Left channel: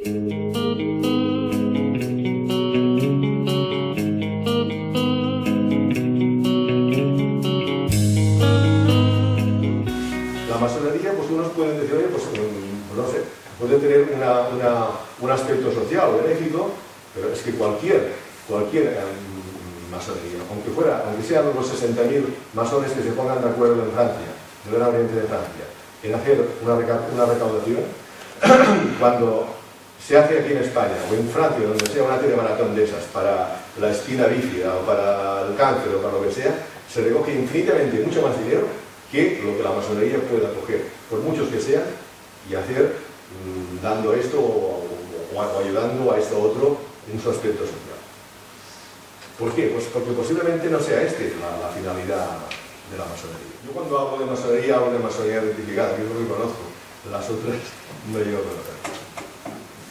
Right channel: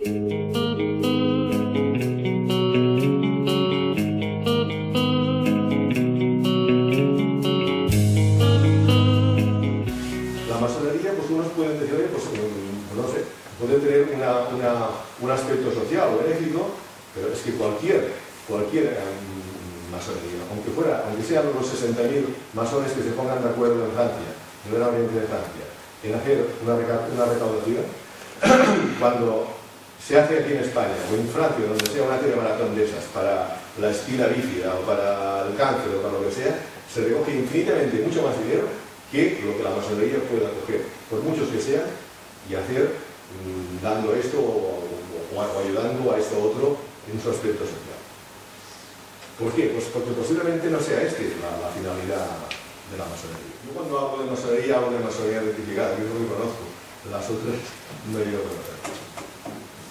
La masonería, pues unos pueden decir, oye, pues no sé, puede tener un aspecto social o benéfico, pero es que cualquier masonería, aunque sean los 60.000 masones que se pongan de acuerdo en Francia, en el Gran Oriente de Francia, en hacer una recaudación, cuando se hace aquí en España o en Francia, donde sea una telemaratón de esas, para la espina bífida o para el cáncer o para lo que sea, se recoge infinitamente mucho más dinero que lo que la masonería pueda coger, por muchos que sean, y hacer dando esto o ayudando a esto otro en su aspecto social. ¿Por qué? Pues porque posiblemente no sea la finalidad de la masonería. Yo cuando hablo de masonería identificada, que es lo que conozco, las otras no llego a conocer.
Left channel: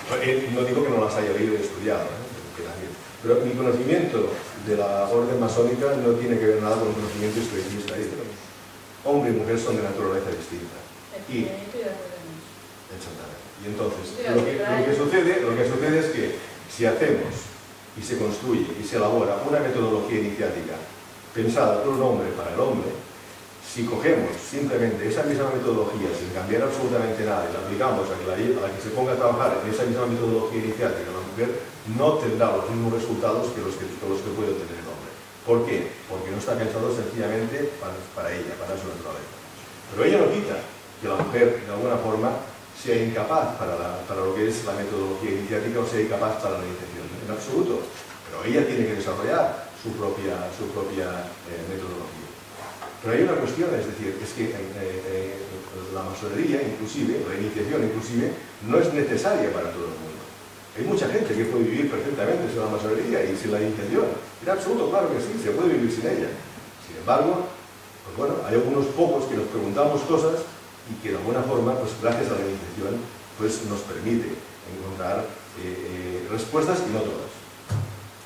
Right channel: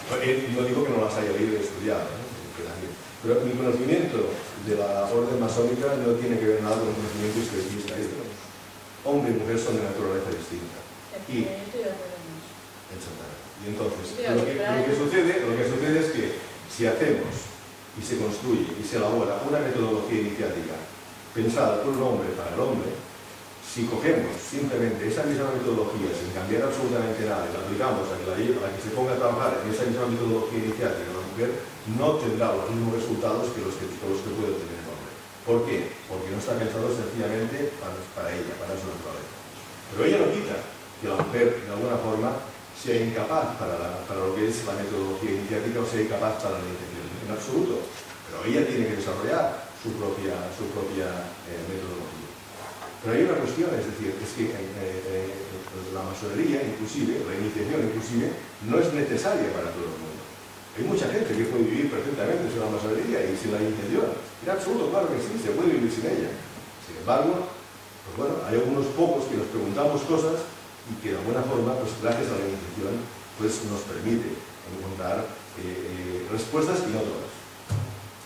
No digo que no las haya leído y estudiado, pero mi conocimiento de la orden masónica no tiene que ver nada con un conocimiento historicista. Hombre y mujer son de naturaleza distinta. Y estoy de acuerdo en eso. Exactamente. Y entonces, lo que sucede es que si hacemos y se construye y se elabora una metodología iniciática pensada por un hombre para el hombre, si cogemos simplemente esa misma metodología sin cambiar absolutamente nada y la aplicamos a la que se ponga a trabajar en esa misma metodología iniciática, la mujer no tendrá los mismos resultados que los que puede obtener el hombre. ¿Por qué? Porque no está pensado sencillamente para ella, para su naturaleza. Pero ello no quita que la mujer, de alguna forma, sea incapaz para lo que es la metodología iniciática o sea incapaz para la iniciación. En absoluto. Pero ella tiene que desarrollar su propia metodología. Pero hay una cuestión, es decir, es que la masonería, inclusive, la iniciación inclusive, no es necesaria para todo el mundo. Hay mucha gente que puede vivir perfectamente sin la masonería y sin la iniciación. En absoluto, claro que sí, se puede vivir sin ella. Sin embargo, pues bueno, hay algunos pocos que nos preguntamos cosas y que de alguna forma, pues gracias a la iniciación, pues nos permite encontrar respuestas y no todas.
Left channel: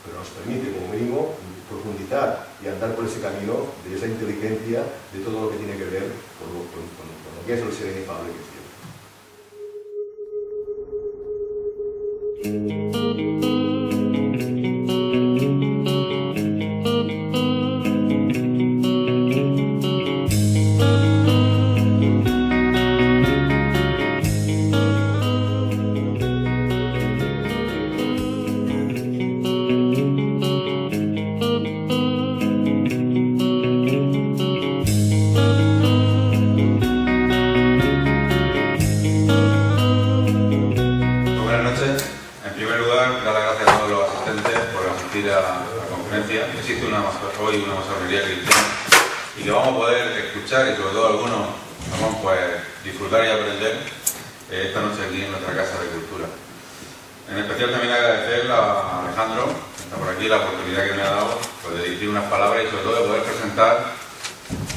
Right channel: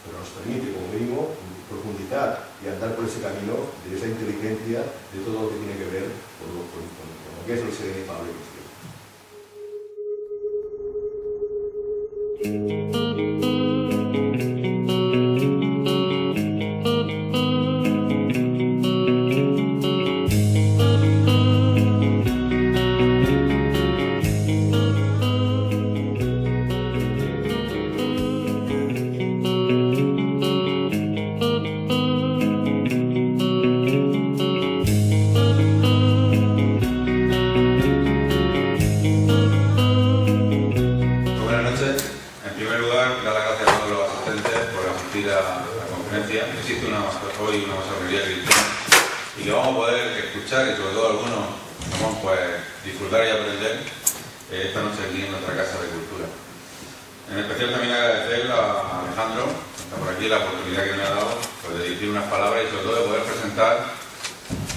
Pero nos permite, como mínimo, profundizar y andar por ese camino de esa inteligencia, de todo lo que tiene que ver con lo que es el ser inefable que es Dios. Existe hoy una masonería cristiana y que vamos a poder escuchar y sobre todo algunos vamos pues disfrutar y aprender esta noche aquí en nuestra Casa de Cultura. En especial también agradecer a Alejandro, que está por aquí, la oportunidad que me ha dado pues, de dirigir unas palabras y sobre todo de poder presentar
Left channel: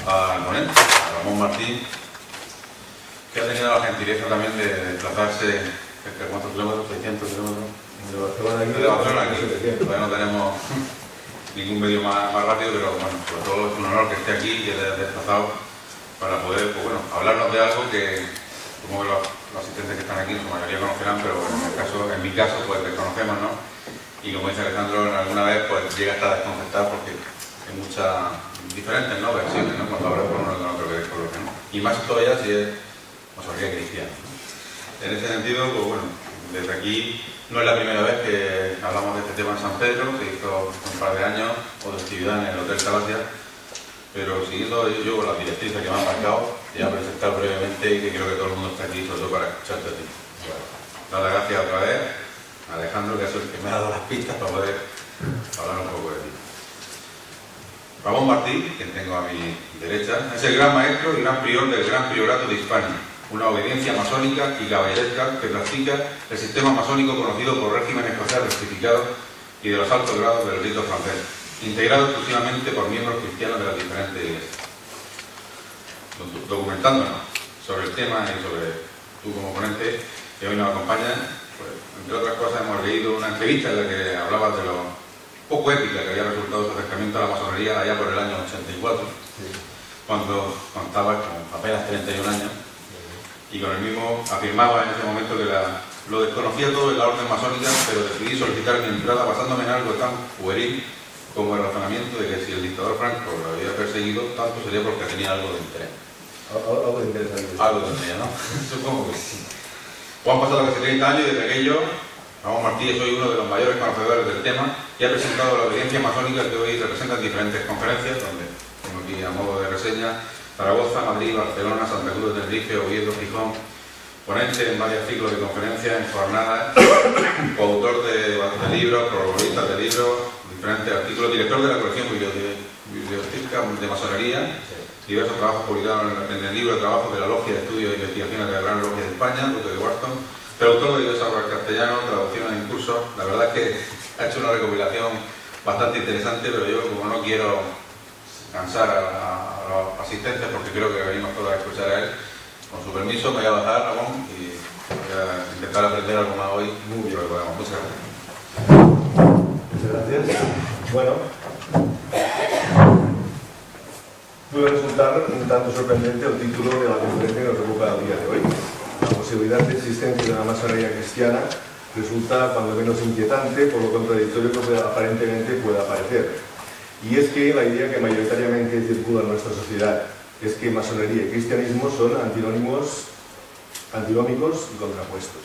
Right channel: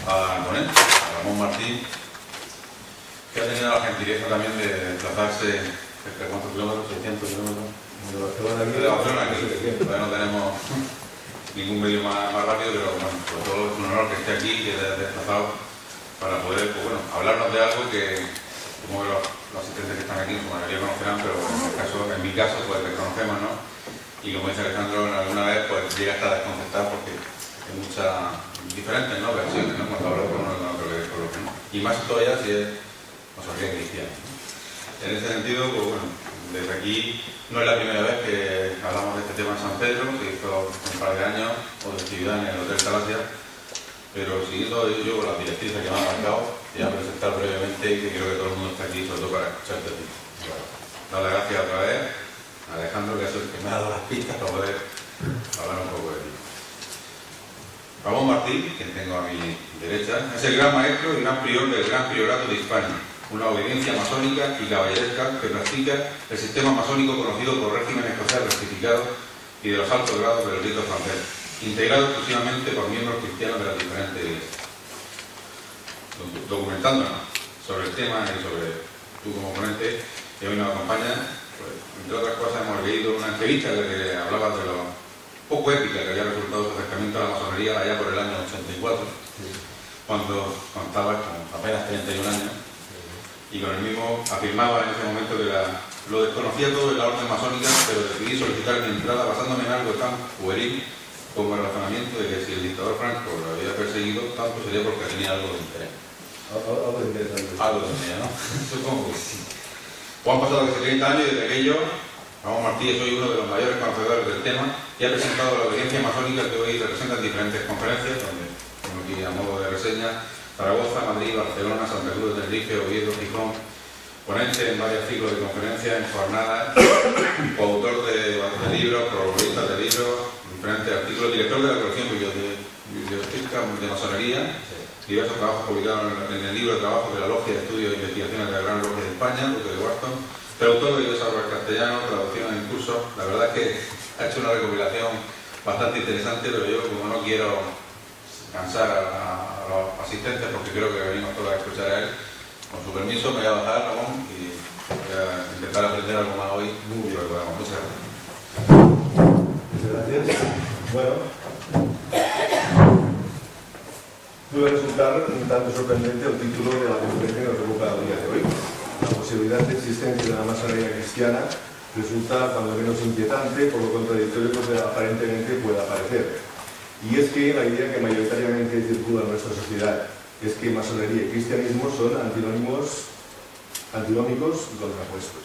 al ponente, a Ramón Martín, que ha tenido la gentileza también de desplazarse ¿cuántos kilómetros? 600 kilómetros de Barcelona aquí. Todavía no tenemos ningún medio más rápido, pero bueno, sobre todo es un honor que esté aquí y que haya desplazado para poder, pues bueno, hablarnos de algo que supongo que los asistentes que están aquí en su mayoría conocerán, pero en mi caso, pues desconocemos, ¿no? Y como dice Alejandro, alguna vez pues llega hasta a desconcertar porque hay muchas diferentes, ¿no?, versiones, ¿no?, cuando hablas con uno con otro que con lo que no. Y más todavía si es masonería cristiana, ¿no? En ese sentido, pues bueno, desde aquí no es la primera vez que hablamos de este tema en San Pedro, se hizo un par de años, otra actividad en el Hotel Talasia, pero siguiendo yo las directrices que me han marcado, te voy a presentar brevemente y que creo que todo el mundo está aquí, sobre todo para escucharte a ti. Dar las gracias otra vez a Alejandro, que es el que me ha dado las pistas para poder hablar un poco de ti. Ramón Martín, quien tengo a mi derecha, es el gran maestro y gran prior del Gran Priorato de Hispania, una obediencia masónica y caballeresca que practica el sistema masónico conocido por régimen escocés rectificado y de los altos grados del rito francés, integrado exclusivamente por miembros cristianos de las diferentes iglesias. Documentándonos sobre el tema y sobre tú como ponente que hoy nos acompaña, pues, entre otras cosas hemos leído una entrevista en la que hablabas de lo poco épica que había resultado su acercamiento a la masonería allá por el año 84, cuando contabas con apenas 31 años. Y con el mismo afirmaba en ese momento que la lo desconocía todo en la orden masónica, pero decidí solicitar mi entrada basándome en algo tan pueril como el razonamiento de que si el dictador Franco lo había perseguido, tanto sería porque tenía algo de interés. Algo de interesante. Algo tendría, ¿no? Supongo que sí. Pues han pasado casi 30 años y desde aquello, Ramón Martí, soy uno de los mayores conocedores del tema y ha presentado la audiencia masónica que hoy representa en diferentes conferencias, donde tengo aquí a modo de reseña Zaragoza, Madrid, Barcelona, Santa Cruz de Tenerife, Oviedo, Gijón, ponente en varios ciclos de conferencias, en jornadas, coautor de libros, protagonista de libros, diferentes artículos, director de la colección biblioteca de masonería, diversos trabajos publicados en el libro de trabajo de la Logia de Estudios e Investigaciones de la Gran Logia de España, Duque de Wharton, pero autor de diversas obras castellanas, traducciones en cursos. La verdad es que ha hecho una recopilación bastante interesante, pero yo, como no quiero cansar a los asistentes, porque creo que venimos todos a escuchar a él, con su permiso me voy a bajar, Ramón, y voy a intentar aprender algo más hoy. Muchas gracias. Muchas gracias. Bueno, puede resultar un tanto sorprendente el título de la conferencia que nos ocupa el día de hoy. La posibilidad de existencia de una masonería cristiana resulta cuando menos inquietante por lo contradictorio que aparentemente pueda parecer. Y es que la idea que mayoritariamente circula en nuestra sociedad es que masonería y cristianismo son antinómicos y contrapuestos.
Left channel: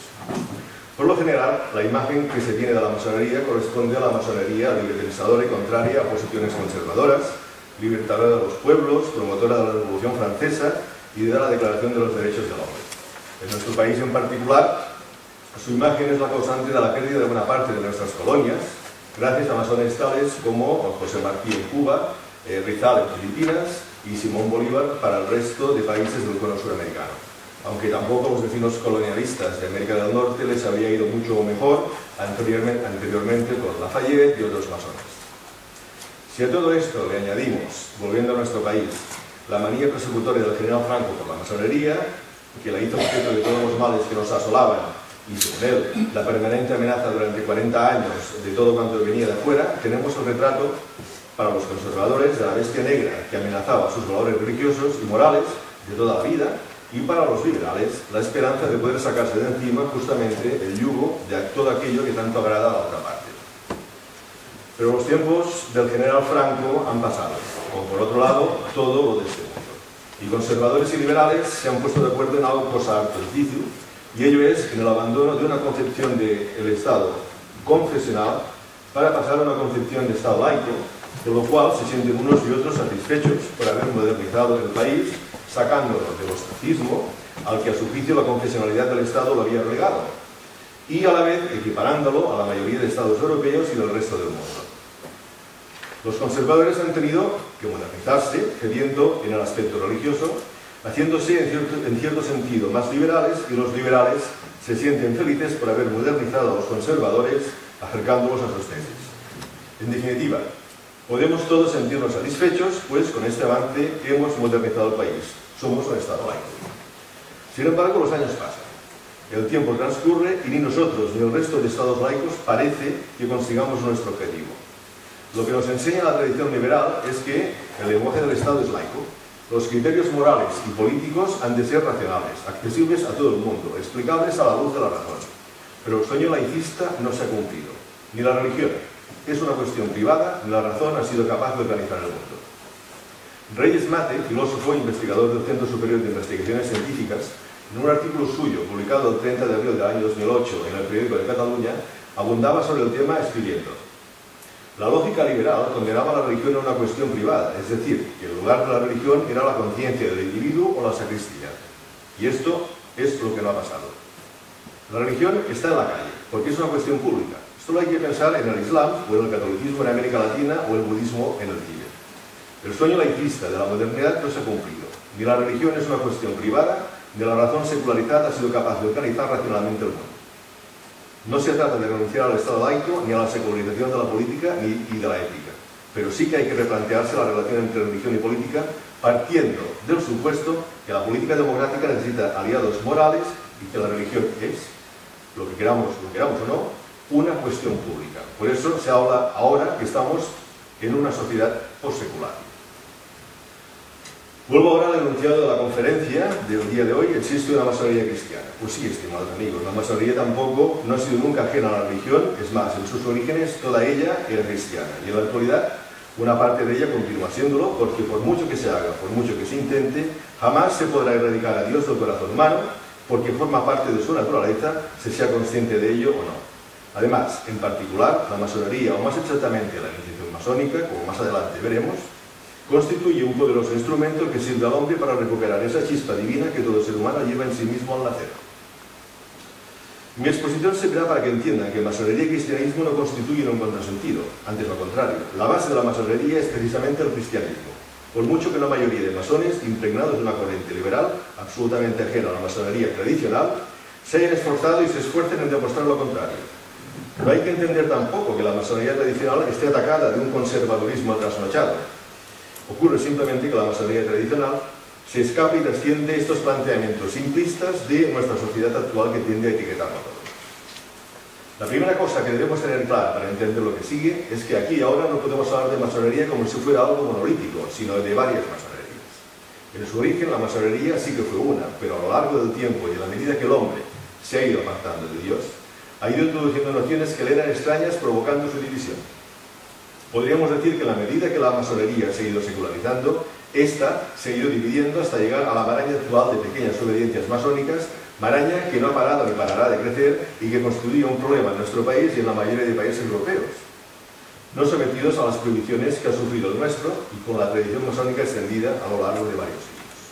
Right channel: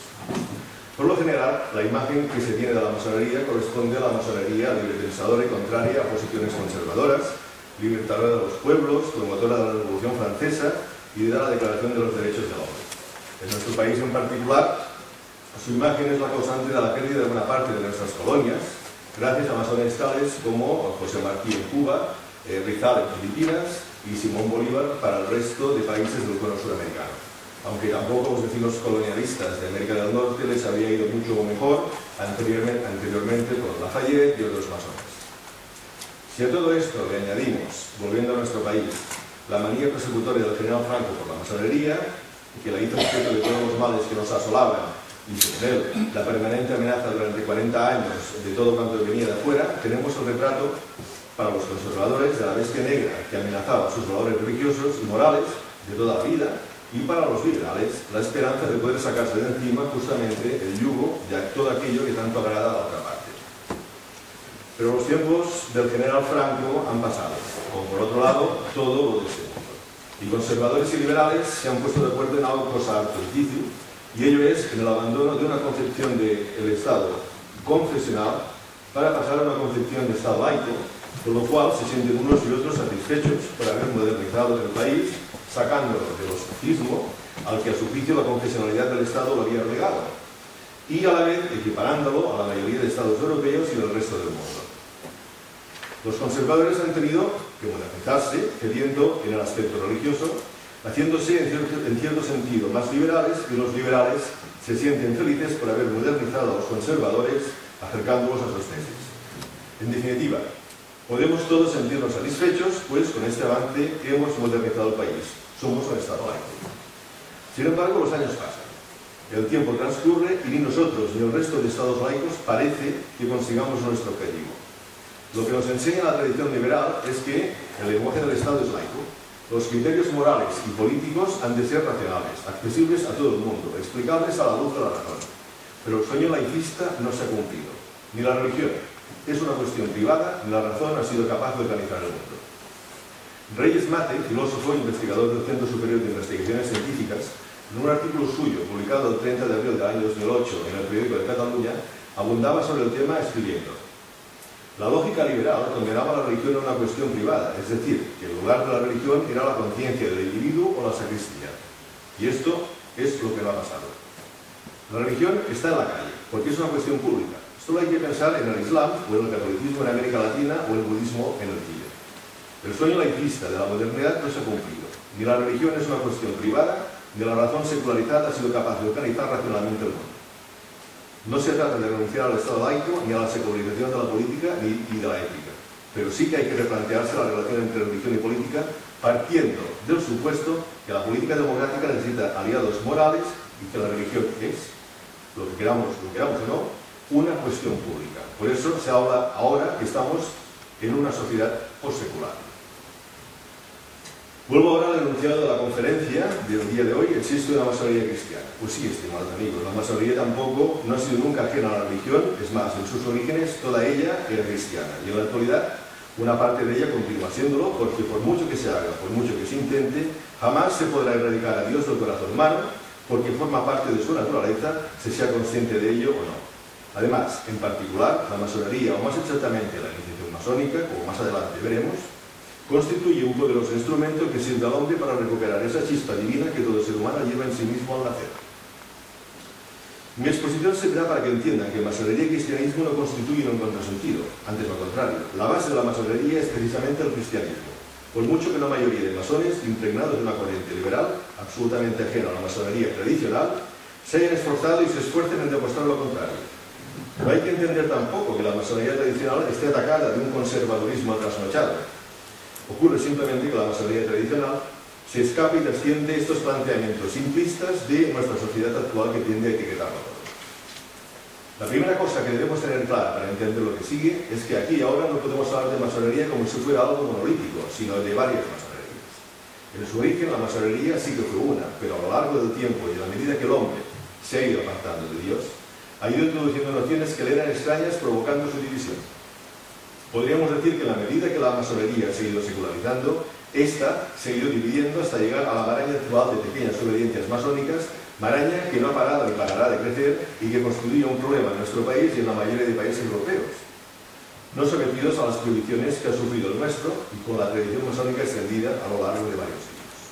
Por lo general, la imagen que se tiene de la masonería corresponde a la masonería librepensadora y contraria a posiciones conservadoras, libertadora de los pueblos, promotora de la Revolución Francesa y de la Declaración de los Derechos del Hombre. En nuestro país en particular, su imagen es la causante de la pérdida de buena parte de nuestras colonias, gracias a masones tales como José Martí en Cuba, Rizal en Filipinas y Simón Bolívar para el resto de países del cono suramericano. Aunque tampoco a los vecinos colonialistas de América del Norte les había ido mucho mejor anteriormente con Lafayette y otros masones. Si a todo esto le añadimos, volviendo a nuestro país, la manía persecutoria del general Franco por la masonería, que la hizo objeto de todos los males que nos asolaban, y según él, la permanente amenaza durante 40 años de todo cuanto venía de afuera, tenemos el retrato para los conservadores de la bestia negra que amenazaba sus valores religiosos y morales de toda la vida, y para los liberales la esperanza de poder sacarse de encima justamente el yugo de todo aquello que tanto agrada a la otra parte. Pero los tiempos del general Franco han pasado, como por otro lado todo lo de este mundo. Y conservadores y liberales se han puesto de acuerdo en algo cosa harto difícil, y ello es en el abandono de una concepción del Estado confesional para pasar a una concepción de Estado laico, con lo cual se sienten unos y otros satisfechos por haber modernizado el país, sacándolo del ostracismo al que a su juicio la confesionalidad del Estado lo había relegado, y a la vez equiparándolo a la mayoría de Estados europeos y del resto del mundo. Los conservadores han tenido que modernizarse, cediendo en el aspecto religioso, haciéndose en cierto sentido más liberales, y los liberales se sienten felices por haber modernizado a los conservadores, acercándolos a sus tesis. En definitiva, podemos todos sentirnos satisfechos, pues con este avance hemos modernizado el país. Somos un Estado laico. Sin embargo, los años pasan. El tiempo transcurre y ni nosotros ni el resto de Estados laicos parece que consigamos nuestro objetivo. Lo que nos enseña la tradición liberal es que el lenguaje del Estado es laico. Los criterios morales y políticos han de ser racionales, accesibles a todo el mundo, explicables a la luz de la razón. Pero el sueño laicista no se ha cumplido. Ni la religión es una cuestión privada, ni la razón ha sido capaz de organizar el mundo. Reyes Mate, filósofo e investigador del Centro Superior de Investigaciones Científicas, en un artículo suyo publicado el 30 de abril del año 2008 en el Periódico de Cataluña, abundaba sobre el tema escribiendo: la lógica liberal condenaba la religión a una cuestión privada, es decir, que el lugar de la religión era la conciencia del individuo o la sacristía. Y esto es lo que no ha pasado. La religión está en la calle, porque es una cuestión pública. Solo hay que pensar en el Islam o en el catolicismo en América Latina o el budismo en el Tíbet. El sueño laicista de la modernidad no se ha cumplido. Ni la religión es una cuestión privada, ni la razón secularizada ha sido capaz de organizar racionalmente el mundo. No se trata de renunciar al Estado laico, ni a la secularización de la política y de la ética. Pero sí que hay que replantearse la relación entre religión y política, partiendo del supuesto que la política democrática necesita aliados morales y que la religión es, lo queramos o no, una cuestión pública. Por eso se habla ahora que estamos en una sociedad postsecular. Vuelvo ahora al enunciado de la conferencia del día de hoy. ¿Existe una masonería cristiana? Pues sí, estimados amigos, la masonería tampoco no ha sido nunca ajena a la religión. Es más, en sus orígenes toda ella era cristiana, y en la actualidad una parte de ella continúa siéndolo, porque por mucho que se haga, por mucho que se intente, jamás se podrá erradicar a Dios del corazón humano, porque forma parte de su naturaleza, se sea consciente de ello o no. Además, en particular, la masonería, o más exactamente la iniciación masónica, como más adelante veremos, constituye un poderoso instrumento que sirve al hombre para recuperar esa chispa divina que todo ser humano lleva en sí mismo al nacer. Mi exposición servirá para que entiendan que masonería y cristianismo no constituyen un contrasentido, antes lo contrario. La base de la masonería es precisamente el cristianismo. Por mucho que la mayoría de masones, impregnados de una corriente liberal, absolutamente ajena a la masonería tradicional, se hayan esforzado y se esfuercen en demostrar lo contrario. No hay que entender tampoco que la masonería tradicional esté atacada de un conservadurismo trasnochado. Ocurre simplemente que la masonería tradicional se escapa y trasciende estos planteamientos simplistas de nuestra sociedad actual que tiende a etiquetarlo todo. La primera cosa que debemos tener clara para entender lo que sigue es que aquí ahora no podemos hablar de masonería como si fuera algo monolítico, sino de varias masonerías. En su origen la masonería sí que fue una, pero a lo largo del tiempo y a la medida que el hombre se ha ido apartando de Dios, ha ido introduciendo nociones que le eran extrañas, provocando su división. Podríamos decir que en la medida que la masonería se ha ido secularizando, esta se ha ido dividiendo hasta llegar a la maraña actual de pequeñas obediencias masónicas, maraña que no ha parado ni parará de crecer y que constituye un problema en nuestro país y en la mayoría de países europeos, no sometidos a las prohibiciones que ha sufrido el nuestro y con la tradición masónica extendida a lo largo de varios siglos.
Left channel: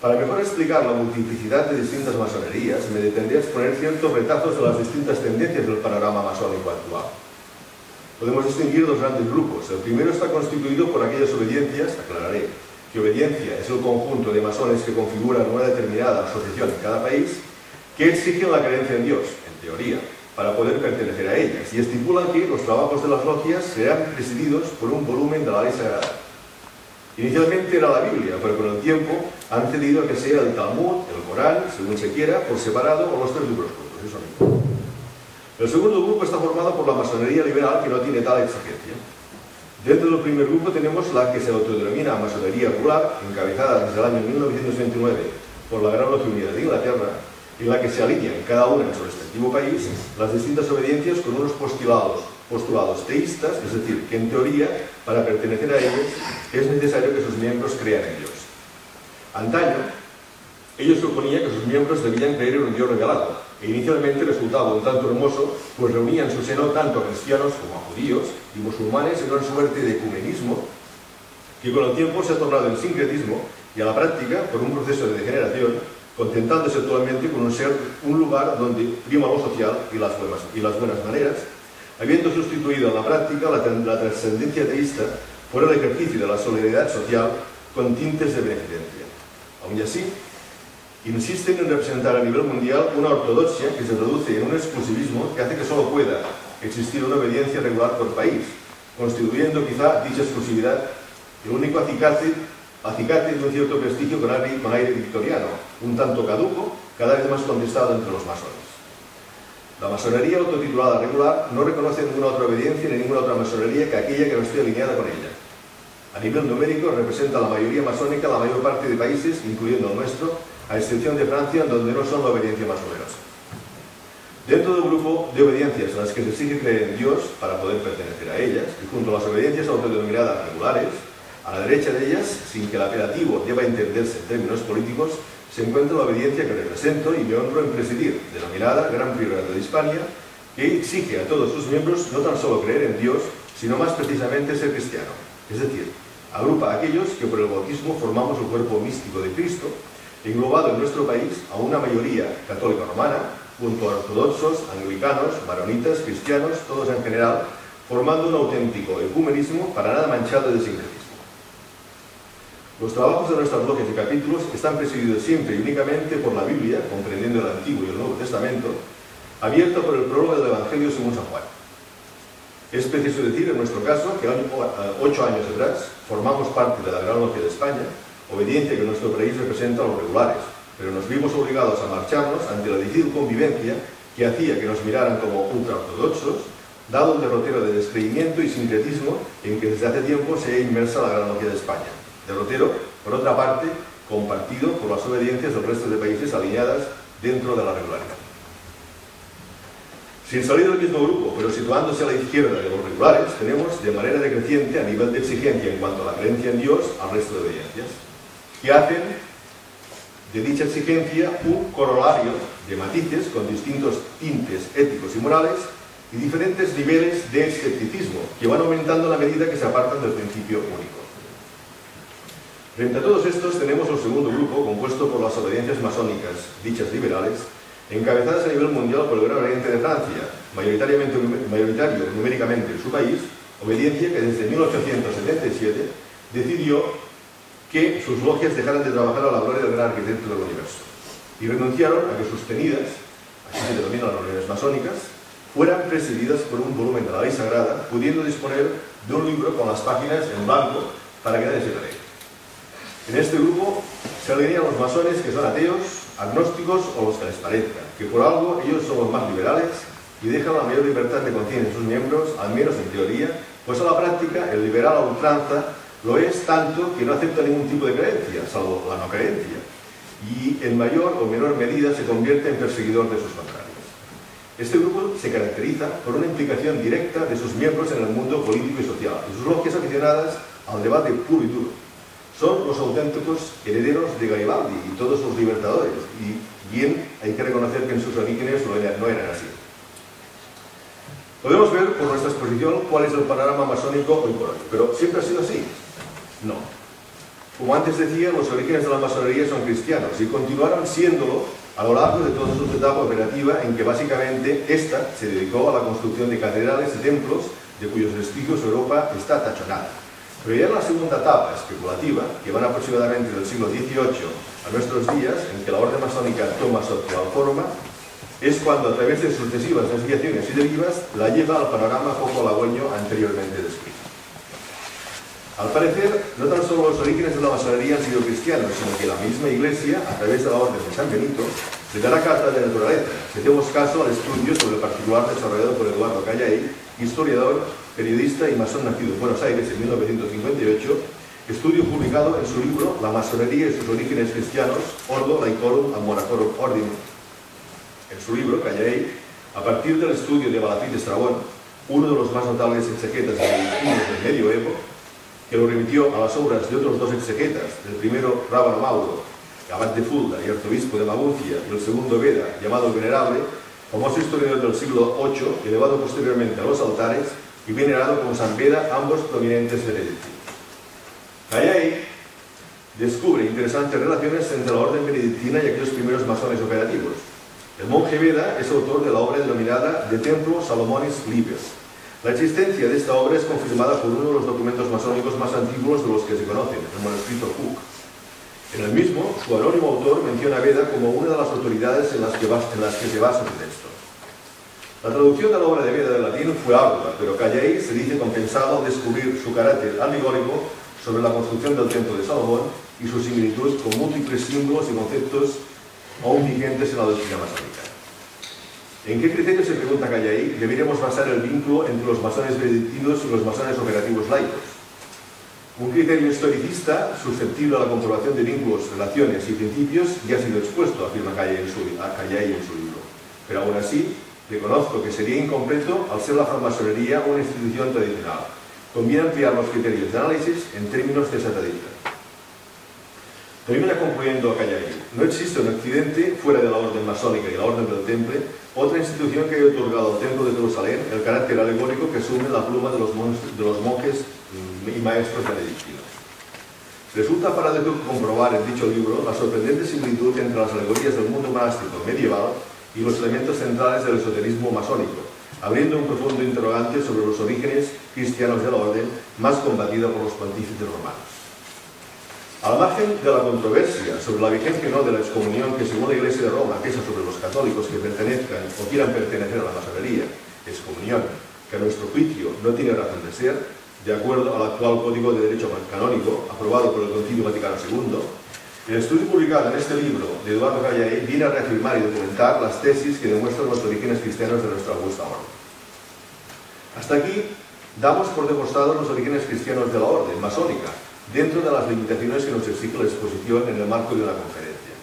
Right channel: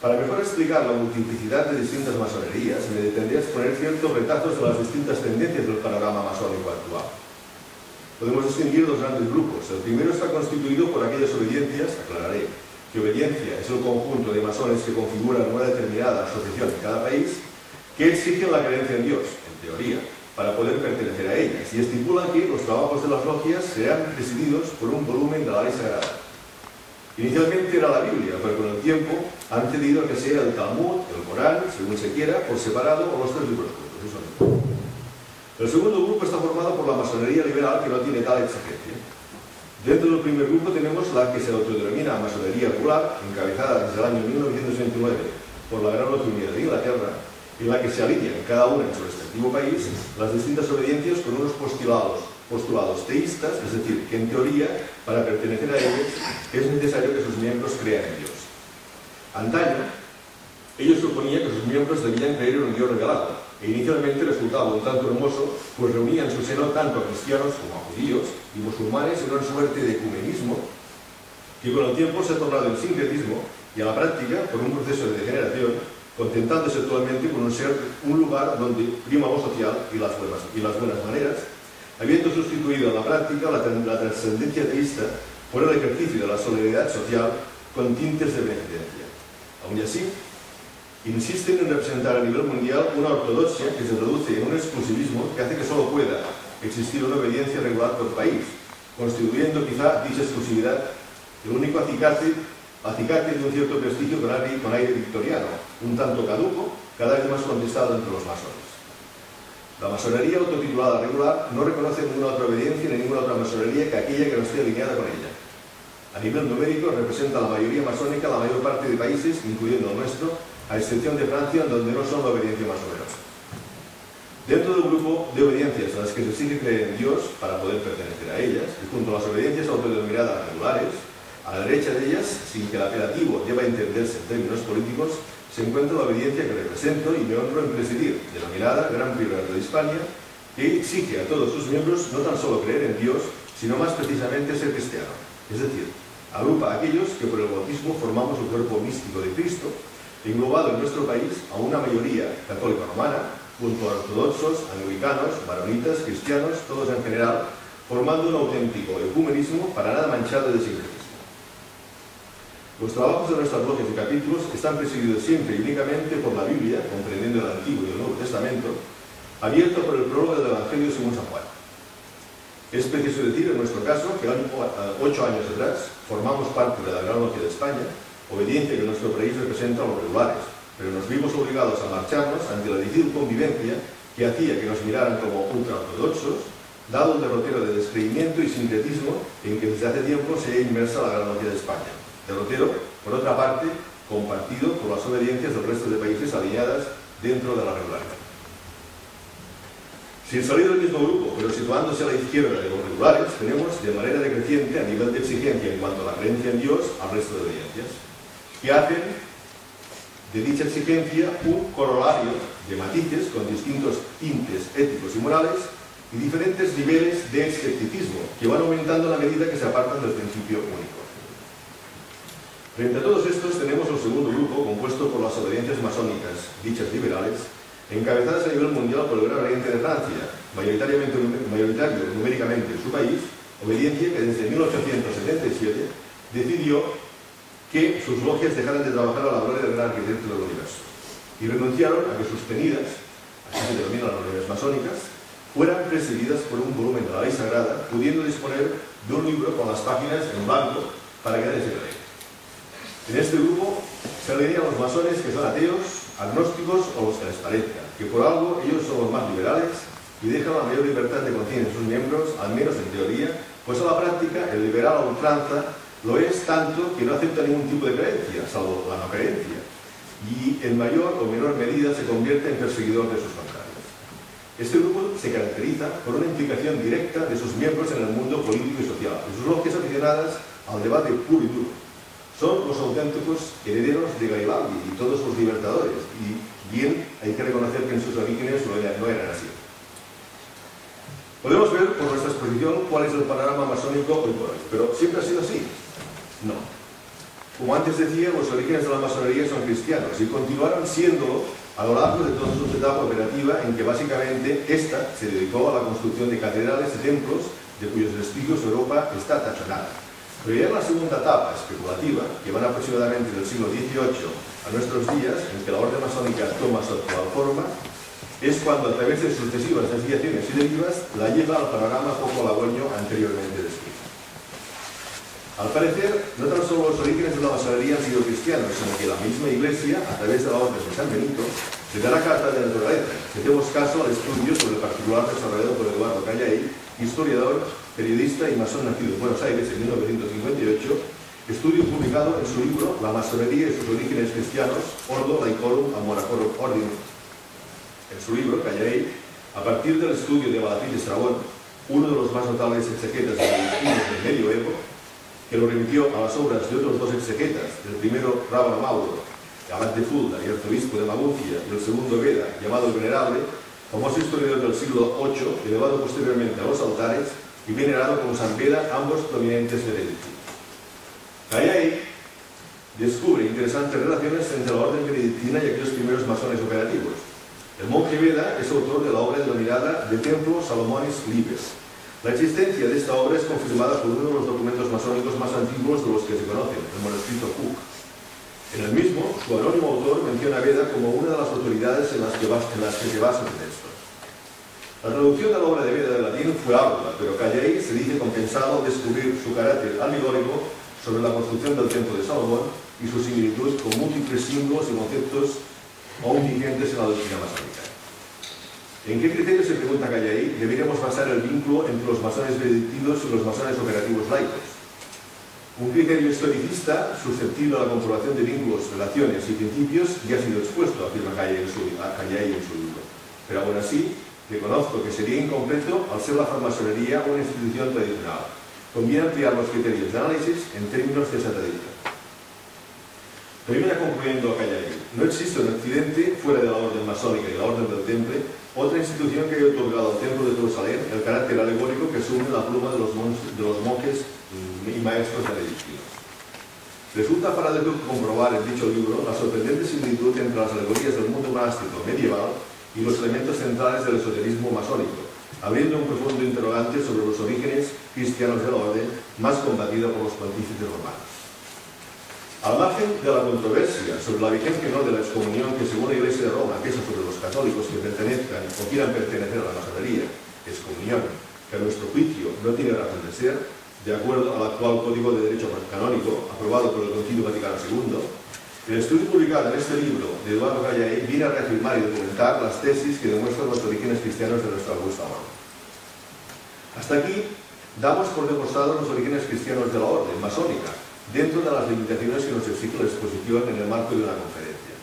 Para mejor explicar la multiplicidad de distintas masonerías, me detendré a exponer ciertos retazos de las distintas tendencias del panorama masónico actual. Podemos distinguir dos grandes grupos. El primero está constituido por aquellas obediencias, aclararé, que obediencia es el conjunto de masones que configuran una determinada asociación en cada país, que exigen la creencia en Dios, en teoría, para poder pertenecer a ellas, y estipulan que los trabajos de las logias serán presididos por un volumen de la ley sagrada. Inicialmente era la Biblia, pero con el tiempo han cedido a que sea el Talmud, el Corán, según se quiera, por separado, o los tres libros juntos, eso mismo. El segundo grupo está formado por la masonería liberal, que no tiene tal exigencia. Dentro del primer grupo tenemos la que se autodenomina masonería regular, encabezada desde el año 1929 por la Gran Logia Unida de Inglaterra, en la que se alinean cada una en su respectivo país las distintas obediencias con unos postulados teístas, es decir, que en teoría, para pertenecer a ellos, es necesario que sus miembros crean en Dios. Antaño, ellos suponían que sus miembros debían creer en un Dios revelado, e inicialmente resultaba un tanto hermoso, pues reunía en su seno tanto a cristianos como a judíos y musulmanes en una suerte de ecumenismo que con el tiempo se ha tornado en sincretismo y a la práctica, por un proceso de degeneración, contentándose actualmente con un lugar donde prima lo social y las buenas maneras, habiendo sustituido en la práctica la trascendencia teísta por el ejercicio de la solidaridad social con tintes de beneficencia. Aún así, insisten en representar a nivel mundial una ortodoxia que se reduce en un exclusivismo que hace que solo pueda existir una obediencia regular por país, constituyendo quizá dicha exclusividad el único acicate de un cierto prestigio con aire victoriano, un tanto caduco, cada vez más contestado entre los masones. La masonería autotitulada regular no reconoce ninguna otra obediencia ni ninguna otra masonería que aquella que no esté alineada con ella. A nivel numérico representa la mayoría masónica la mayor parte de países, incluyendo el nuestro, a excepción de Francia, donde no son la obediencia más numerosa. Dentro del grupo de obediencias en las que se exige creer en Dios para poder pertenecer a ellas, y junto a las obediencias autodenominadas regulares, a la derecha de ellas, sin que el apelativo deba entenderse en términos políticos, se encuentra la obediencia que represento y me honro en presidir, denominada Gran Priorato de Hispania, que exige a todos sus miembros no tan solo creer en Dios, sino más precisamente ser cristiano, es decir, agrupa a aquellos que por el bautismo formamos el cuerpo místico de Cristo, englobado en nuestro país a una mayoría católica romana, junto a ortodoxos, anglicanos, maronitas, cristianos, todos en general, formando un auténtico ecumenismo para nada manchado de sincretismo. Los trabajos de nuestras logias y capítulos están presididos siempre y únicamente por la Biblia, comprendiendo el Antiguo y el Nuevo Testamento, abierto por el prólogo del Evangelio según San Juan. Es preciso decir, en nuestro caso, que 8 años atrás formamos parte de la Gran Logia de España, obediencia que en nuestro país representa a los regulares, pero nos vimos obligados a marcharnos ante la difícil convivencia que hacía que nos miraran como ultraortodoxos, dado el derrotero de descreimiento y sincretismo en que desde hace tiempo se ha inmersa la Gran Logia de España. derrotero, por otra parte, compartido por las obediencias del resto de países alineadas dentro de la regularidad. Sin salir del mismo grupo, pero situándose a la izquierda de los regulares, tenemos de manera decreciente a nivel de exigencia en cuanto a la creencia en Dios al resto de obediencias, que hacen de dicha exigencia un corolario de matices con distintos tintes éticos y morales y diferentes niveles de escepticismo que van aumentando a la medida que se apartan del principio único. Frente a todos estos tenemos el segundo grupo compuesto por las obediencias masónicas, dichas liberales, encabezadas a nivel mundial por el Gran Oriente de Francia, mayoritario numéricamente en su país, obediencia que desde 1877 decidió que sus logias dejaran de trabajar a la gloria del gran arquitecto del universo y renunciaron a que sus tenidas, así se denominan las reuniones masónicas, fueran presididas por un volumen de la ley sagrada, pudiendo disponer de un libro con las páginas en blanco para que nadie se cree. En este grupo se alinean los masones que son ateos, agnósticos o los que les parezca, que por algo ellos son los más liberales y dejan la mayor libertad de conciencia en sus miembros, al menos en teoría, pues a la práctica el liberal a ultranza lo es tanto que no acepta ningún tipo de creencia, salvo la no creencia, y en mayor o menor medida se convierte en perseguidor de sus contrarios. Este grupo se caracteriza por una implicación directa de sus miembros en el mundo político y social, y sus logias aficionadas al debate puro y duro. Son los auténticos herederos de Garibaldi y todos los libertadores, y bien hay que reconocer que en sus orígenes no eran así. Podemos ver por nuestra exposición cuál es el panorama masónico hoy por hoy, pero ¿siempre ha sido así? No. Como antes decía, los orígenes de la masonería son cristianos y continuaron siéndolo a lo largo de toda su etapa operativa, en que básicamente ésta se dedicó a la construcción de catedrales y templos de cuyos vestigios Europa está tachonada. Pero ya en la segunda etapa especulativa, que van aproximadamente del siglo XVIII a nuestros días, en que la orden masónica toma su actual forma, es cuando a través de sucesivas desviaciones y derivas la lleva al panorama poco halagüeño anteriormente descrito. Al parecer, no tan solo los orígenes de la masonería han sido cristianos, sino que la misma Iglesia, a través de la orden de San Benito, le da la carta de naturaleza. Si hacemos caso al estudio sobre el particular desarrollado por Eduardo Callay, historiador, periodista y masón nacido en Buenos Aires en 1958, estudio publicado en su libro La masonería y sus orígenes cristianos, Ordo Laicorum Monacorum Ordinum. En su libro, Callay, a partir del estudio de Balafit Estrabón, uno de los más notables exegetas del medioevo, que lo remitió a las obras de otros dos exegetas, el primero Rábano Mauro, abad de Fulda y arzobispo de Maguncia, y el segundo Beda, llamado el Venerable, famoso historiador del siglo VIII, elevado posteriormente a los altares y venerado como San Beda, ambos prominentes benedictinos. Callay descubre interesantes relaciones entre la orden benedictina y aquellos primeros masones operativos. El monje Beda es autor de la obra denominada De Templo Salomonis Liber. La existencia de esta obra es confirmada por uno de los documentos masónicos más antiguos de los que se conocen, el manuscrito Cook. En el mismo, su anónimo autor menciona a Beda como una de las autoridades en las que se basa el texto. La traducción de la obra de Beda del latín fue ardua, pero Callay se dice compensado al descubrir su carácter alegórico sobre la construcción del templo de Salomón y su similitud con múltiples símbolos y conceptos aún vigentes en la doctrina masónica. ¿En qué criterio, se pregunta Callay, deberíamos basar el vínculo entre los masones benedictinos y los masones operativos laicos? Un criterio historicista susceptible a la comprobación de vínculos, relaciones y principios ya ha sido expuesto, afirma Callay en su libro. Pero aún así, reconozco que sería incompleto al ser la francmasonería una institución tradicional. Conviene ampliar los criterios de análisis en términos de esa tradición. Termina concluyendo Callay: no existe en Occidente, fuera de la orden masónica y la orden del Temple, otra institución que haya otorgado al Templo de Jerusalén el carácter alegórico que asume la pluma de los monjes y maestros benedictinos. Resulta paradójico comprobar en dicho libro la sorprendente similitud entre las alegorías del mundo monástico medieval y los elementos centrales del esoterismo masónico, abriendo un profundo interrogante sobre los orígenes cristianos de la orden, más combatida por los pontífices romanos. Al margen de la controversia sobre la vigencia o no de la excomunión que, según la Iglesia de Roma, pesa sobre los católicos que pertenezcan o quieran pertenecer a la masonería, excomunión que a nuestro juicio no tiene razón de ser, de acuerdo al actual Código de Derecho Canónico, aprobado por el Concilio Vaticano II, el estudio publicado en este libro de Eduardo Callay viene a reafirmar y documentar las tesis que demuestran los orígenes cristianos de nuestra augusta orden. Hasta aquí damos por demostrados los orígenes cristianos de la orden masónica, dentro de las limitaciones que nos exige la exposición en el marco de una conferencia.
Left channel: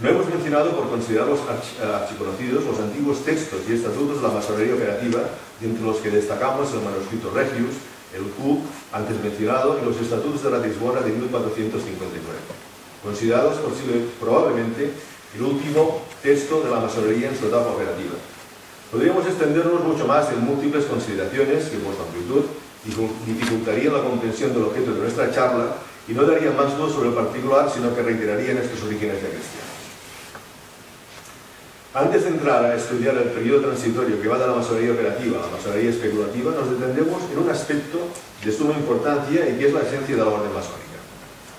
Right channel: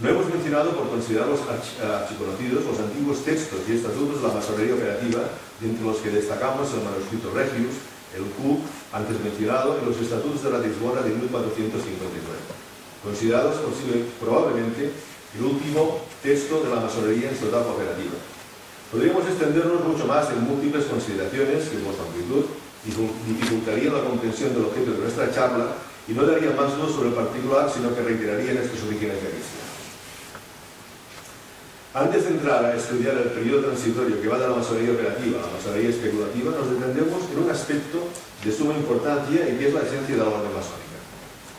No hemos mencionado, por considerarlos archiconocidos, los antiguos textos y estatutos de la masonería operativa, de entre los que destacamos el manuscrito Regius, el Cook, antes mencionado, y los estatutos de Ratisbona de 1459, considerados probablemente el último texto de la masonería en su etapa operativa. Podríamos extendernos mucho más en múltiples consideraciones que, por su amplitud, dificultarían la comprensión del objeto de nuestra charla y no darían más luz sobre el particular, sino que reiterarían estos orígenes ya cristianos. Antes de entrar a estudiar el periodo transitorio que va de la masonería operativa a la masonería especulativa, nos detendremos en un aspecto de suma importancia y que es la esencia de la orden masónica,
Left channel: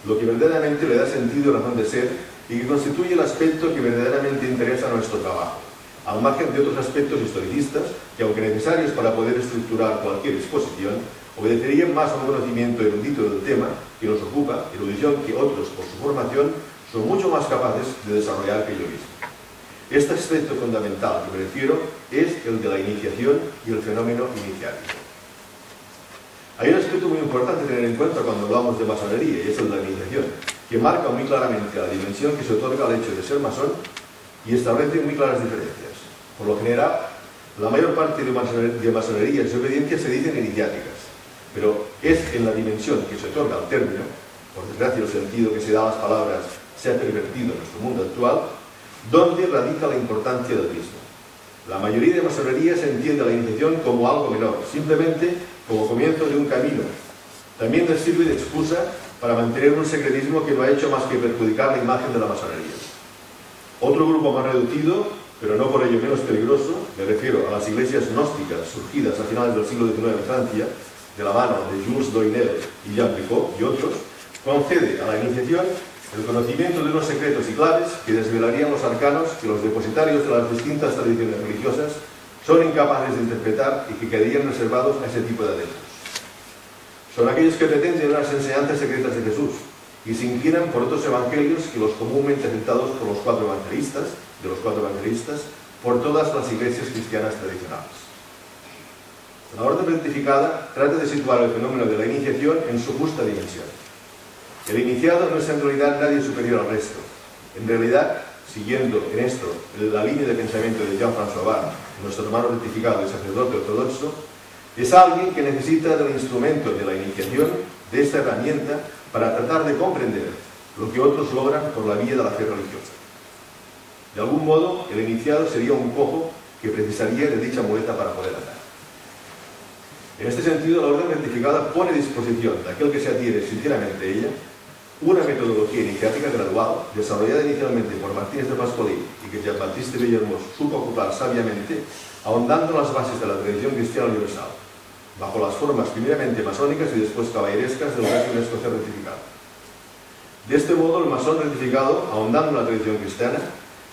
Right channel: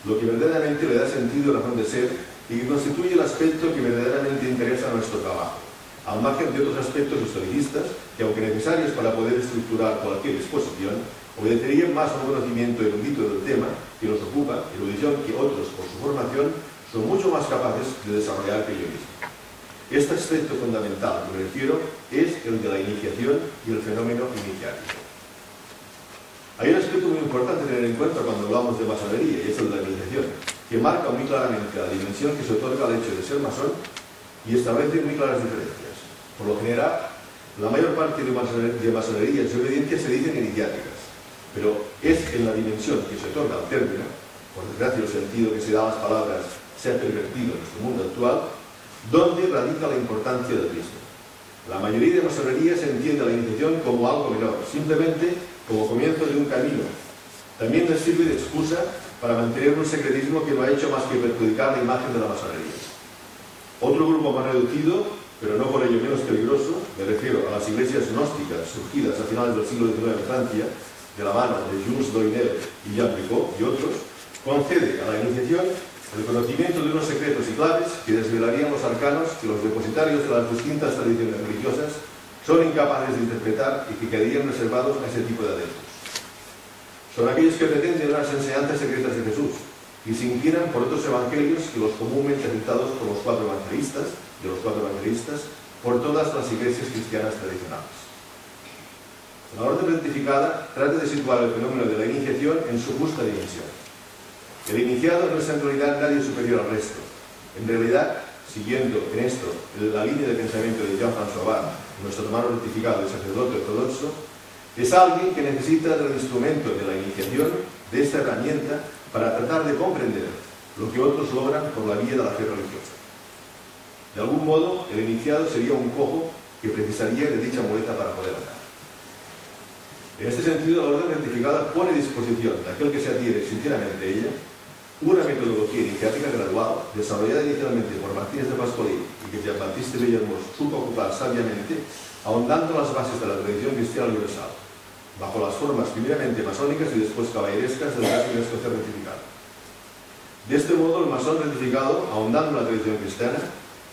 lo que verdaderamente le da sentido y razón de ser y que constituye el aspecto que verdaderamente interesa a nuestro trabajo, al margen de otros aspectos historicistas que, aunque necesarios para poder estructurar cualquier exposición, obedecerían más a un conocimiento erudito del tema que nos ocupa, erudición que otros, por su formación, son mucho más capaces de desarrollar que yo mismo. Este aspecto fundamental que me refiero es el de la iniciación y el fenómeno iniciático. Hay un aspecto muy importante a tener en cuenta cuando hablamos de masonería, y es el de la iniciación, que marca muy claramente la dimensión que se otorga al hecho de ser masón y establece muy claras diferencias. Por lo general, la mayor parte de masonerías y obediencias se dicen iniciáticas, pero es en la dimensión que se otorga al término, por desgracia el sentido que se da a las palabras se ha pervertido en nuestro mundo actual, donde radica la importancia del mismo. La mayoría de masonerías entiende la iniciación como algo menor, simplemente como comienzo de un camino. También les sirve de excusa para mantener un secretismo que no ha hecho más que perjudicar la imagen de la masonería. Otro grupo más reducido, pero no por ello menos peligroso, me refiero a las iglesias gnósticas surgidas a finales del siglo XIX en Francia, de la mano de Jules Doinel y Jean Picot y otros, concede a la iniciación el conocimiento de unos secretos y claves que desvelarían los arcanos que los depositarios de las distintas tradiciones religiosas son incapaces de interpretar y que quedarían reservados a ese tipo de adeptos. Son aquellos que pretenden las enseñanzas secretas de Jesús y se inclinan por otros evangelios que los comúnmente aceptados por los cuatro evangelistas, por todas las iglesias cristianas tradicionales. La orden rectificada trata de situar el fenómeno de la iniciación en su justa dimensión. El iniciado no es en realidad nadie superior al resto. En realidad, siguiendo en esto la línea de pensamiento de Jean-François Barre, nuestro hermano rectificado y sacerdote ortodoxo, es alguien que necesita del instrumento de la iniciación, de esta herramienta, para tratar de comprender lo que otros logran por la vía de la fe religiosa. De algún modo, el iniciado sería un cojo que precisaría de dicha muleta para poder andar. En este sentido, la orden rectificada pone a disposición de aquel que se adhiere sinceramente a ella una metodología iniciática gradual, desarrollada inicialmente por Martínez de Pascualí y que Jean-Baptiste Bellermoz supo ocupar sabiamente, ahondando en las bases de la tradición cristiana universal, bajo las formas primeramente masónicas y después caballerescas del régimen escocés rectificado. De este modo, el masón rectificado, ahondando en la tradición cristiana,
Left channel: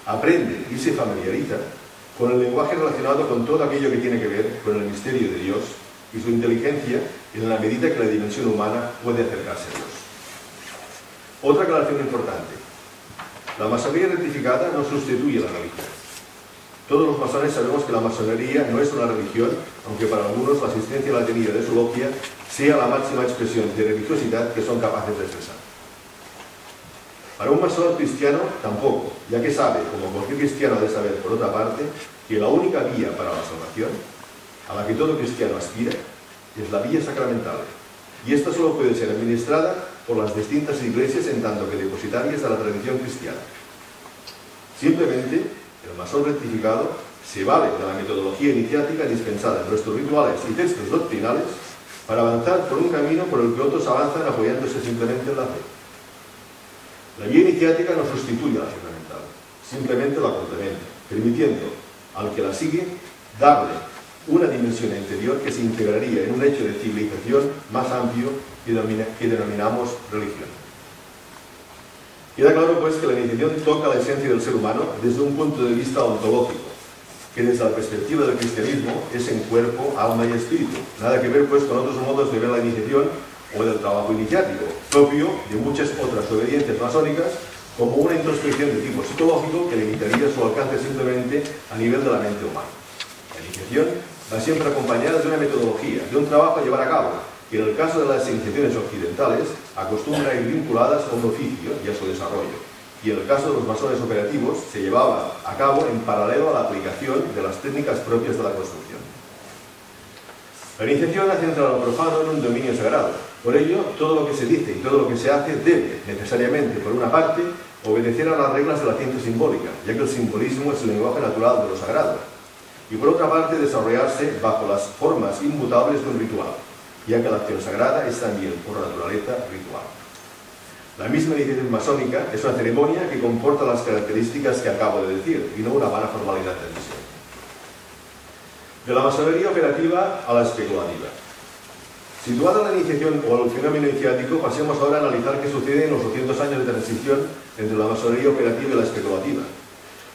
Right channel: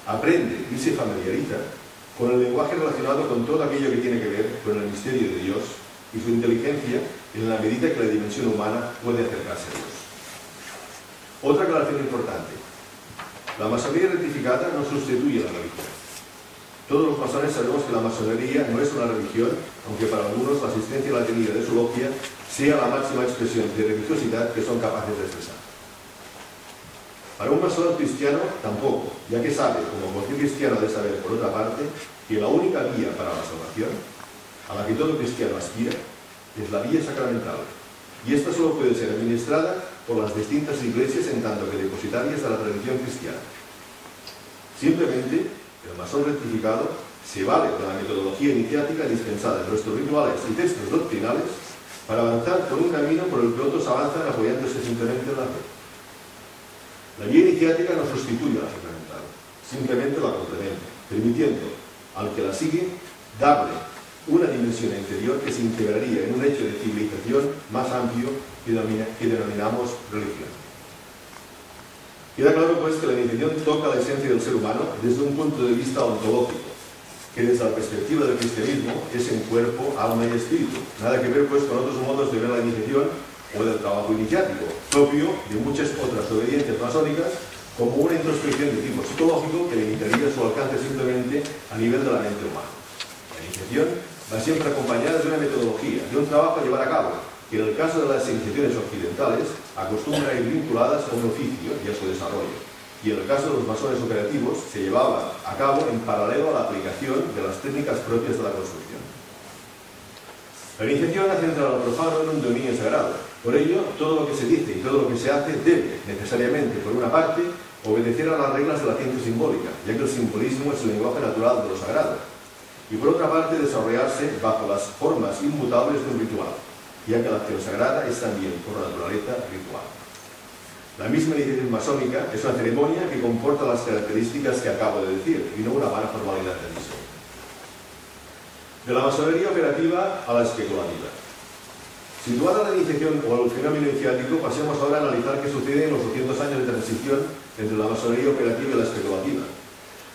aprende y se familiariza con el lenguaje relacionado con todo aquello que tiene que ver con el misterio de Dios y su inteligencia en la medida que la dimensión humana puede acercarse a Dios. Otra aclaración importante. La masonería rectificada no sustituye a la religión. Todos los masones sabemos que la masonería no es una religión, aunque para algunos la asistencia a la tenida de su logia sea la máxima expresión de religiosidad que son capaces de expresar. Para un masón cristiano tampoco, ya que sabe, como cualquier cristiano ha de saber por otra parte, que la única vía para la salvación, a la que todo cristiano aspira, es la vía sacramental, y esta solo puede ser administrada por las distintas iglesias en tanto que depositarias de la tradición cristiana. Simplemente, el masón rectificado se vale de la metodología iniciática dispensada en nuestros rituales y textos doctrinales para avanzar por un camino por el que otros avanzan apoyándose simplemente en la fe. La vía iniciática no sustituye a la sacramental, simplemente la complementa, permitiendo al que la sigue darle una dimensión interior que se integraría en un hecho de civilización más amplio que denominamos religión. Queda claro pues que la iniciación toca la esencia del ser humano desde un punto de vista ontológico, que desde la perspectiva del cristianismo es en cuerpo, alma y espíritu. Nada que ver pues con otros modos de ver la iniciación o del trabajo iniciático, propio de muchas otras obediencias masónicas, como una introspección de tipo psicológico que limitaría su alcance simplemente a nivel de la mente humana. La iniciación va siempre acompañada de una metodología, de un trabajo a llevar a cabo, que en el caso de las iniciaciones occidentales acostumbran a ir vinculadas a un oficio y a su desarrollo, y en el caso de los masones operativos se llevaba a cabo en paralelo a la aplicación de las técnicas propias de la construcción. La iniciación hace entrar al profano en un dominio sagrado. Por ello, todo lo que se dice y todo lo que se hace debe, necesariamente, por una parte, obedecer a las reglas de la ciencia simbólica, ya que el simbolismo es el lenguaje natural de lo sagrado, y por otra parte, desarrollarse bajo las formas inmutables de un ritual, ya que la acción sagrada es también, por naturaleza, ritual. La misma iniciación masónica es una ceremonia que comporta las características que acabo de decir, y no una vana formalidad de admisión. De la masonería operativa a la especulativa. Situada la iniciación o el fenómeno iniciático, pasemos ahora a analizar qué sucede en los 200 años de transición entre la masonería operativa y la especulativa.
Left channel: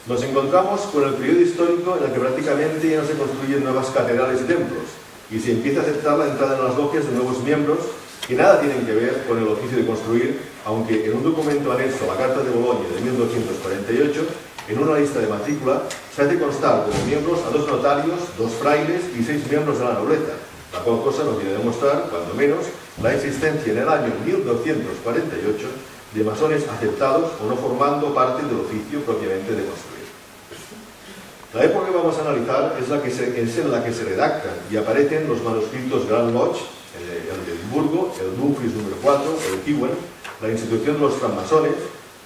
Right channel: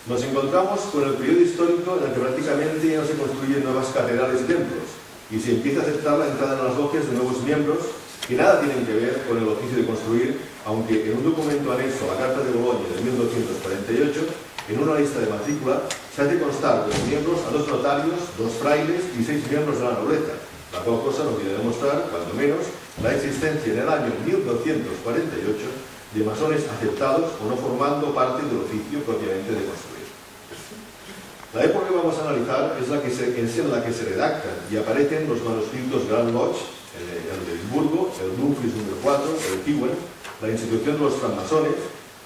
Nos encontramos con el periodo histórico en el que prácticamente ya no se construyen nuevas catedrales y templos, y se empieza a aceptar la entrada en las logias de nuevos miembros que nada tienen que ver con el oficio de construir, aunque en un documento anexo a la Carta de Bolonia de 1248, en una lista de matrícula, se hace constar como miembros a 2 notarios, 2 frailes y 6 miembros de la nobleza, la cual cosa nos viene a demostrar, cuando menos, la existencia en el año 1248 de masones aceptados o no formando parte del oficio propiamente de construir. La época que vamos a analizar es en la que se redactan y aparecen los manuscritos Grand Lodge, el de Edimburgo, el Dumfries número 4, el Kewen, la institución de los francmasones,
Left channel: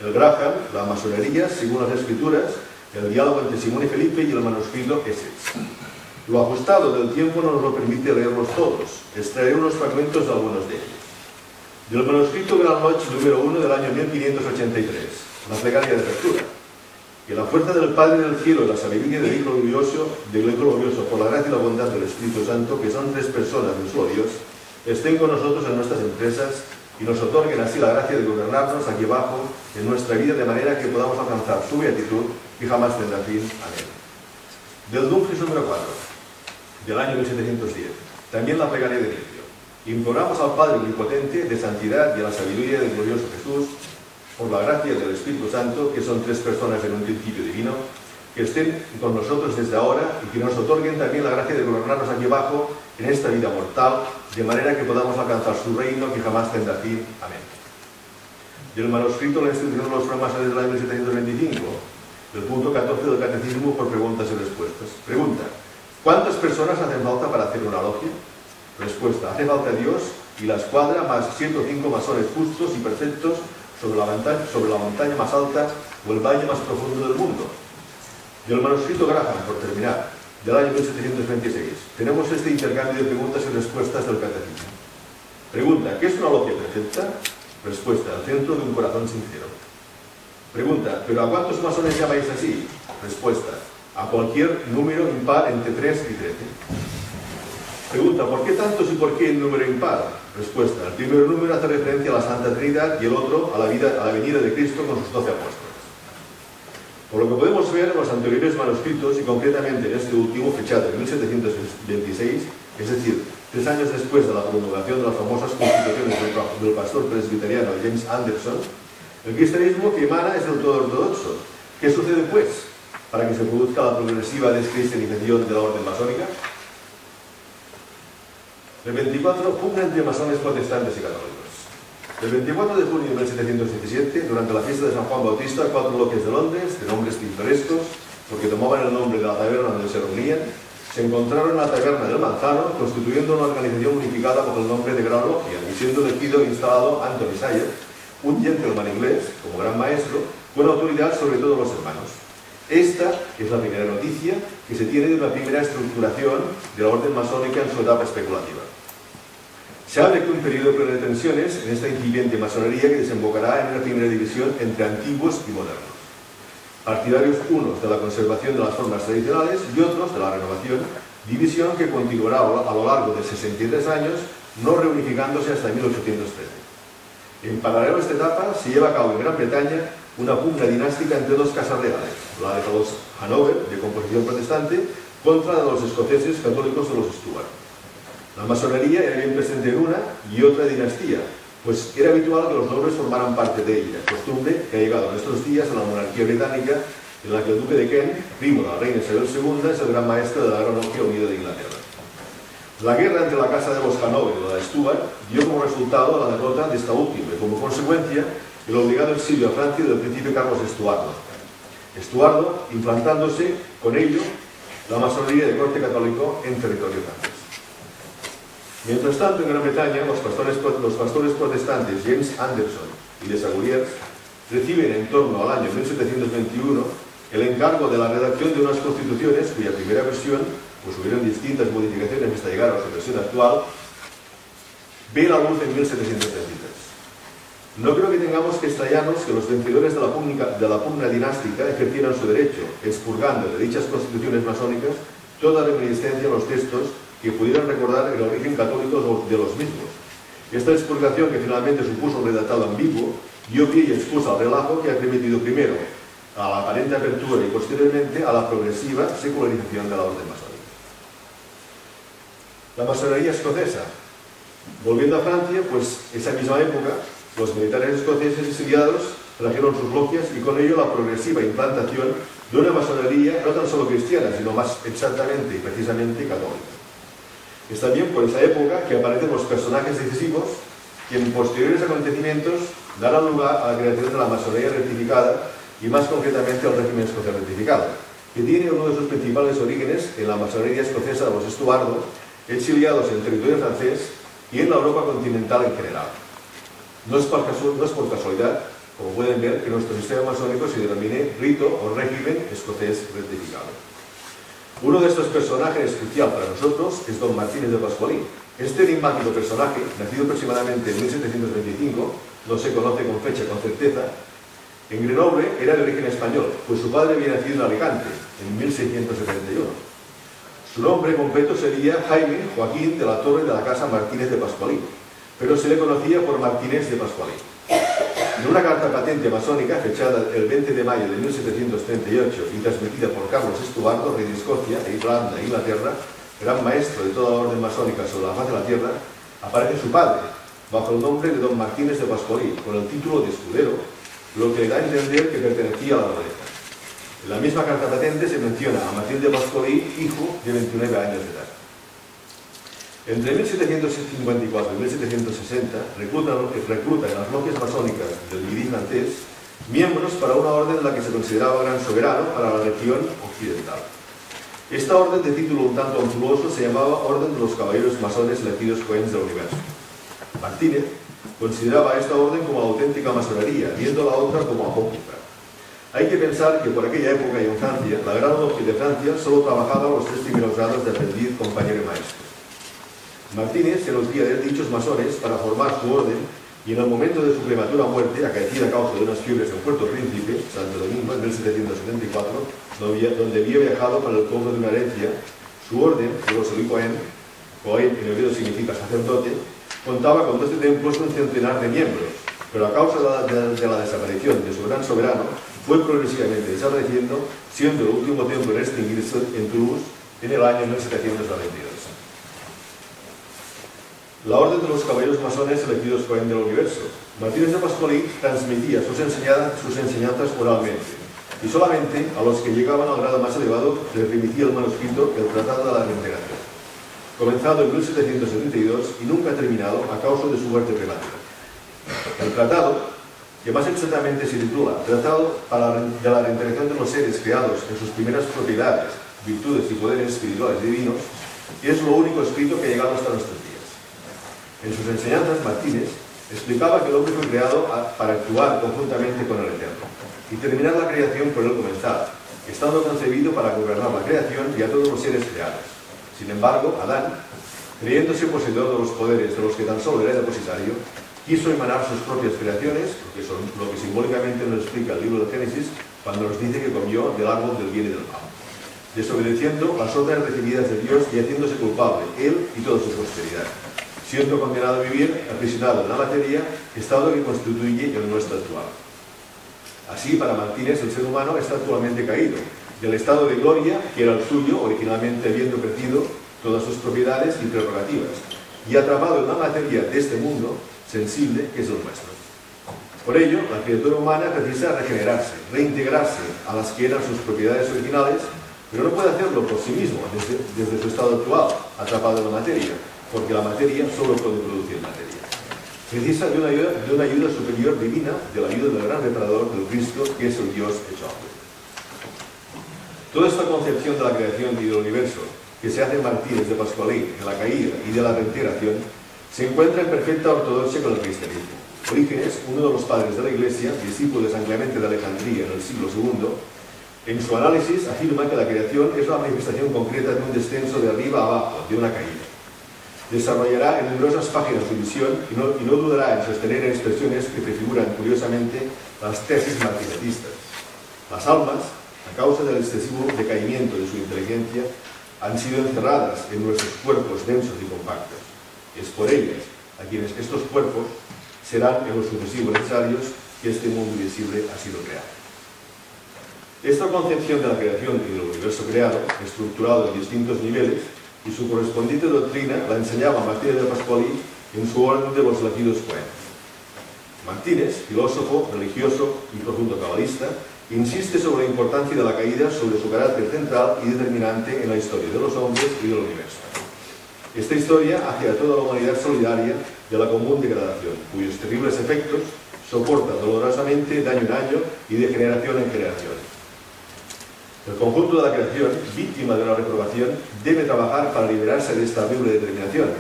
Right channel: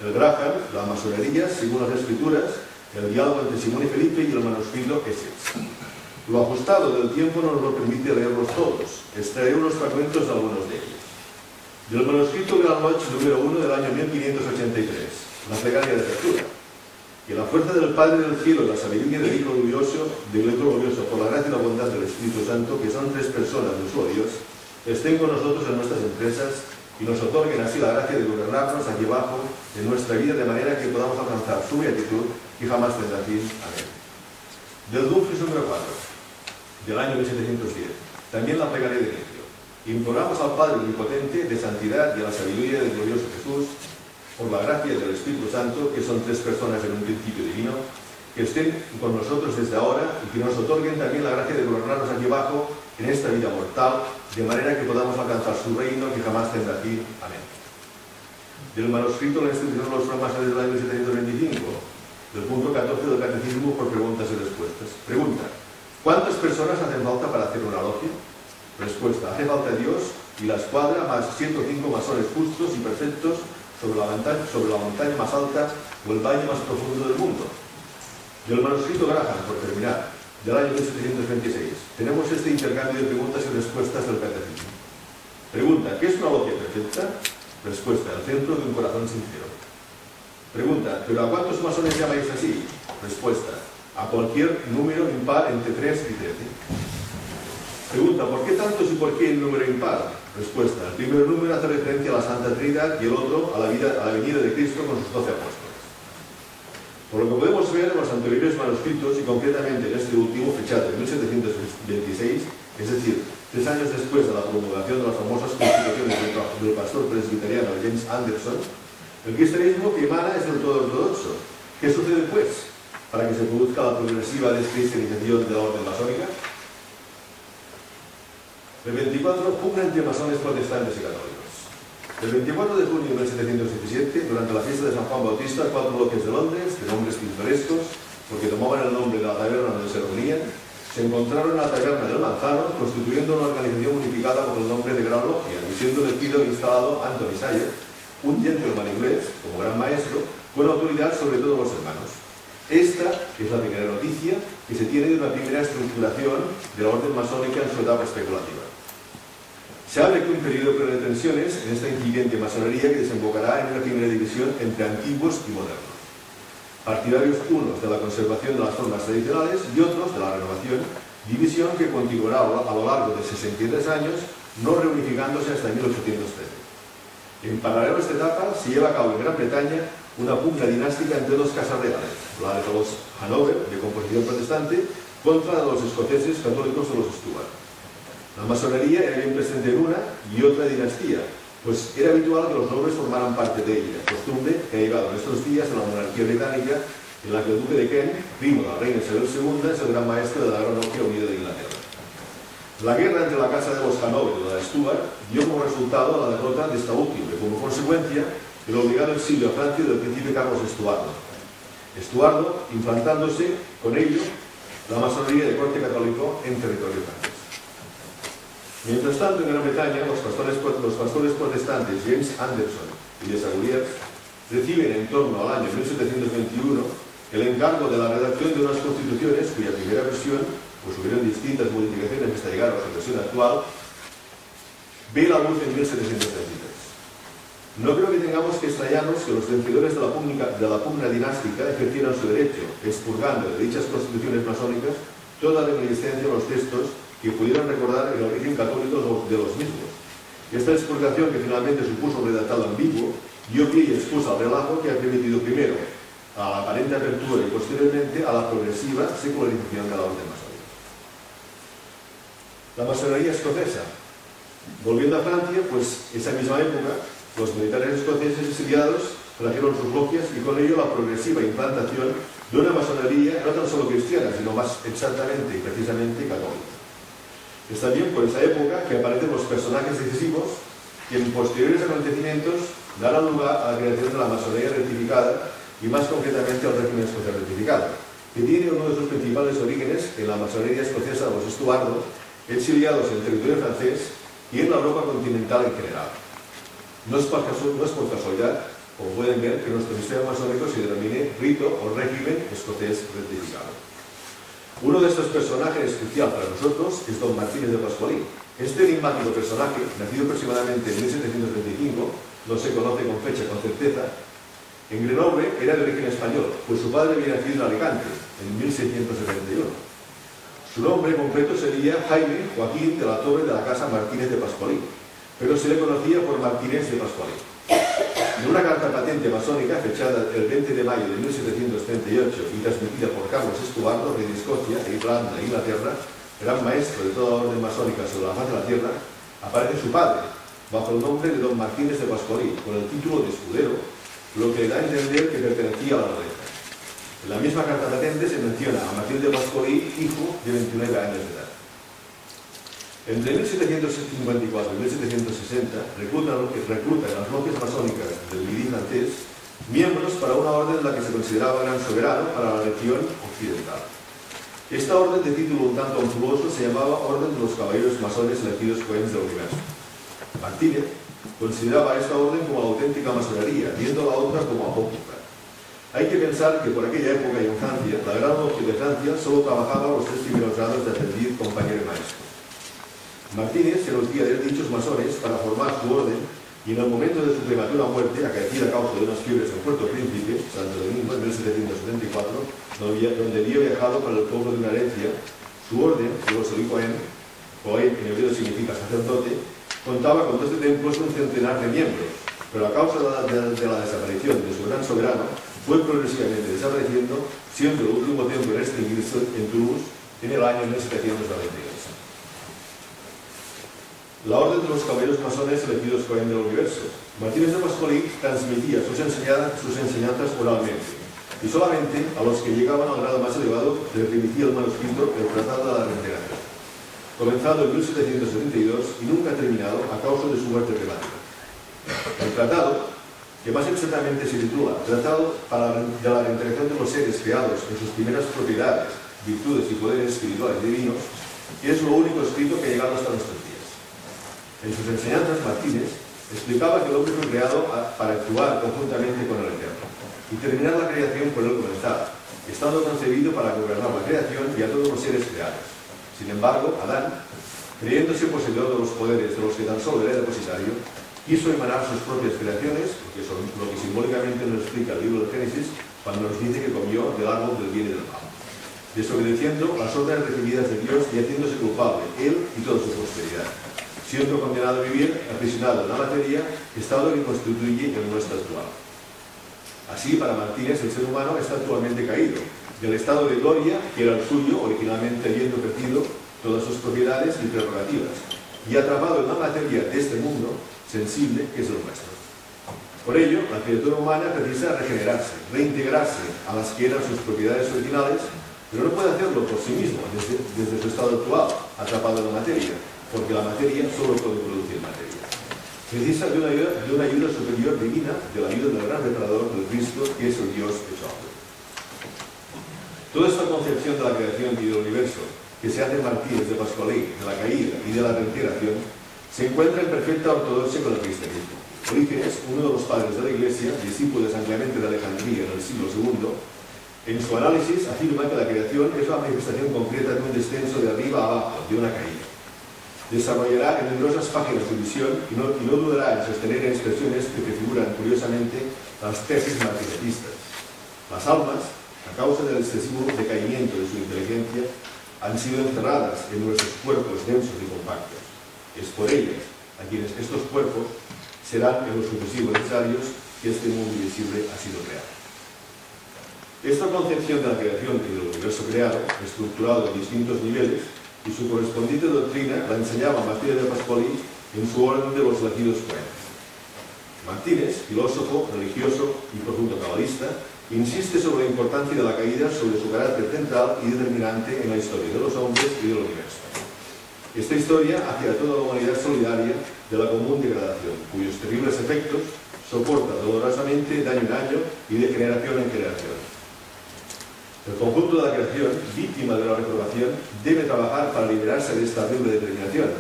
el Graham, la masonería según las escrituras, el diálogo entre Simón y Felipe y el manuscrito Essex. Lo ajustado del tiempo no nos lo permite leerlos todos, extraeré unos fragmentos de algunos de ellos. Del manuscrito Grand Lodge número 1 del año 1583, la plegaria de apertura. Que la fuerza del Padre del Cielo y la sabiduría del Hijo glorioso por la gracia y la bondad del Espíritu Santo, que son 3 personas de un solo Dios, estén con nosotros en nuestras empresas y nos otorguen así la gracia de gobernarnos aquí abajo en nuestra vida de manera que podamos alcanzar su beatitud y jamás tendrá fin. Amén. Del Dumfries número 4, del año 1710, también la plegaria de inicio. Imploramos al Padre Omnipotente de santidad y a la sabiduría del glorioso Jesús, por la gracia del Espíritu Santo, que son 3 personas en un principio divino, que estén con nosotros desde ahora y que nos otorguen también la gracia de gobernarnos aquí abajo en esta vida mortal, de manera que podamos alcanzar su reino que jamás tendrá fin. Amén. Del manuscrito La institución de los francmasones del año 1725, del punto 14 del Catecismo por preguntas y respuestas. Pregunta: ¿cuántas personas hacen falta para hacer una logia? Respuesta: hace falta Dios y la escuadra más 105 masones justos y perfectos sobre la montaña más alta o el valle más profundo del mundo. Del manuscrito Graham, por terminar, del año 1726, tenemos este intercambio de preguntas y respuestas del Catecismo. Pregunta: ¿qué es una logia perfecta? Respuesta: el centro de un corazón sincero. Pregunta: ¿pero a cuántos masones llamáis así? Respuesta: a cualquier número impar entre 3 y 13. Pregunta: ¿por qué tantos y por qué el número impar? Respuesta: el primer número hace referencia a la Santa Trinidad y el otro a la venida de Cristo con sus 12 apóstoles. Por lo que podemos ver en los anteriores manuscritos, y concretamente en este último, fechado en 1726, es decir, 3 años después de la promulgación de las famosas constituciones del pastor presbiteriano James Anderson, el cristianismo que emana es del todo ortodoxo. ¿Qué sucede, pues, para que se produzca la progresiva descristianización de la orden masónica? El 24, pugna entre masones protestantes y católicos. El 24 de junio de 1717, durante la fiesta de San Juan Bautista, 4 logias de Londres, de nombres pintorescos, porque tomaban el nombre de la taberna donde se reunían, se encontraron en la taberna del Manzano, constituyendo una organización unificada bajo el nombre de Gran Logia, y siendo elegido e instalado Anthony Sayer, un gentleman inglés, como gran maestro, con autoridad sobre todos los hermanos. Esta es la primera noticia que se tiene de una primera estructuración de la orden masónica en su etapa especulativa. Se abre un periodo pleno de tensiones en esta incipiente masonería que desembocará en una primera división entre antiguos y modernos. Partidarios unos de la conservación de las formas tradicionales y otros de la renovación, división que continuará a lo largo de 63 años, no reunificándose hasta 1813. En paralelo a esta etapa se lleva a cabo en Gran Bretaña una pugna dinástica entre 2 casas reales, la de los Hanover, de composición protestante, contra la de los escoceses católicos de los Stuart. La masonería era bien presente en una y otra dinastía, pues era habitual que los nobles formaran parte de ella, costumbre que ha llegado en estos días a la monarquía británica, en la que el duque de Kent, primo de la reina Isabel II, es el gran maestro de la Gran Logia Unida de Inglaterra. La guerra entre la casa de los Hanover y la de Stuart dio como resultado la derrota de esta última y como consecuencia el obligado exilio a Francia del príncipe Carlos Estuardo. Estuardo implantándose con ello la masonería de corte católico en territorio francés. Mientras tanto, en Gran Bretaña, los pastores protestantes James Anderson y de Saguriers reciben en torno al año 1721 el encargo de la redacción de unas constituciones cuya primera versión, pues hubieron distintas modificaciones hasta llegar a su versión actual, ve la luz en 1733. No creo que tengamos que extrañarnos que los vencedores de la pugna dinástica ejercieran su derecho, expurgando de dichas constituciones masónicas toda reminiscencia a los textos que pudieran recordar el origen católico de los mismos. Esta expurgación, que finalmente supuso un redactado ambiguo, dio pie y excusa al relajo que ha permitido primero a la aparente apertura y posteriormente a la progresiva secularización de la orden masónica. La masonería escocesa. Volviendo a Francia, pues esa misma época, los militares escoceses exiliados trajeron sus logias y con ello la progresiva implantación de una masonería no tan solo cristiana, sino más exactamente y precisamente católica. Es también por esa época que aparecen los personajes decisivos que en posteriores acontecimientos darán lugar a la creación de la masonería rectificada y más concretamente al régimen escocés rectificado, que tiene uno de sus principales orígenes en la masonería escocesa de los Estuardo, exiliados en el territorio francés y en la Europa continental en general. No es por casualidad, como pueden ver, que nuestro sistema masónico se denomine rito o régimen escocés rectificado. Uno de estos personajes crucial para nosotros es don Martínez de Pascualín. Este enigmático personaje, nacido aproximadamente en 1725, no se conoce con fecha con certeza, en Grenoble era de origen español, pues su padre había nacido en Alicante, en 1671. Su nombre completo sería Jaime Joaquín de la Torre de la Casa Martínez de Pascualín, pero se le conocía por Martínez de Pascualín. En una carta patente masónica fechada el 20 de mayo de 1738 y transmitida por Carlos Estuardo, rey de Escocia e Irlanda e Inglaterra, gran maestro de toda la orden masónica sobre la faz de la tierra, aparece su padre, bajo el nombre de don Martínez de Pascualín, con el título de escudero, lo que le da a entender que pertenecía a la nobleza. En la misma carta patente se menciona a Martínez de Pascualín, hijo de 29 años de edad. Entre 1754 y 1760 recluta en las logias masónicas del Midi francés miembros para una orden en la que se consideraba gran soberano para la región occidental. Esta orden, de título un tanto ampuloso, se llamaba Orden de los Caballeros Masones Elegidos Cohens del Universo. Martínez consideraba esta orden como la auténtica masonería, viendo la otra como apócrifa. Hay que pensar que por aquella época y en Francia, la Gran Logia de Francia solo trabajaba los 3 primeros grados de aprendiz, compañero y maestro. Martínez se nutría de dichos masones para formar su orden y en el momento de su prematura muerte, acaecida a causa de unas fiebres en Puerto Príncipe, Santo Domingo, en 1774, donde había viajado para el cobro de una herencia, su orden, que los Cohen, Cohen en hebreo significa sacerdote, contaba con 12 templos y un centenar de miembros, pero a causa de la desaparición de su gran soberano, fue progresivamente desapareciendo, siendo el último templo en extinguirse en Toulouse en el año 1792. La Orden de los Caballeros Masones Elegidos Cohen del Universo. Martínez de Pascualín transmitía sus enseñanzas oralmente, y solamente a los que llegaban al grado más elevado les remitía el manuscrito del Tratado de la Reintegración, comenzado en 1772 y nunca terminado a causa de su muerte prematura. El tratado, que más exactamente se titula Tratado de la Reintegración de los seres creados en sus primeras propiedades, virtudes y poderes espirituales y divinos, es lo único escrito que ha llegado hasta nuestros días. En sus enseñanzas, Martínez explicaba que el hombre fue creado para actuar conjuntamente con el Eterno y terminar la creación por él comenzar, estando concebido para gobernar la creación y a todos los seres creados. Sin embargo, Adán, creyéndose poseedor de los poderes de los que tan solo era depositario, quiso emanar sus propias creaciones, lo que simbólicamente nos explica el libro de Génesis cuando nos dice que comió del árbol del bien y del mal, desobedeciendo las órdenes recibidas de Dios y haciéndose culpable, él y toda su posteridad, siendo condenado a vivir aprisionado en la materia, estado que constituye el nuestro actual. Así, para Martínez, el ser humano está actualmente caído del estado de gloria que era el suyo, originalmente habiendo perdido todas sus propiedades y prerrogativas, y atrapado en la materia de este mundo sensible que es el nuestro. Por ello, la criatura humana precisa regenerarse, reintegrarse a las que eran sus propiedades originales, pero no puede hacerlo por sí mismo, desde su estado actual, atrapado en la materia, porque la materia solo puede producir materia. Precisa de una ayuda superior divina, de la ayuda del gran reparador del Cristo, que es el Dios hecho hombre. Toda esta concepción de la creación y del universo, que se hace en Martínez de Pascualí, de la caída y de la reintegración, se encuentra en perfecta ortodoxia con el cristianismo. Orígenes, uno de los padres de la Iglesia, discípulo de San Clemente de Alejandría en el siglo II, en su análisis afirma que la creación es la manifestación concreta de un descenso de arriba a abajo, de una caída. Desarrollará en numerosas páginas su visión y no dudará en sostener expresiones que prefiguran curiosamente las tesis martinetistas. Las almas, a causa del excesivo decaimiento de su inteligencia, han sido encerradas en nuestros cuerpos densos y compactos. Es por ellas a quienes estos cuerpos serán en lo sucesivo necesarios que este mundo invisible ha sido creado. Esta concepción de la creación y del universo creado, estructurado en distintos niveles, y su correspondiente doctrina la enseñaba Martínez de Pascualí en su orden de los elegidos poetas. Martínez, filósofo, religioso y profundo cabalista, insiste sobre la importancia de la caída, sobre su carácter central y determinante en la historia de los hombres y del universo. Esta historia hace a toda la humanidad solidaria de la común degradación, cuyos terribles efectos soporta dolorosamente de año en año y de generación en generación. El conjunto de la creación, víctima de la reprobación, debe trabajar para liberarse de esta horrible determinación.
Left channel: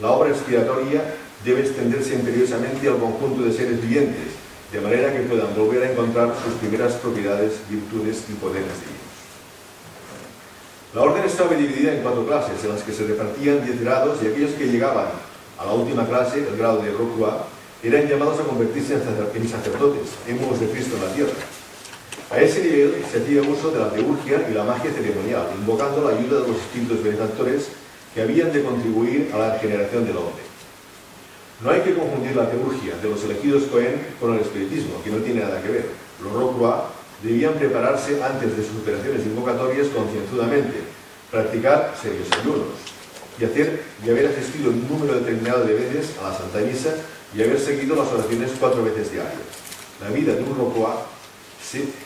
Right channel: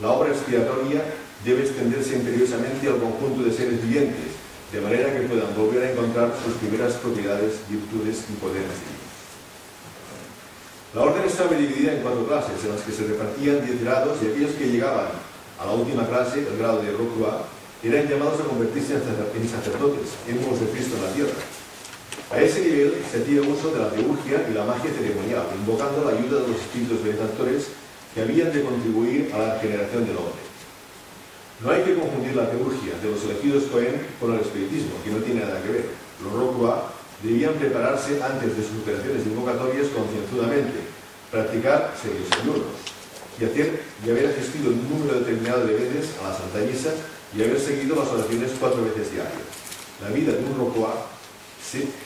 La obra expiatoria debe extenderse imperiosamente al conjunto de seres vivientes, de manera que puedan volver a encontrar sus primeras propiedades, virtudes y poderes divinos. La orden estaba dividida en 4 clases, en las que se repartían 10 grados, y aquellos que llegaban a la última clase, el grado de Rocroi, eran llamados a convertirse en sacerdotes, émulos de Cristo en la tierra. A ese nivel se hacía uso de la teurgia y la magia ceremonial, invocando la ayuda de los espíritus benefactores que habían de contribuir a la regeneración del hombre. No hay que confundir la teurgia de los elegidos Cohen con el espiritismo, que no tiene nada que ver. Los Rocroi debían prepararse antes de sus operaciones invocatorias concienzudamente, practicar serios ayunos y haber asistido un número determinado de veces a la Santa Misa y haber seguido las oraciones 4 veces diarias. La vida de un Rocroi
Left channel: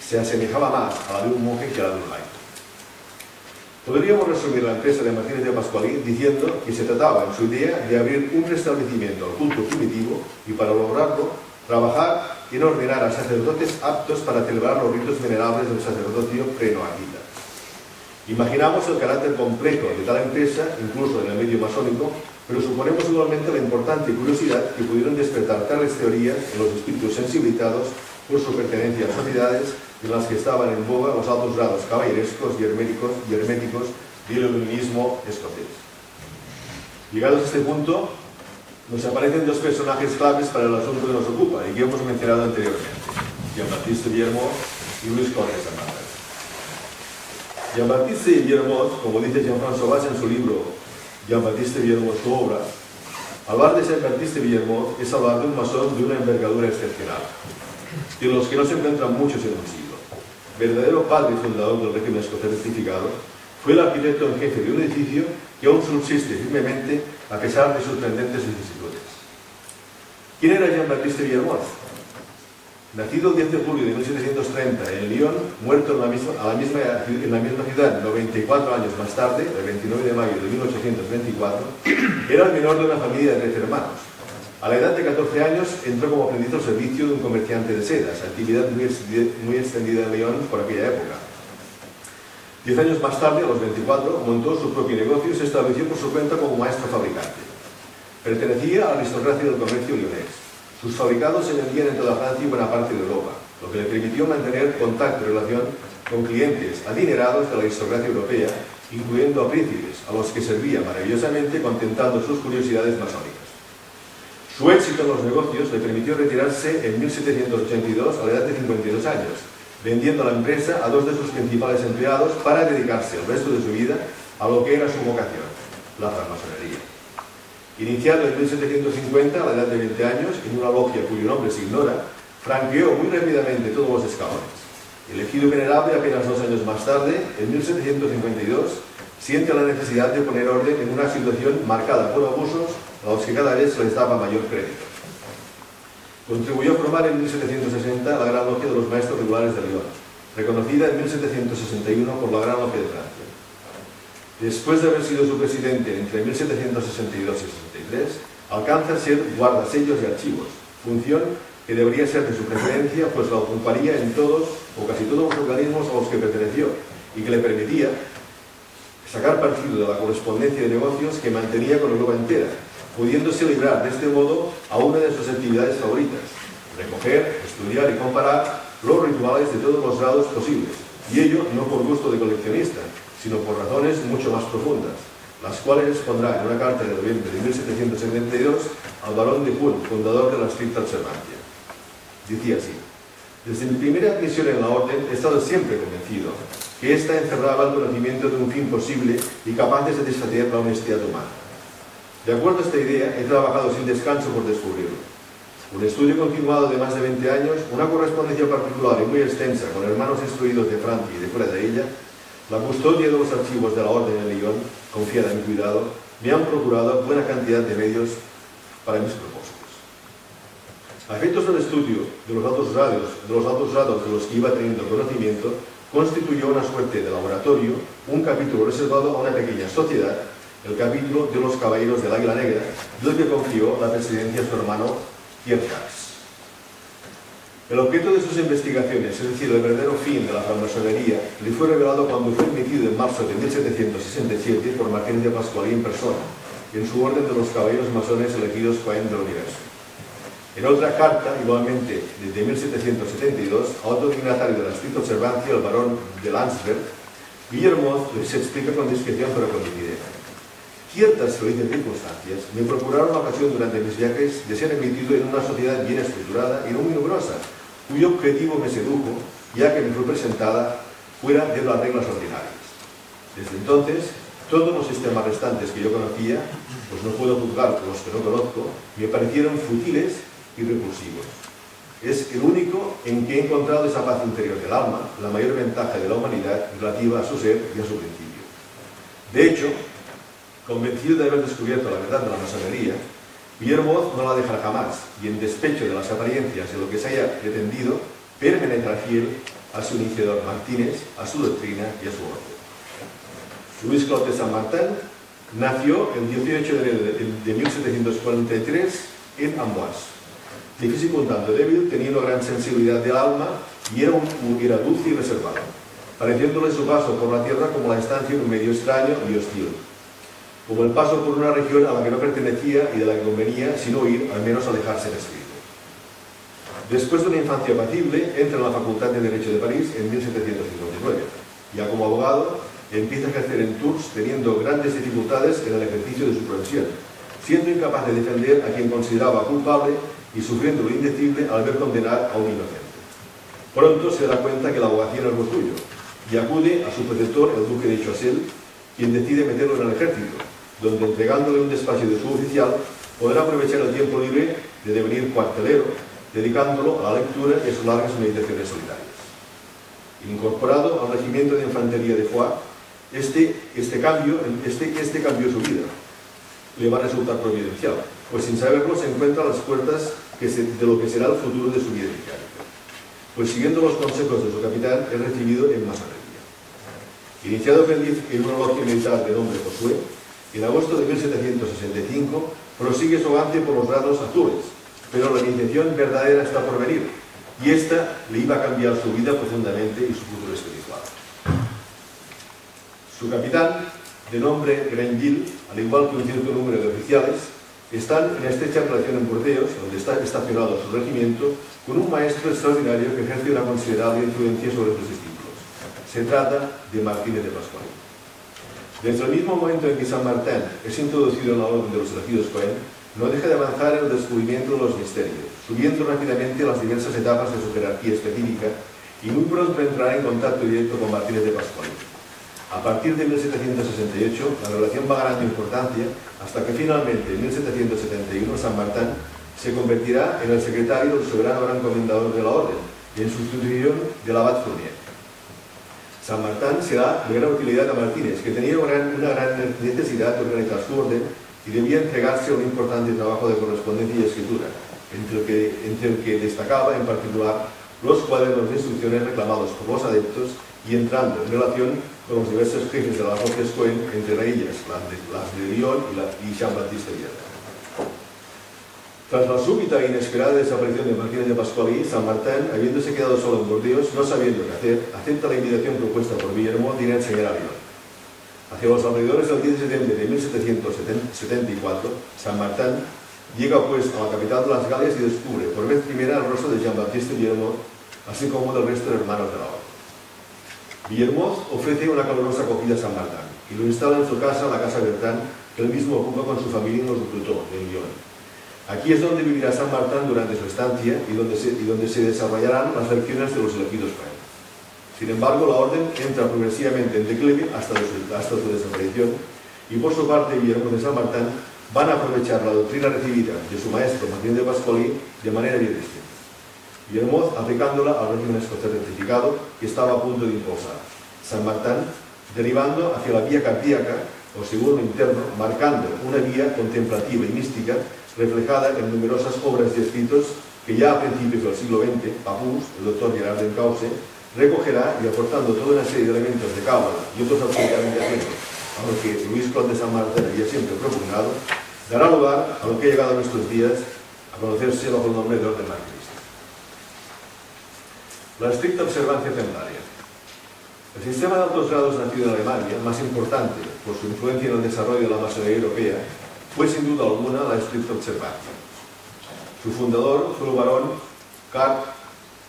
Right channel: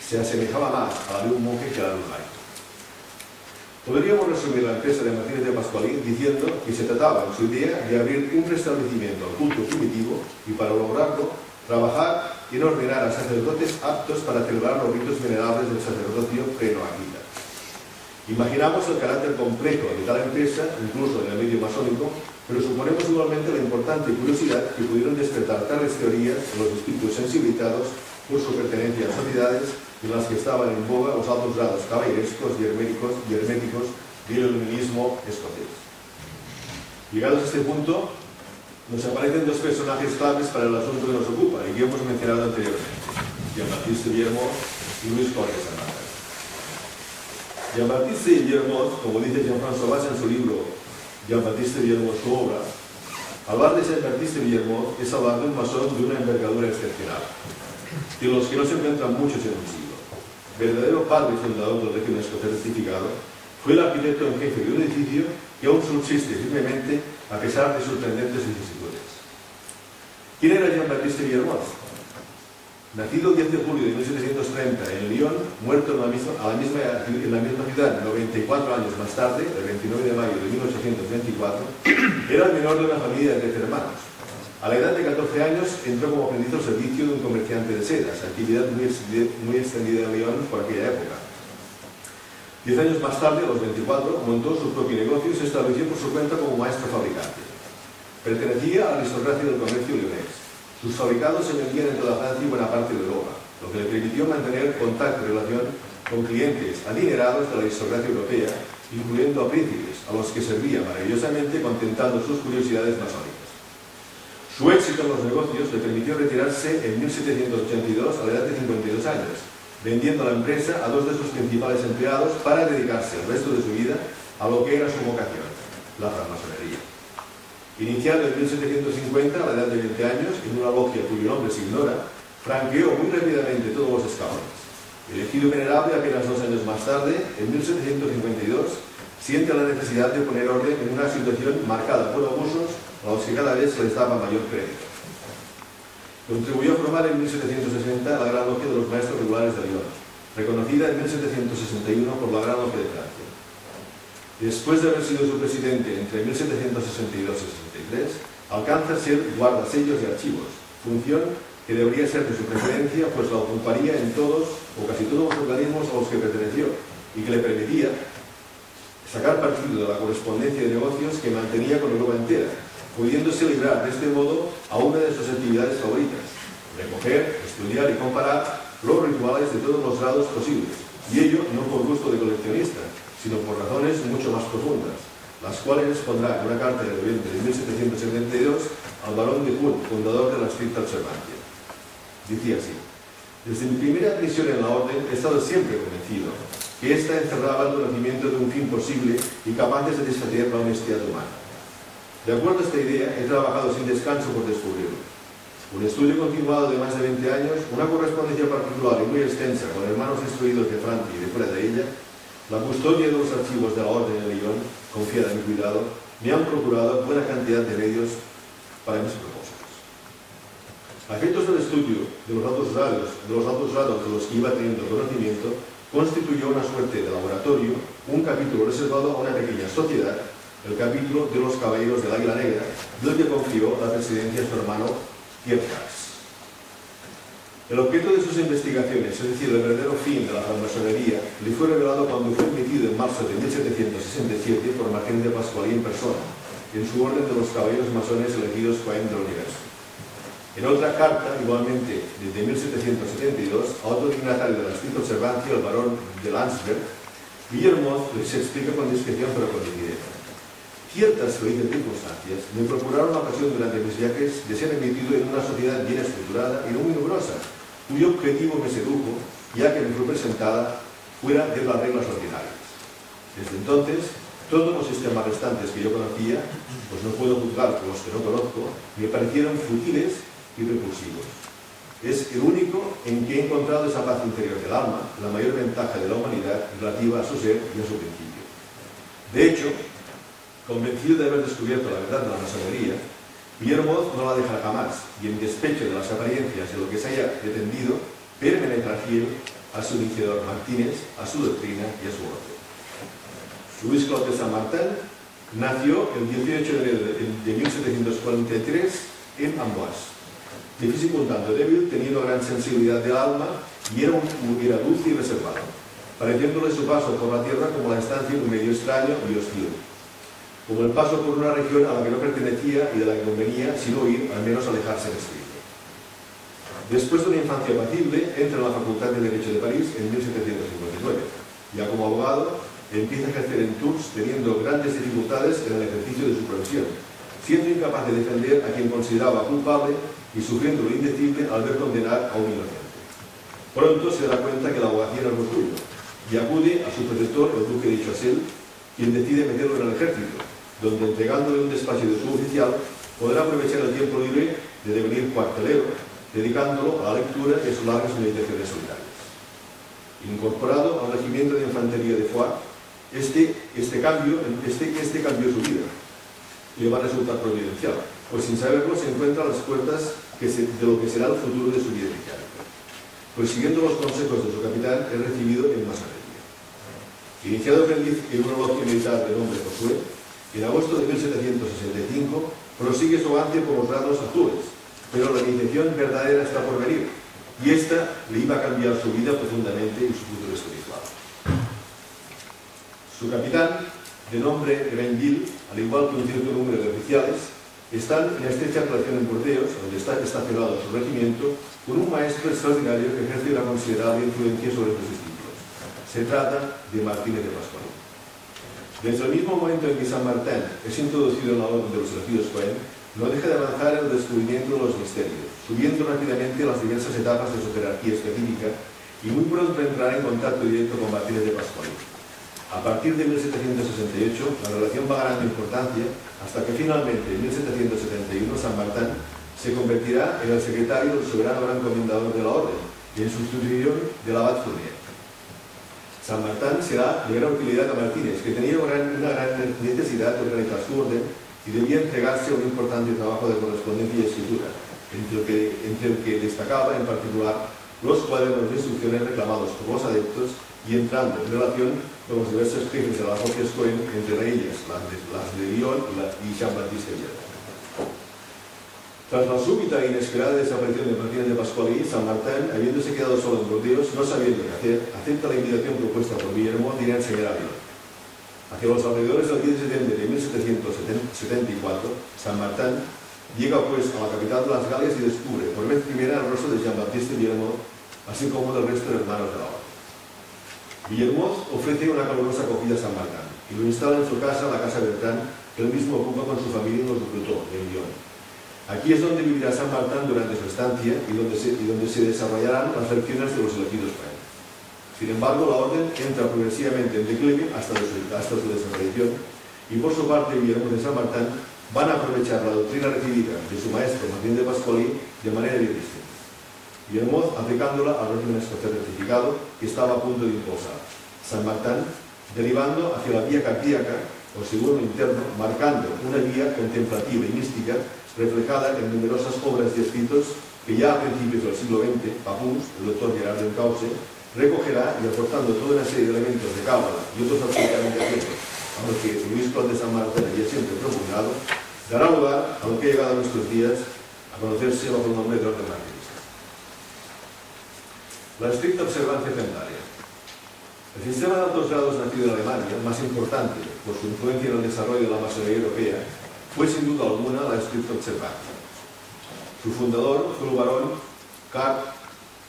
se asemejaba más a la de un monje que a la de un laico. Podríamos resumir la empresa de Martínez de Pascualí diciendo que se trataba en su idea de abrir un restablecimiento al culto primitivo y, para lograrlo, trabajar en ordenar a sacerdotes aptos para celebrar los ritos venerables del sacerdocio pre-noahita. Imaginamos el carácter complejo de tal empresa, incluso en el medio masónico, pero suponemos igualmente la importante curiosidad que pudieron despertar tales teorías en los espíritus sensibilizados por su pertenencia a sociedades en las que estaban en boga los altos grados caballerescos y herméticos del iluminismo escocés. Llegados a este punto, nos aparecen 2 personajes claves para el asunto que nos ocupa y que hemos mencionado anteriormente: Jean-Baptiste Villermoz y Luis Conde de Saint-Martin. Jean-Baptiste Villermoz, como dice Jean-François Vaz en su libro Jean-Baptiste Villermoz, su obra, hablar de Jean-Baptiste Villermoz es hablar de un masón de una envergadura excepcional, de los que no se encuentran muchos en un siglo. Verdadero padre y fundador del régimen escocés rectificado, fue el arquitecto en jefe de un edificio que aún subsiste firmemente a pesar de sus pendentes vicisitudes. ¿Quién era Jean-Baptiste Villermoz? Nacido el 10 de julio de 1730 en Lyon, muerto en la misma ciudad 94 años más tarde, el 29 de mayo de 1824, era el menor de una familia de 13 hermanos. A la edad de 14 años entró como aprendiz al servicio de un comerciante de sedas, actividad muy extendida en Lyon por aquella época. 10 años más tarde, a los 24, montó su propio negocio y se estableció por su cuenta como maestro fabricante. Pertenecía a la aristocracia del comercio lyonés. Sus fabricados se vendían en toda Francia y buena parte de Europa, lo que le permitió mantener contacto y relación con clientes adinerados de la aristocracia europea, incluyendo a príncipes, a los que servía maravillosamente contentando sus curiosidades masónicas. Su éxito en los negocios le permitió retirarse en 1782 a la edad de 52 años, vendiendo la empresa a 2 de sus principales empleados para dedicarse el resto de su vida a lo que era su vocación, la francmasonería. Iniciado en 1750, a la edad de 20 años, en una logia cuyo nombre se ignora, franqueó muy rápidamente todos los escalones. Elegido venerable apenas 2 años más tarde, en 1752, siente la necesidad de poner orden en una situación marcada por abusos a los que cada vez se les daba mayor crédito. Contribuyó a formar en 1760 la Gran Logia de los Maestros Regulares de Lyon. reconocida en 1761 por la Gran Logia de Francia. Después de haber sido su presidente entre 1762 y 63, alcanza a ser guardasellos y archivos, función que debería ser de su preferencia, pues la ocuparía en todos o casi todos los organismos a los que perteneció y que le permitía sacar partido de la correspondencia de negocios que mantenía con Europa entera, pudiéndose librar de este modo a una de sus actividades favoritas: recoger, estudiar y comparar los rituales de todos los grados posibles, y ello no por gusto de coleccionista, sino por razones mucho más profundas, las cuales expondrá en una carta de noviembre de 1772 al barón de Kuhn, fundador de la estricta observancia. Decía así: desde mi primera admisión en la orden he estado siempre convencido que ésta encerraba el conocimiento de un fin posible y capaz de satisfacer la honestidad humana. De acuerdo a esta idea, he trabajado sin descanso por descubrirlo. Un estudio continuado de más de 20 años, una correspondencia particular y muy extensa con hermanos instruidos de Francia y de fuera de ella, la custodia de los archivos de la Orden de Lyon, confiada en mi cuidado, me han procurado buena cantidad de medios para mis propósitos. A efectos del estudio de los altos grados de los que iba teniendo conocimiento, constituyó una suerte de laboratorio, un capítulo reservado a una pequeña sociedad, el capítulo de los Caballeros del Águila Negra, del que confió la presidencia a su hermano Pierre Jacques. El objeto de sus investigaciones, es decir, el verdadero fin de la francmasonería, le fue revelado cuando fue admitido en marzo de 1767 por Martínez de Pascual en persona, en su orden de los caballeros masones elegidos Cohen del Universo. En otra carta, igualmente desde 1772, a otro dignatario de la estricta observancia, el barón de Landsberg, Guillermo les explica con discreción pero con nitidez: ciertas felices circunstancias me procuraron la ocasión durante mis viajes de ser admitido en una sociedad bien estructurada y no muy numerosa, cuyo objetivo me sedujo, ya que me fue presentada fuera de las reglas ordinarias. Desde entonces, todos los sistemas restantes que yo conocía, pues no puedo juzgar por los que no conozco, me parecieron futiles y repulsivos. Es el único en que he encontrado esa paz interior del alma, la mayor ventaja de la humanidad relativa a su ser y a su principio. De hecho, convencido de haber descubierto la verdad de la masonería, Guillermo no la dejará jamás, y en despecho de las apariencias de lo que se haya pretendido, permanecerá fiel a su iniciador Martínez, a su doctrina y a su orden. Luis Claude de Saint-Martin nació el 18 de enero de 1743 en Amboise. De físico un tanto débil, tenía una gran sensibilidad del alma y era dulce y reservado, pareciéndole su paso por la tierra como la estancia en un medio extraño y hostil, como el paso por una región a la que no pertenecía y de la que convenía, sin huir, al menos alejarse de espíritu. Después de una infancia apacible, entra en la Facultad de Derecho de París en 1759. Ya como abogado, empieza a ejercer en Tours, teniendo grandes dificultades en el ejercicio de su profesión, siendo incapaz de defender a quien consideraba culpable y sufriendo lo indecible al ver condenar a un inocente. Pronto se da cuenta que la abogacía no es lo suyo, y acude a su protector, el duque de Choiseul, quien decide meterlo en el ejército, donde entregándole un despacho de suboficial podrá aprovechar el tiempo libre de devenir cuartelero, dedicándolo a la lectura y a sus largas meditaciones solitarias. Incorporado al regimiento de infantería de Foix, este cambio cambió su vida. Le va a resultar providencial, pues sin saberlo se encuentra a las puertas de lo que será el futuro de su vida mecánica. Pues siguiendo los consejos de su capitán, es recibido en masonería. Iniciado en una logia militar de nombre Josué, en agosto de 1765 prosigue su avance por los grados azules, pero la iniciación verdadera está por venir, y esta le iba a cambiar su vida profundamente y su futuro espiritual. Su capitán, de nombre Grenville, al igual que un cierto número de oficiales, están en estrecha relación en Burdeos, donde está estacionado su regimiento, con un maestro extraordinario que ejerce una considerable influencia sobre sus discípulos. Se trata de Martínez de Pascual. Desde el mismo momento en que Saint-Martin es introducido en la orden de los elegidos Cohen, no deja de avanzar en el descubrimiento de los misterios, subiendo rápidamente las diversas etapas de su jerarquía específica, y muy pronto entrará en contacto directo con Martínez de Pascual. A partir de 1768, la relación va ganando importancia hasta que finalmente, en 1771, Saint-Martin se convertirá en el secretario del soberano gran comendador de la orden, en sustitución del abad Fournier. Saint-Martin será de gran utilidad a Martínez, que tenía una gran necesidad de organizar su orden y debía entregarse a un importante trabajo de correspondencia y escritura, entre el que destacaba en particular los cuadernos de instrucciones reclamados por los adeptos y entrando en relación con los diversos jefes de las parroquias Cohen, entre ellas las de Lyon y Jean-Baptiste Vierne. Tras la súbita e inesperada desaparición de Martínez de Pascual, San Martín, habiéndose quedado solo en Burdeos, no sabiendo qué hacer, acepta la invitación propuesta por Guillermo de ir a enseñar a Lyon. Hacia los alrededores del 10 de septiembre de 1774, San Martín llega pues a la capital de las Galias y descubre por vez primera el rostro de Jean-Baptiste Guillermo, así como del resto de hermanos de la orden. Guillermo ofrece una calurosa acogida a San Martín y lo instala en su casa, la Casa Bertrand, que él mismo ocupa con su familia en los Ducrotó, en Lyon. Aquí es donde vivirá San Martín durante su estancia y donde se desarrollarán las lecciones de los elegidos para él. Sin embargo, la orden entra progresivamente en declive hasta su desaparición y por su parte Guillermo de San Martín van a aprovechar la doctrina recibida de su maestro Martín de Pascual de manera bien distinta. Guillermo aplicándola al régimen escocés rectificado que estaba a punto de impulsar. San Martín derivando hacia la vía cardíaca o según lo interno, marcando una vía contemplativa y mística reflejada en numerosas obras y escritos que ya a principios del siglo XX, Papus, el doctor Gerard Encausse, recogerá y aportando toda una serie de elementos de cábala y otros absolutamente ajenos a lo que Luis Clot de San Martín había siempre propugnado, dará lugar a lo que ha llegado a nuestros días a conocerse bajo el nombre de orden martinista. La estricta observancia templaria. El sistema de altos grados nacido en Alemania, más importante por su influencia en el desarrollo de la masonería europea, fue sin duda alguna la estricta observancia. Su fundador fue el barón Karl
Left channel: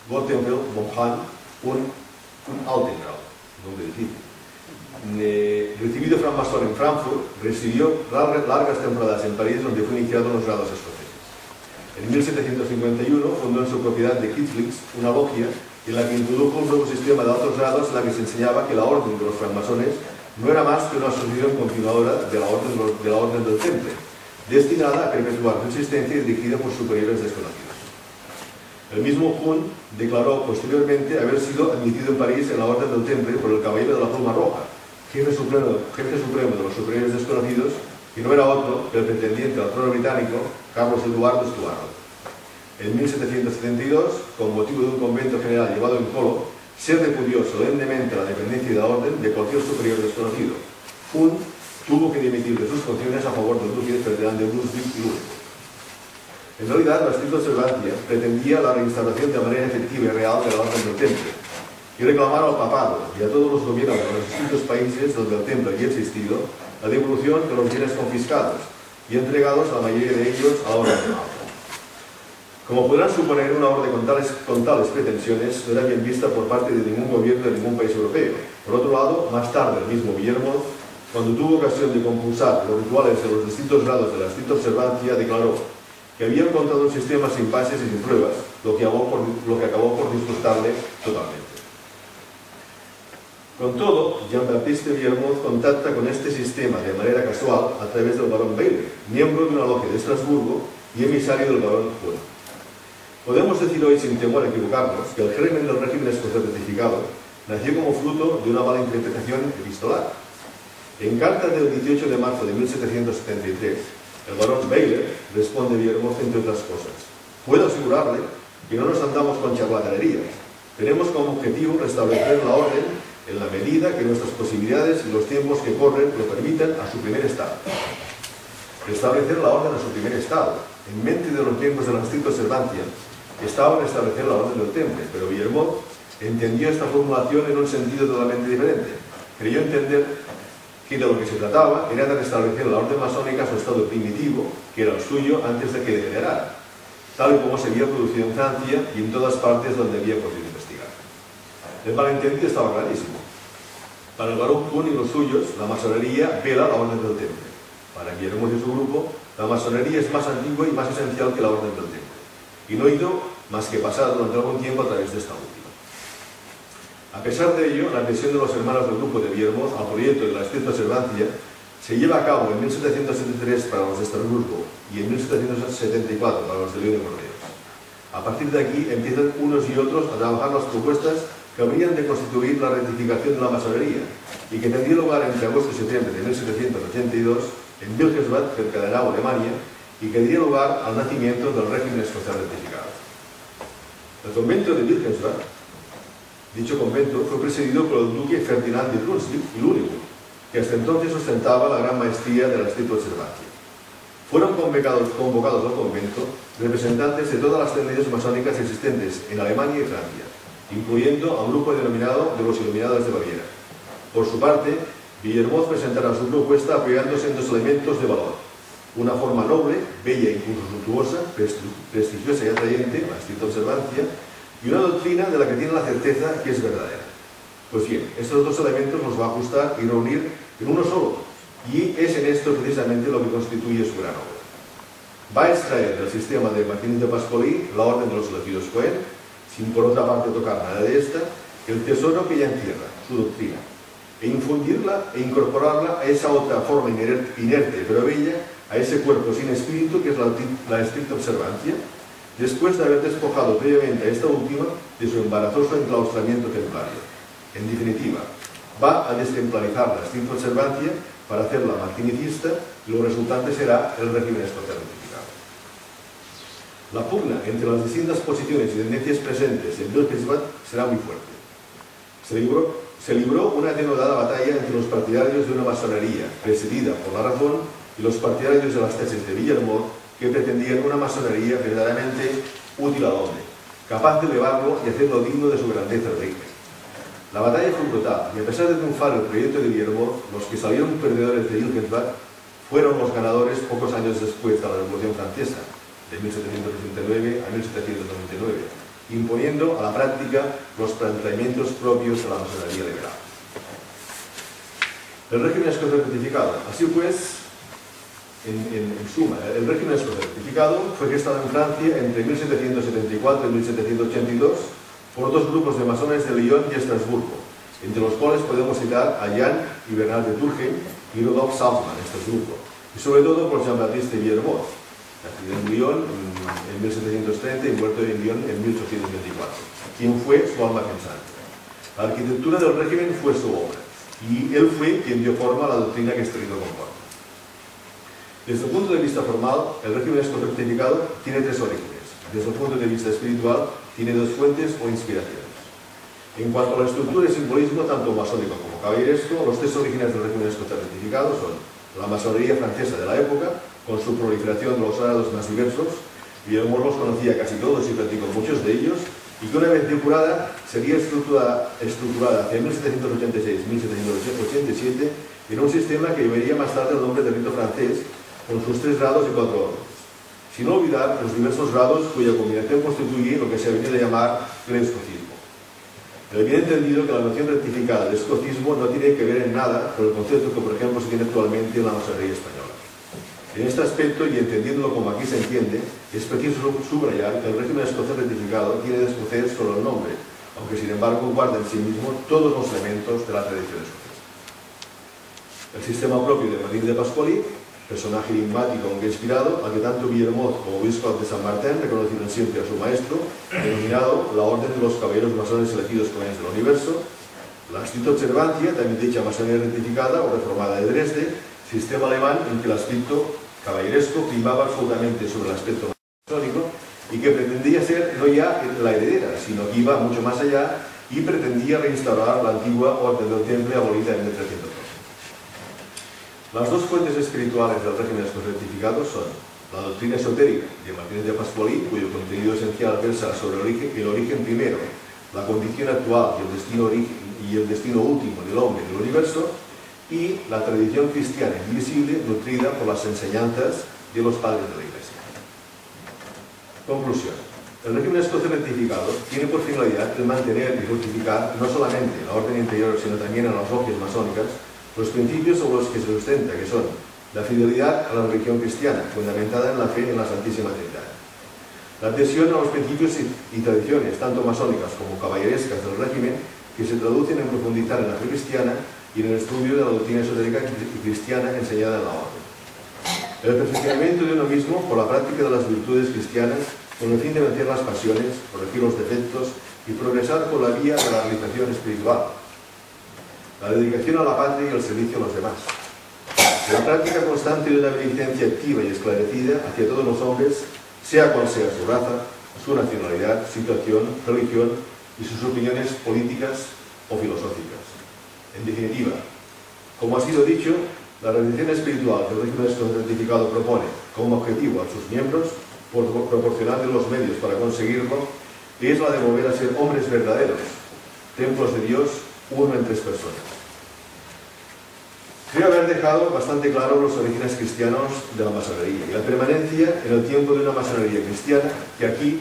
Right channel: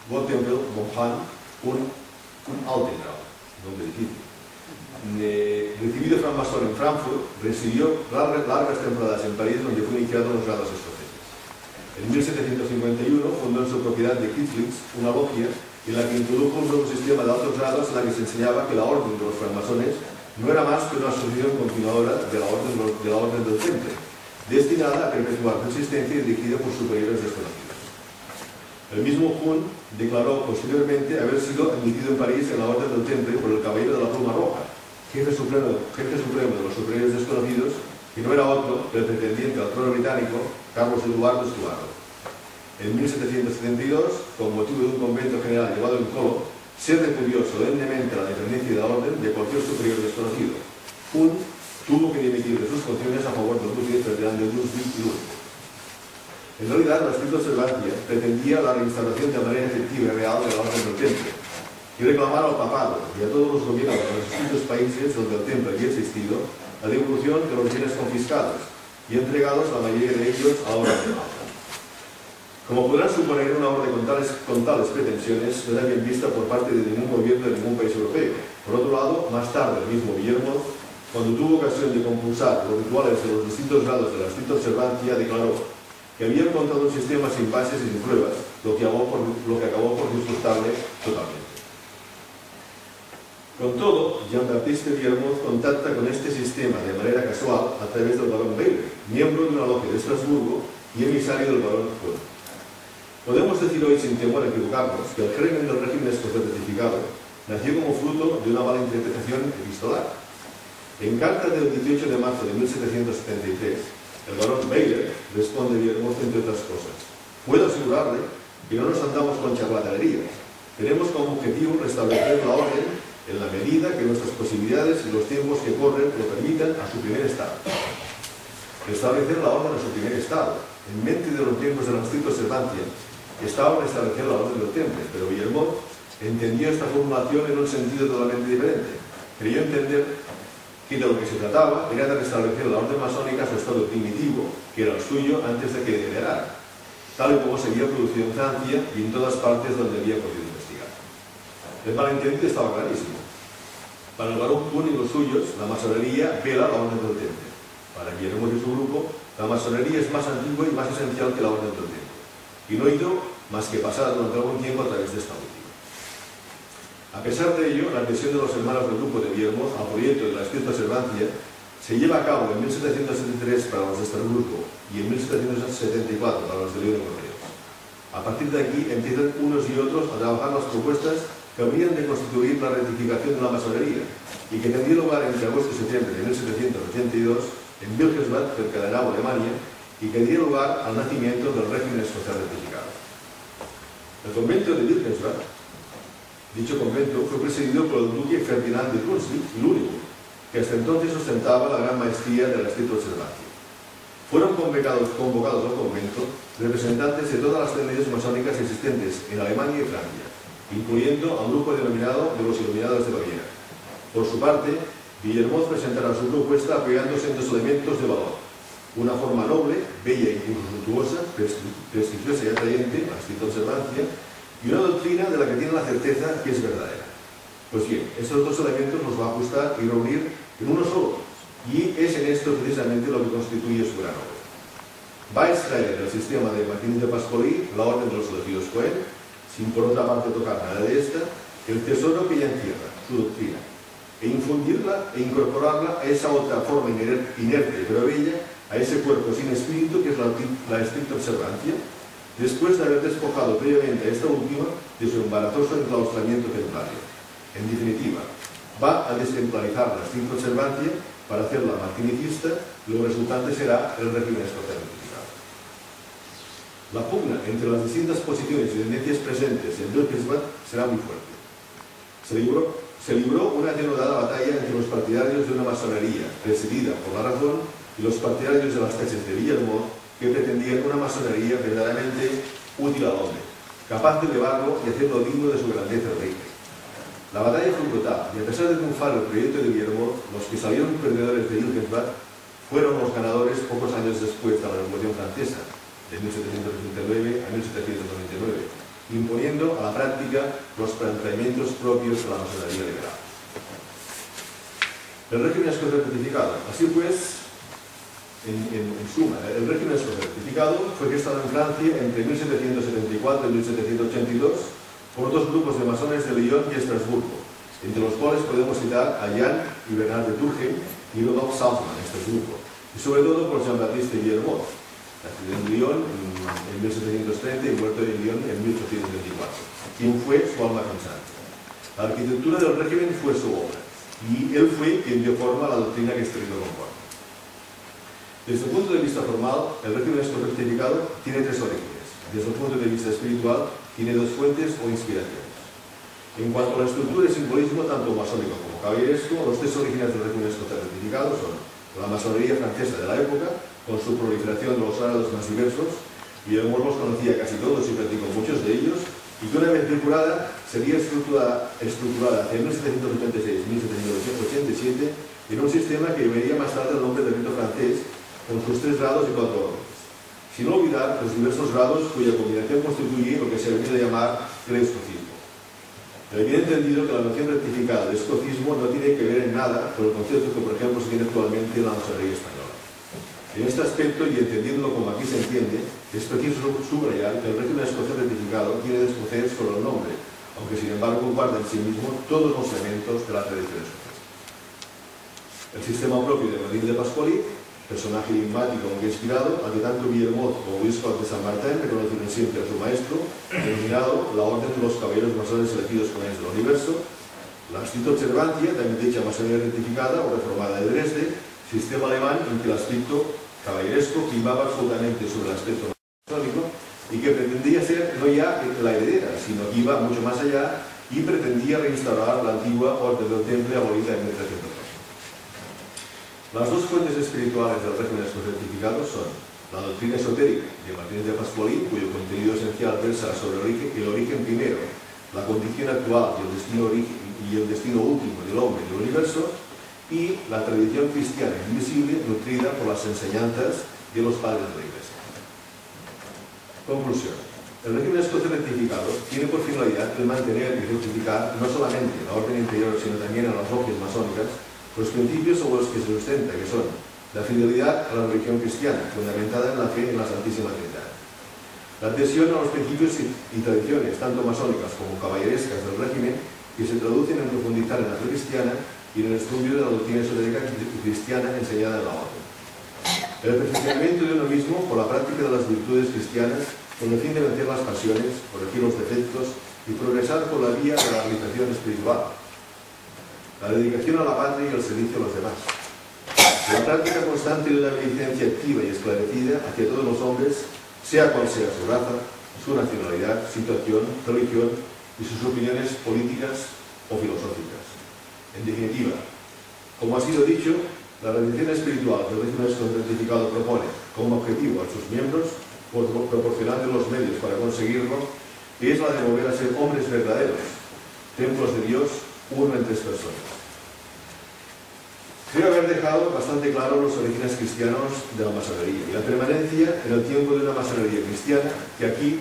Gottfried von Hahn, un Altengrau, nombre difícil. Recibido francmasón en Frankfurt, residió largas temporadas en París, donde fue iniciado en los grados escoceses. En 1751 fundó en su propiedad de Kitzlitz una logia en la que introdujo un nuevo sistema de altos grados en la que se enseñaba que la orden de los francmasones no era más que una asociación continuadora de la orden del Temple, destinada a perpetuar su existencia y dirigida por superiores desconocidos. El mismo Jun declaró posteriormente haber sido admitido en París en la Orden del Temple por el Caballero de la Pluma Roja, jefe supremo de los superiores desconocidos, que no era otro que el pretendiente al trono británico, Carlos Eduardo Estuardo. En 1772, con motivo de un convento general llevado en Colo, se repudió solemnemente la dependencia de la orden de cualquier superior desconocido. Jun tuvo que dimitir de sus funciones a favor del duque Ferdinand de Brunswick y Lüneburg. En realidad, la estricta observancia pretendía la reinstauración de manera efectiva y real de la orden del Temple y reclamar al papado y a todos los gobiernos de los distintos países donde el Temple había existido la devolución de los bienes confiscados y entregados la mayoría de ellos a la orden de Malta. Como podrán suponer, una orden con tales pretensiones no era bien vista por parte de ningún gobierno de ningún país europeo. Por otro lado, más tarde el mismo Guillermo, cuando tuvo ocasión de compulsar los rituales de los distintos grados de la estricta observancia, declaró que había encontrado un sistema sin bases y sin pruebas, lo que acabó por disgustarle totalmente. Con todo, Jean-Baptiste Guillermo contacta con este sistema de manera casual a través del barón Bailey, miembro de una logia de Estrasburgo y emisario del barón Jun. Podemos decir hoy, sin temor a equivocarnos, que el germen del régimen escocés rectificado nació como fruto de una mala interpretación epistolar. En carta del 18 de marzo de 1773, el barón Bailey responde a Guillermo, entre otras cosas: puedo asegurarle que no nos andamos con charlatanerías. Tenemos como objetivo restablecer la orden en la medida que nuestras posibilidades y los tiempos que corren lo permitan a su primer estado. Restablecer la orden a su primer estado. En mente de los tiempos de la estricta observancia estaba restablecer la orden del Temple, pero Guillermo entendió esta formulación en un sentido totalmente diferente. Creyó entender que de lo que se trataba era de restablecer la orden masónica a su estado primitivo, que era el suyo antes de que degenerara, tal y como se había producido en Francia y en todas partes donde había podido investigar. El malentendido estaba clarísimo. Para el barón Jun y los suyos, la masonería vela la orden del Temple. Para Guillermo y su grupo, la masonería es más antigua y más esencial que la orden del Temple, y no ha ido más que pasar durante algún tiempo a través de esta última. A pesar de ello, la adhesión de los hermanos del grupo de Guillermo al proyecto de la estricta observancia se lleva a cabo en 1773 para los de Estrasburgo y en 1774 para los de León y Burdeos. A partir de aquí empiezan unos y otros a trabajar las propuestas que habrían de constituir la rectificación de la masonería y que tendría lugar entre agosto y septiembre de 1782 en Wilhelmsbad, cerca de Hanau, Alemania, y que daría lugar al nacimiento del régimen escocés rectificado. El convento de Wilhelmsbad, dicho convento, fue presidido por el duque Ferdinand de Brunswick y Lüneburg, que hasta entonces ostentaba la gran maestría de la estricta observancia. Fueron convocados al convento representantes de todas las tendencias masónicas existentes en Alemania y Francia, incluyendo a un grupo denominado de los Iluminados de Baviera. Por su parte, Guillermo presentará su propuesta apoyándose en dos elementos de valor: una forma noble, bella e incluso suntuosa, prestigiosa y atrayente, la estricta observancia, y una doctrina de la que tiene la certeza que es verdadera. Pues bien, estos dos elementos los va a ajustar y reunir en uno solo, y es en esto precisamente lo que constituye su gran obra. Va a extraer del sistema de Martín de Pascualí la orden de los elegidos Cohen, sin por otra parte tocar nada de esta, el tesoro que ella encierra, su doctrina, e infundirla e incorporarla a esa otra forma inerte pero bella, a ese cuerpo sin espíritu que es la estricta observancia, después de haber despojado previamente a esta última de su embarazoso enclaustramiento templario. En definitiva, va a destemplarizar la estricta observancia para hacerla martinicista, y lo resultante será el régimen escocés ratificado. La pugna entre las distintas posiciones y tendencias presentes en Wilhelmsbad será muy fuerte. Se libró una denodada batalla entre los partidarios de una masonería presidida por la razón y los partidarios de las tesis de Guillermo, que pretendían una masonería verdaderamente útil al hombre, capaz de elevarlo y hacerlo digno de su grandeza de régimen. La batalla fue brutal, y a pesar de triunfar el proyecto de Guillermo, los que salieron perdedores de Wilhelmsbad fueron los ganadores pocos años después de la Revolución Francesa, de 1789 a 1799, imponiendo a la práctica los planteamientos propios de la masonería liberal. El régimen escocés rectificado. Así pues, en suma, el régimen escocés rectificado fue gestado en Francia entre 1774 y 1782 por dos grupos de masones de Lyon y Estrasburgo, entre los cuales podemos citar a Jan y Bernard de Turckheim y Rudolf Salzmann, Estrasburgo, y sobre todo por Jean-Baptiste Guillermo, nacido en Lyon en 1730 y muerto en Lyon en 1824, quien fue su alma pensante. La arquitectura del régimen fue su obra, y él fue quien dio forma a la doctrina que este rito comporta. Desde el punto de vista formal, el régimen escocés rectificado tiene tres orígenes. Desde el punto de vista espiritual, tiene dos fuentes o inspiraciones. En cuanto a la estructura y simbolismo, tanto masónico como caballeresco, los tres orígenes del régimen escocés rectificado son la masonería francesa de la época, con su proliferación de los grados más diversos. Guillermo los conocía casi todos y practicó muchos de ellos, y que una vez depurada sería estructurada hacia 1786-1787 en un sistema que llevaría más tarde el nombre de rito francés, con sus 3 grados y 4 órdenes. Sin olvidar los diversos grados cuya combinación constituye lo que se ha venido a llamar el escocismo. El bien entendido que la noción rectificada de escocismo no tiene que ver en nada con el concepto que, por ejemplo, se tiene actualmente en la masonería española. En este aspecto, y entendiéndolo como aquí se entiende, es preciso subrayar que el régimen escocés rectificado tiene de escocés solo el nombre, aunque sin embargo guarda en sí mismo todos los elementos de la tradición escocesa. El sistema propio de Martín de Pascualí, personaje enigmático aunque inspirado, al que tanto Guillermo como Luis Cot de San Martín reconocieron siempre a su maestro, denominado la Orden de los Caballeros Masones Elegidos Comunes del Universo, la estricta observancia, también dicha masonería rectificada o reformada de Dresde, sistema alemán en que el aspecto caballeresco primaba absolutamente sobre el aspecto masónico y que pretendía ser no ya la heredera, sino que iba mucho más allá y pretendía reinstaurar la antigua Orden del Temple abolida en 1312. Las dos fuentes espirituales del régimen escocés rectificado son la doctrina esotérica de Martínez de Pascualí, cuyo contenido esencial versa sobre el origen primero, la condición actual y el destino último del hombre y del universo, y la tradición cristiana indivisible nutrida por las enseñanzas de los padres de la Iglesia. Conclusión. El régimen escocés rectificado tiene por finalidad el mantener y fructificar no solamente en la orden interior, sino también en las logias masónicas, los principios sobre los que se sustenta, que son la fidelidad a la religión cristiana, fundamentada en la fe en la Santísima Trinidad, la adhesión a los principios y tradiciones, tanto masónicas como caballerescas del régimen, que se traducen en profundizar en la fe cristiana y en el estudio de la doctrina esotérica y cristiana enseñada en la orden. El perfeccionamiento de uno mismo por la práctica de las virtudes cristianas, con el fin de vencer las pasiones, corregir los defectos y progresar por la vía de la realización espiritual. La dedicación a la patria y el servicio a los demás. La práctica constante de una beneficencia activa y esclarecida hacia todos los hombres, sea cual sea su raza, su nacionalidad, situación, religión y sus opiniones políticas o filosóficas. En definitiva, como ha sido dicho, la redención espiritual que el régimen certificado propone como objetivo a sus miembros, proporcionando los medios para conseguirlo, es la de volver a ser hombres verdaderos, templos de Dios, uno en 3 personas. Creo haber dejado bastante claro los orígenes cristianos de la masonería y la permanencia en el tiempo de una masonería cristiana que aquí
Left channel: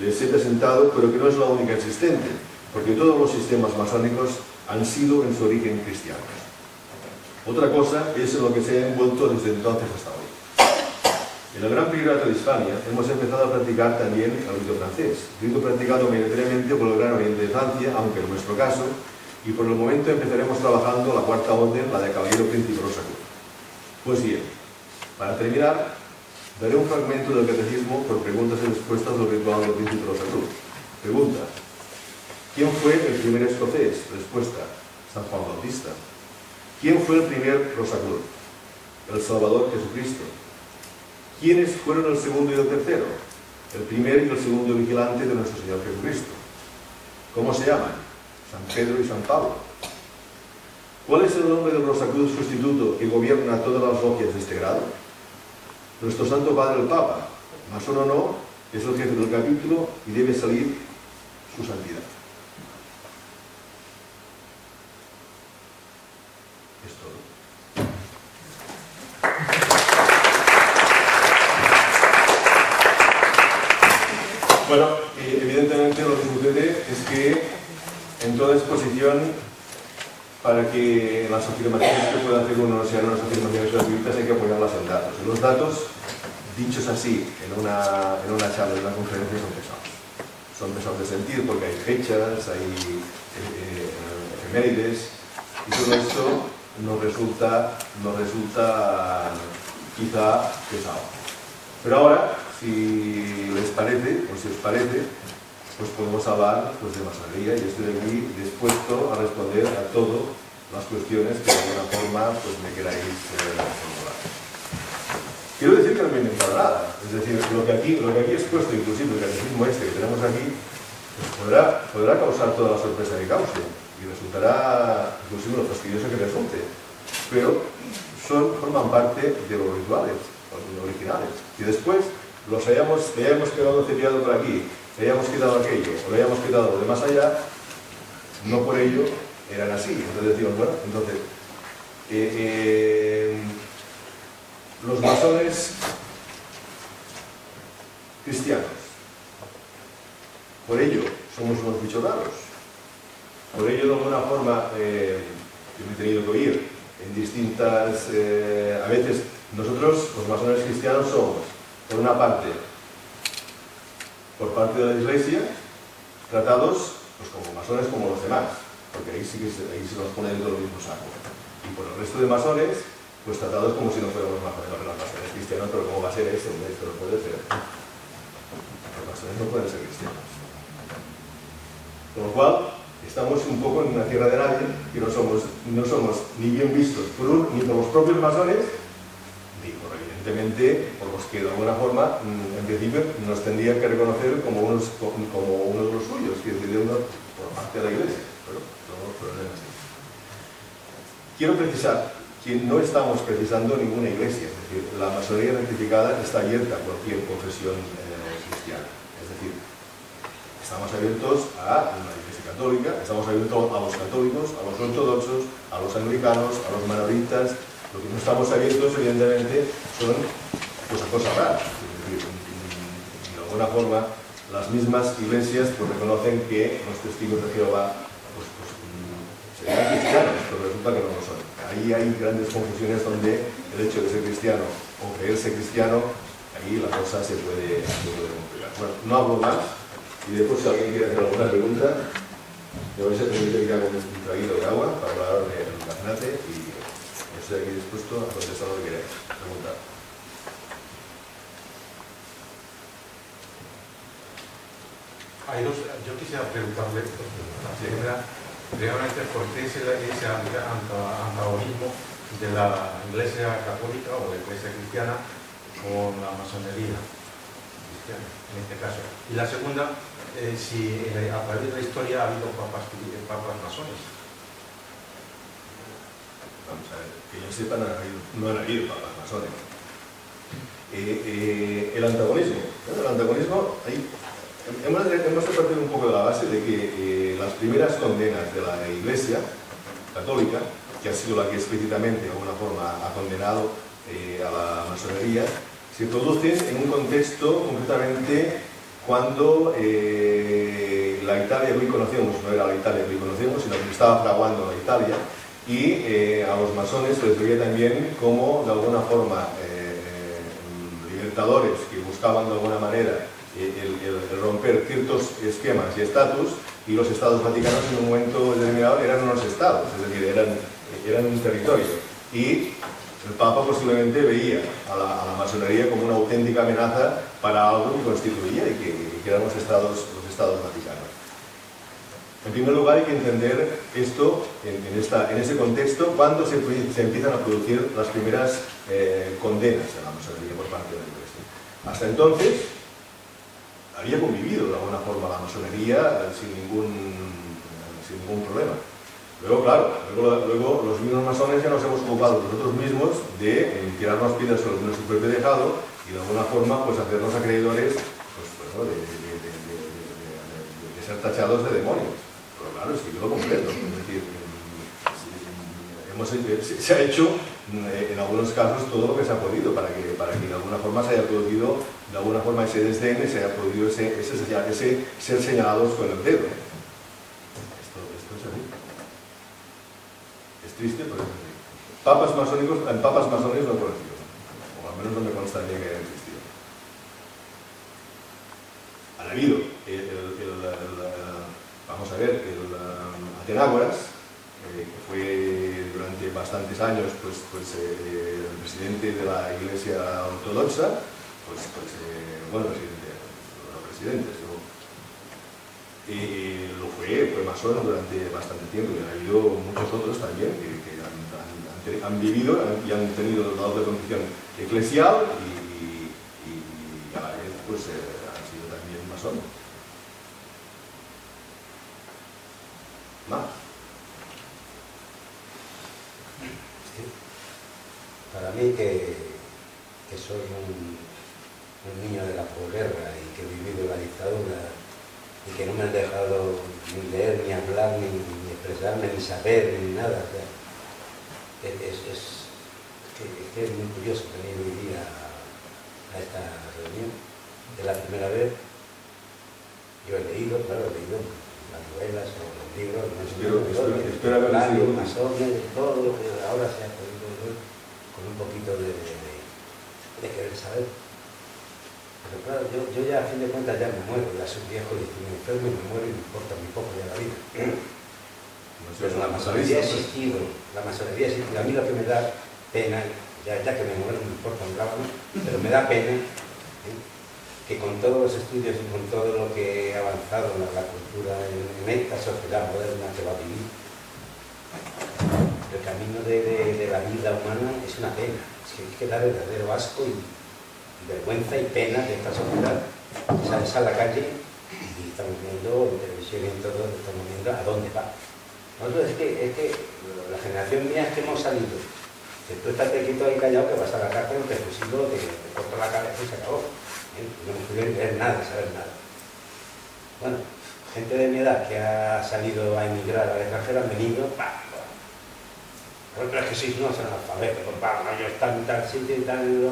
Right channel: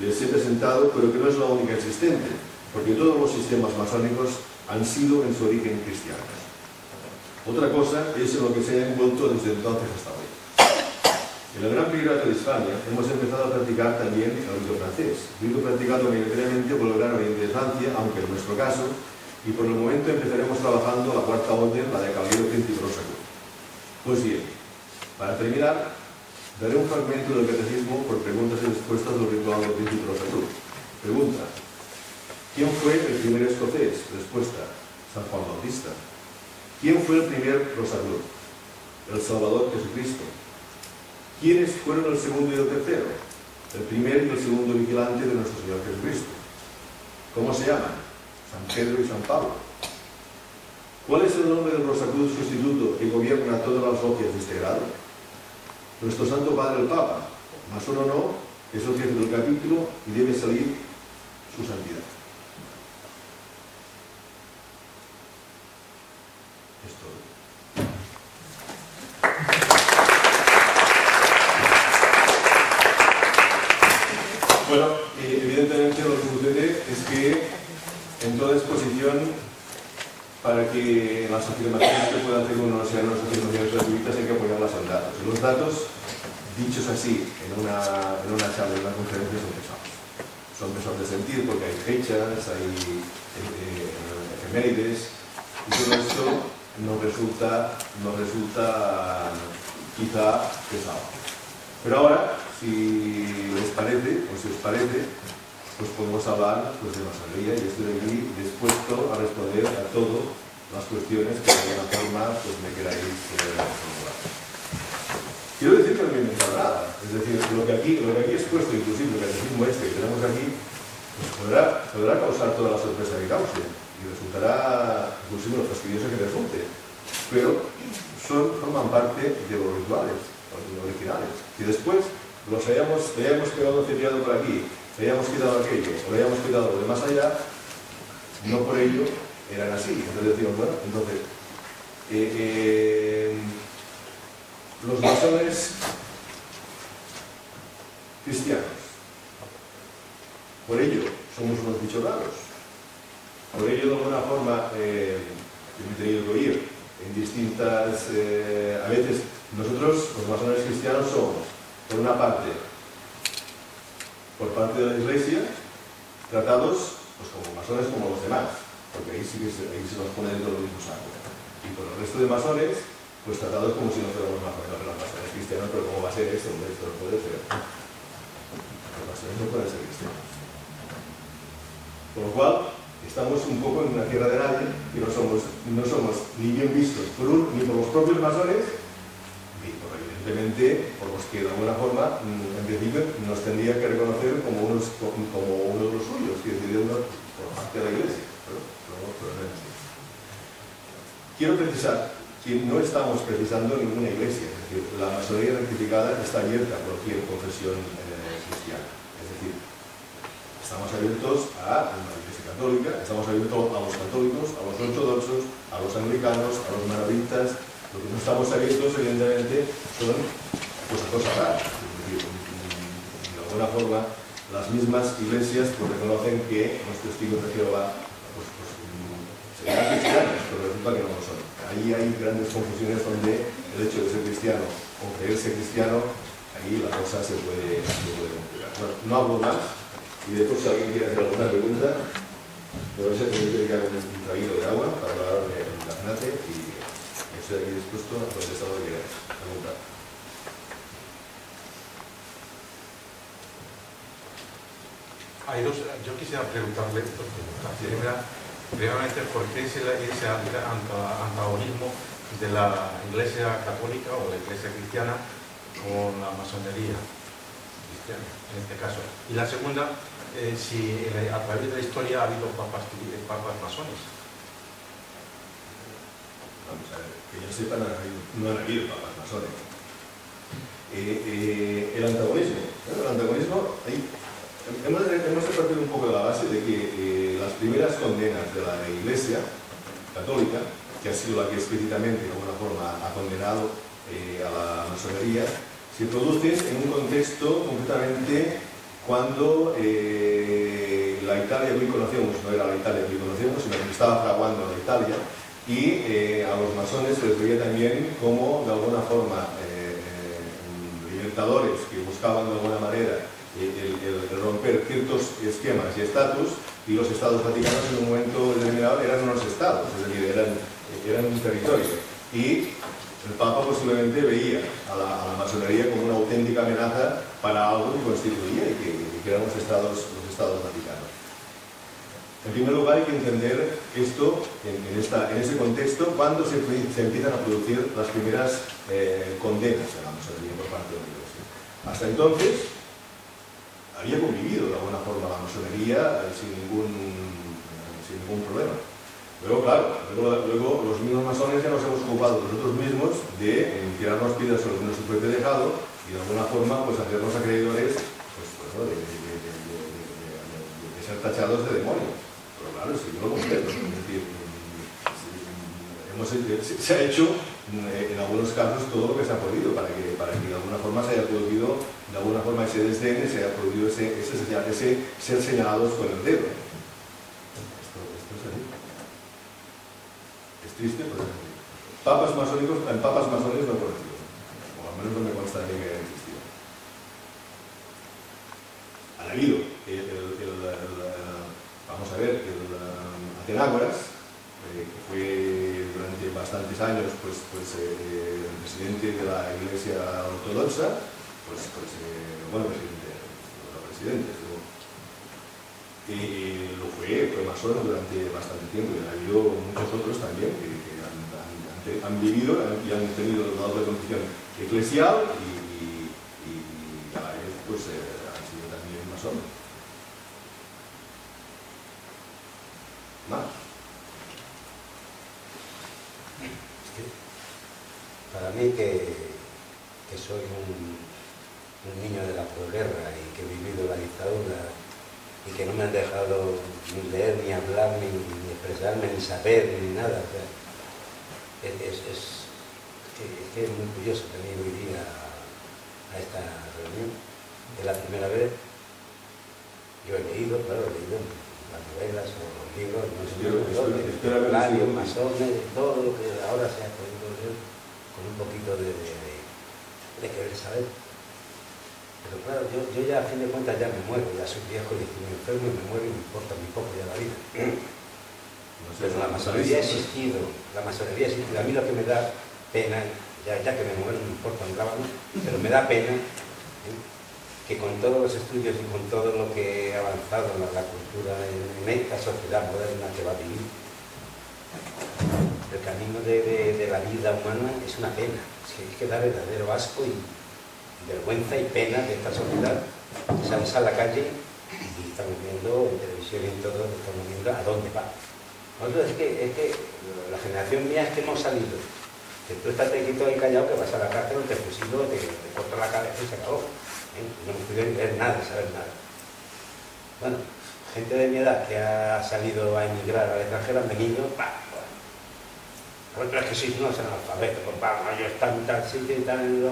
les he presentado, pero que no es la única existente, porque todos los sistemas masónicos han sido en su origen cristianos. Otra cosa es en lo que se ha envuelto desde entonces hasta hoy. En el Gran Priorato de Hispania hemos empezado a practicar también el rito francés, rito practicado mayoritariamente por el Gran Oriente de Francia, aunque en nuestro caso, y por el momento empezaremos trabajando la cuarta orden, la de Caballero Príncipe Rosacruz. Pues bien, para terminar, daré un fragmento del Catecismo por preguntas y respuestas del ritual del Príncipe Rosacruz. Pregunta: ¿quién fue el primer escocés? Respuesta: San Juan Bautista. ¿Quién fue el primer Rosacruz? El Salvador Jesucristo. ¿Quiénes fueron el segundo y el tercero? El primer y el segundo vigilante de nuestro Señor Jesucristo. ¿Cómo se llaman? San Pedro y San Pablo. ¿Cuál es el nombre del Rosacruz sustituto que gobierna todas las logias de este grado? Nuestro Santo Padre el Papa, masón o no, es el jefe del capítulo y debe salir su santidad. Es todo. Bueno, evidentemente lo que sucede es que en toda exposición, para que las afirmaciones que pueda hacer uno no sean unas afirmaciones gratuitas, hay que apoyarlas en datos. Y los datos, dichos así, en una charla, en una conferencia, son pesados. Son pesados de sentir porque hay fechas, hay efemérides, y todo esto nos resulta quizá pesado. Pero ahora, si les parece, o si os parece, pues podemos hablar pues, de masonería, y estoy aquí dispuesto a responder a todas las cuestiones que de alguna forma pues, me queráis formular. Quiero decir que no me he inventado nada, es decir, lo que aquí he expuesto, inclusive el catecismo este que tenemos aquí, pues podrá causar toda la sorpresa que cause, y resultará inclusive lo fastidioso que resulte, pero forman parte de los rituales, los originales, y después los hayamos quedado cepillado por aquí, le hayamos quitado aquello o le hayamos quitado lo de más allá, no por ello eran así. Entonces decimos, bueno, entonces los masones cristianos, por ello somos unos bichos raros, por ello de alguna forma yo me he tenido que oír en distintas a veces nosotros los masones cristianos somos por una parte, por parte de la Iglesia, tratados pues, como masones como los demás, porque ahí sí se nos pone dentro del mismo saco. Y por el resto de masones, pues tratados como si no fuéramos masones cristianos, pero ¿cómo va a ser esto? Esto no puede ser. Los masones no pueden ser cristianos. Con lo cual, estamos un poco en una tierra de nadie, y no somos ni bien vistos ni por los propios masones, ni por evidentemente por los que de alguna forma en principio nos tendrían que reconocer como uno de los suyos, que es decir, por parte de la Iglesia, pero no es así. Quiero precisar que no estamos precisando ninguna iglesia, es decir, la masonería rectificada está abierta a cualquier confesión cristiana, es decir, estamos abiertos a la Iglesia Católica, estamos abiertos a los católicos, a los ortodoxos, a los anglicanos, a los menonitas. Lo que no estamos abiertos, evidentemente, son pues, a cosas raras. Es decir, de alguna forma, las mismas iglesias pues, reconocen que los testigos de Jehová pues, serían cristianos, pero resulta que no lo son. Ahí hay grandes confusiones donde el hecho de ser cristiano o creerse cristiano, ahí la cosa se puede complicar. Bueno, no hablo más, y después si alguien quiere hacer alguna pregunta, me vais a tener que ir con un traguito de agua para hablar del gaznate y estoy aquí dispuesto a contestar lo que queráis. Preguntar. Yo quisiera preguntarle dos preguntas. Primeramente, ¿por qué es ese antagonismo de la Iglesia Católica o la Iglesia Cristiana con la masonería? cristianos, en este caso. Y la segunda, si a través de la historia ha habido papas masones. Vamos a ver, que yo sepa, no han habido papas masones. El antagonismo, ahí, hemos de partir un poco de la base de que las primeras condenas de la Iglesia católica, que ha sido la que explícitamente de alguna forma ha condenado a la masonería, se producen en un contexto concretamente cuando la Italia que hoy conocemos no era la Italia que hoy conocemos, sino que se estaba fraguando la Italia, y a los masones se les veía también como de alguna forma libertadores que buscaban de alguna manera el romper ciertos esquemas y estatus, y los estados vaticanos en un momento determinado eran unos estados, es decir, eran un territorio, y el Papa posiblemente veía a la masonería como una auténtica amenaza para algo que constituía y que eran los estados vaticanos. En primer lugar, hay que entender esto en ese contexto cuando se empiezan a producir las primeras condenas de la masonería por parte de la Iglesia. Hasta entonces había convivido de alguna forma la masonería sin ningún problema. Luego, claro, luego los mismos masones ya nos hemos ocupado nosotros mismos de tirarnos piedras sobre nuestro propio tejado y de alguna forma pues hacernos acreedores de ser tachados de demonios. Pero claro, es que yo lo comprendo. Es decir, se ha hecho en algunos casos todo lo que se ha podido para que de alguna forma se haya producido de alguna forma ese desdén, se haya producido ese ser señalados con el dedo. Esto es así. Es triste, pero es así. Papas masones no he conocido, o al menos no me consta de que hayan existido. Han habido vamos a ver, el Atenágoras, que fue durante bastantes años el presidente de la Iglesia Ortodoxa, presidente, y lo fue masón durante bastante tiempo, y ha habido muchos otros también que han vivido y han tenido la doble condición eclesial y a la vez han sido también masones. Más. Para mí que soy un niño de la posguerra y que he vivido la dictadura y que no me han dejado ni leer, ni hablar, ni expresarme, ni saber, ni nada. O sea, es que es muy curioso venir hoy día a esta reunión. Es la primera vez. Yo he leído las novelas o los libros, masones, todo lo que ahora se ha podido leer con un poquito de querer saber. Pero claro, yo ya a fin de cuentas ya me muero, ya soy viejo y estoy enfermo y me muero y me importa muy poco ya la vida. Pero la masonería ha existido, A mí lo que me da pena, ya que me muero me importa un rábano, pero me da pena que con todos los estudios y con todo lo que ha avanzado la cultura en esta sociedad moderna que va a vivir, el camino de la vida humana es una pena. Es que da verdadero asco y vergüenza y pena de esta sociedad. Sales a la calle y estamos viendo en televisión y en todo, estamos viendo a dónde va. Nosotros es que la generación mía es que hemos salido. Que tú estás quieto ahí callado, que vas a la cárcel, te fusilo, te corto la cabeza y se acabó. No hemos podido leer nada, saber nada. Bueno, gente de mi edad que ha salido a emigrar al extranjero han venido, pero es que sois unos analfabetos, yo estaba en tal sitio y tal,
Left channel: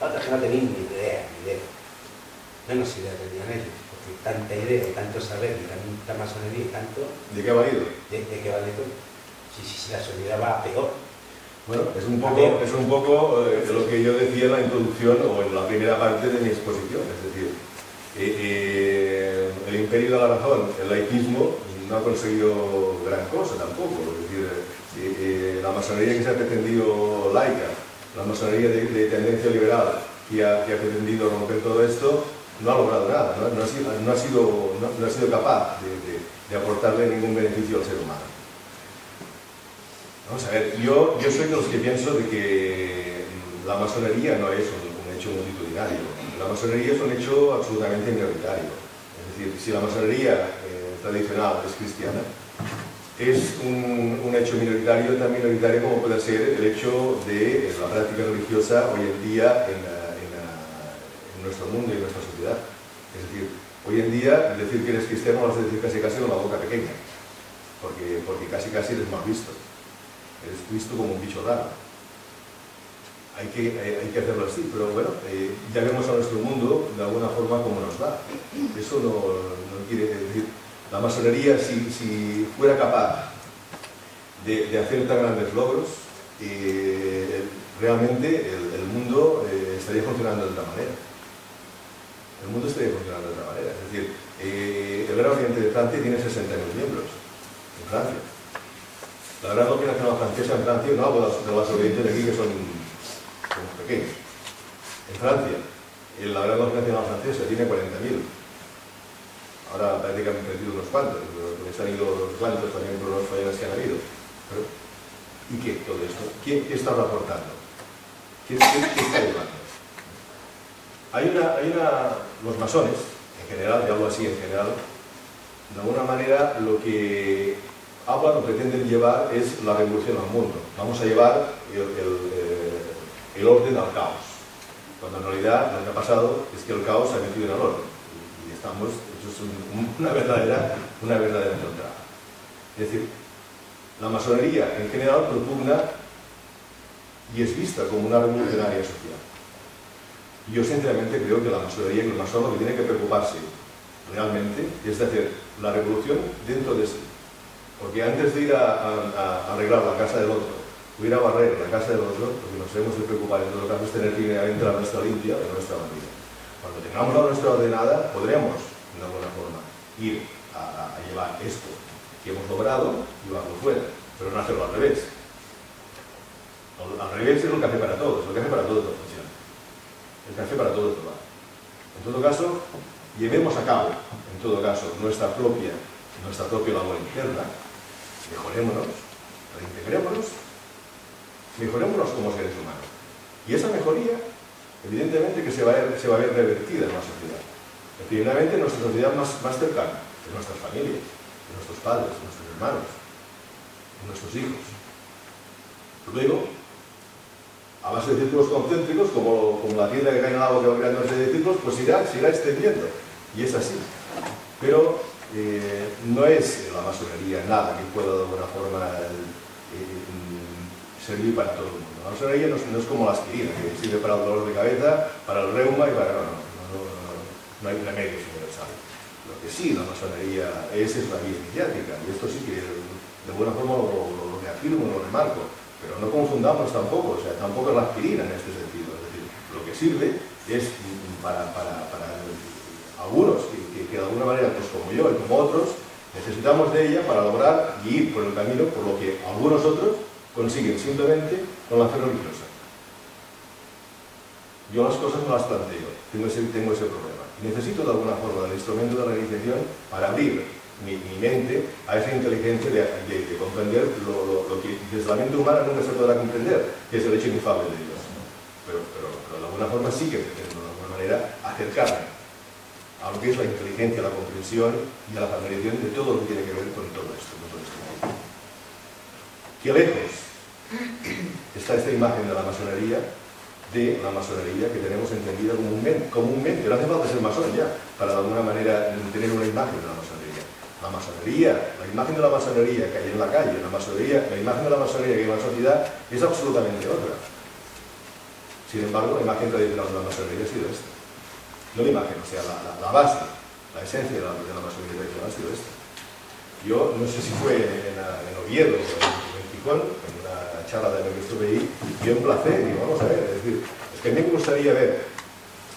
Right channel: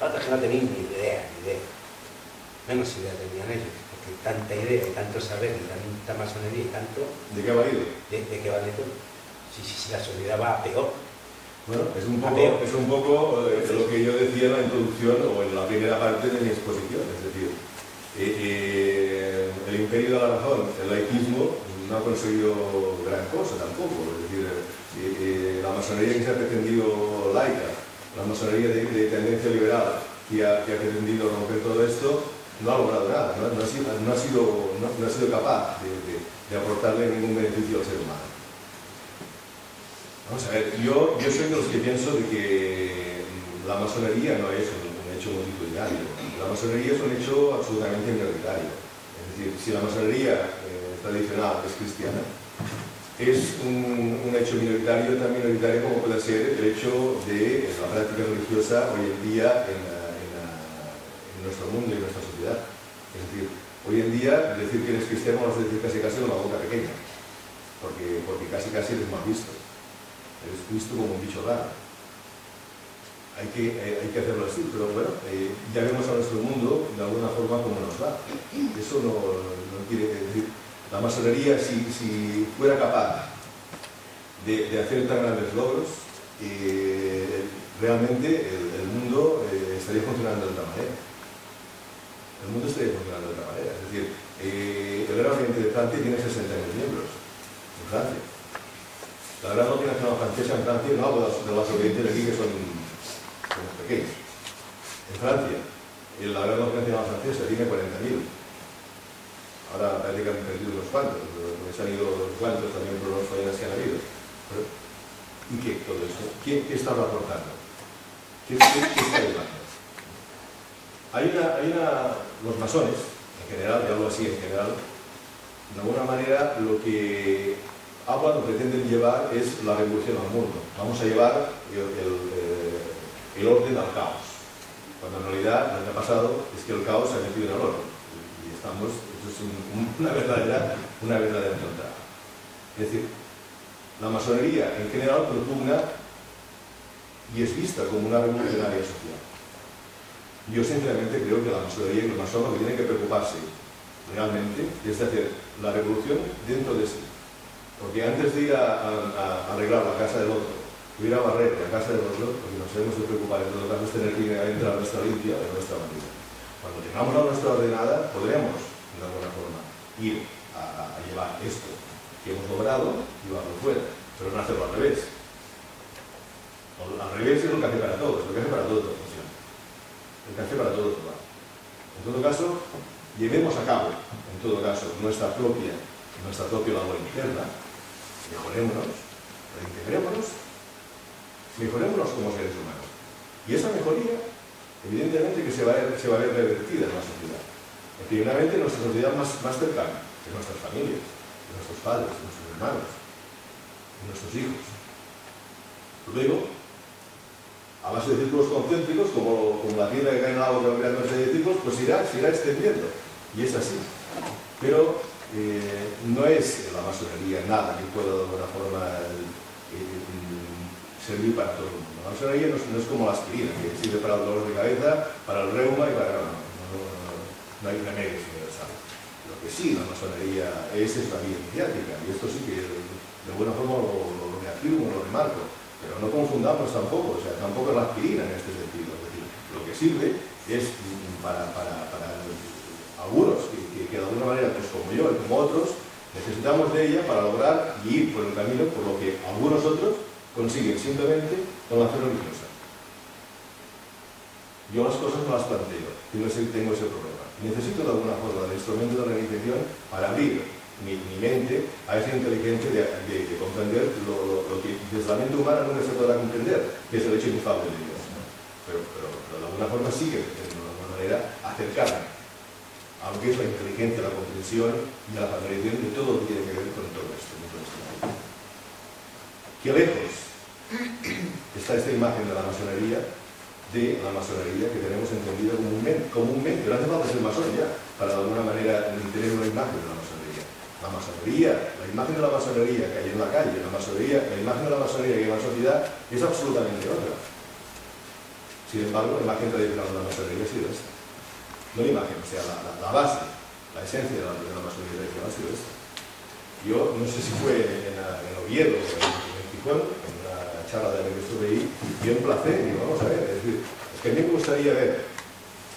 otros que no tenían ni idea. Menos idea tenían ellos, porque tanta idea y tanto saber y tanta masonería y tanto... ¿De qué ha valido? ¿De qué vale todo? Si la sociedad va a peor. Bueno, es un poco lo que yo decía en la introducción o en la primera parte de mi exposición, es decir, el imperio de la razón, el laicismo, no ha conseguido gran cosa tampoco, es decir, la masonería que se ha pretendido laica, la masonería de tendencia liberal que ha pretendido romper todo esto, no ha logrado nada, no ha sido capaz de aportarle ningún beneficio al ser humano. Vamos a ver, yo soy de los que pienso de que la masonería no es un hecho multitudinario. La masonería es un hecho absolutamente minoritario. Es decir, si la masonería tradicional es cristiana, es un hecho minoritario, tan minoritario como puede ser el hecho de la práctica religiosa hoy en día en nuestro mundo y en nuestra sociedad. Es decir, hoy en día decir que eres cristiano vas a decir casi con la boca pequeña, porque casi eres mal visto. Eres visto como un bicho raro. Hay que hacerlo así, pero bueno, ya vemos a nuestro mundo de alguna forma cómo nos va. Eso no quiere decir... La masonería, si fuera capaz de hacer tan grandes logros, realmente el mundo estaría funcionando de otra manera. El mundo estaría funcionando de otra manera. Es decir, el Gran Oriente de Francia tiene 60.000 miembros en Francia. La Gran Logia Nacional Francesa en Francia, no hablo de los orientes de aquí que son pequeños. En Francia, la Gran Logia Nacional Francesa tiene 40.000. Ahora parece que han perdido unos cuantos, les han ido unos cuantos también por los fallas que han habido. Pero, ¿y qué todo esto? ¿Qué está aportando? ¿Qué está llevando? Los masones, en general, y hablo así en general, de alguna manera lo que hablan o pretenden llevar es la revolución al mundo. Vamos a llevar el orden al caos. Cuando en realidad lo que ha pasado es que el caos se ha metido en el orden. Y estamos hechos una verdadera encontrada. Es decir, la masonería en general propugna y es vista como una revolucionaria social. Yo sinceramente creo que la masonería y el masón lo que tiene que preocuparse realmente es de hacer la revolución dentro de sí. Porque antes de ir a arreglar la casa del otro, o ir a barrer la casa del otro, lo que nos debemos de preocupar en todo caso es tener primeramente la nuestra limpia y nuestra bandida. Cuando tengamos la nuestra ordenada, podremos, de alguna forma, ir a llevar esto que hemos logrado, llevarlo fuera, pero no hacerlo al revés. Al revés es el café para todos, el café para todos no funciona. El café para todos no va. En todo caso, llevemos a cabo, en todo caso, nuestra propia labor interna, mejorémonos, reintegrémonos, mejorémonos como seres humanos. Y esa mejoría, evidentemente que se va a ver revertida en la sociedad. Primeramente en nuestra sociedad más cercana, en nuestras familias, en nuestros padres, en nuestros hermanos, en nuestros hijos. Luego, a base de círculos concéntricos, como la tienda que cae en el agua que va creando de círculos, pues se irá extendiendo. Y es así. Pero no es la masonería nada que pueda de alguna forma servir para todo el mundo. La masonería no es como la aspirina, que sirve para el dolor de cabeza, para el reuma y para... No hay remedios universales. Lo que sí la masonería es la vía iniciática, y esto sí que de alguna forma lo reafirmo, lo remarco, pero no confundamos tampoco, o sea, tampoco es la aspirina en este sentido. Es decir, lo que sirve es para algunos que de alguna manera, pues como yo y como otros, necesitamos de ella para lograr y ir por el camino por lo que algunos otros consiguen simplemente con la fe religiosa. Yo las cosas no las planteo, tengo ese problema. Y necesito de alguna forma del instrumento de la iniciación para abrir mi mente a esa inteligencia de comprender lo que desde la mente humana nunca se podrá comprender, que es el hecho inefable de Dios. Pero de alguna forma sí que pretendo de alguna manera acercarme a lo que es la inteligencia, la comprensión y a la familiarización de todo lo que tiene que ver con todo esto. Qué lejos está esta imagen de la masonería que tenemos entendida comúnmente. No hace falta ser masón ya, para de alguna manera tener una imagen de la masonería. La imagen de la masonería que hay en la calle, la imagen de la masonería que hay en la sociedad es absolutamente otra. Sin embargo, la imagen tradicional de la masonería ha sido esta. No la imagen, o sea, la base, la esencia de la masonería tradicional ha sido esta. Yo no sé si fue en Oviedo o en Gijón, en una charla de la que estuve ahí, y un placer, digo, vamos a ver, es que a mí me gustaría ver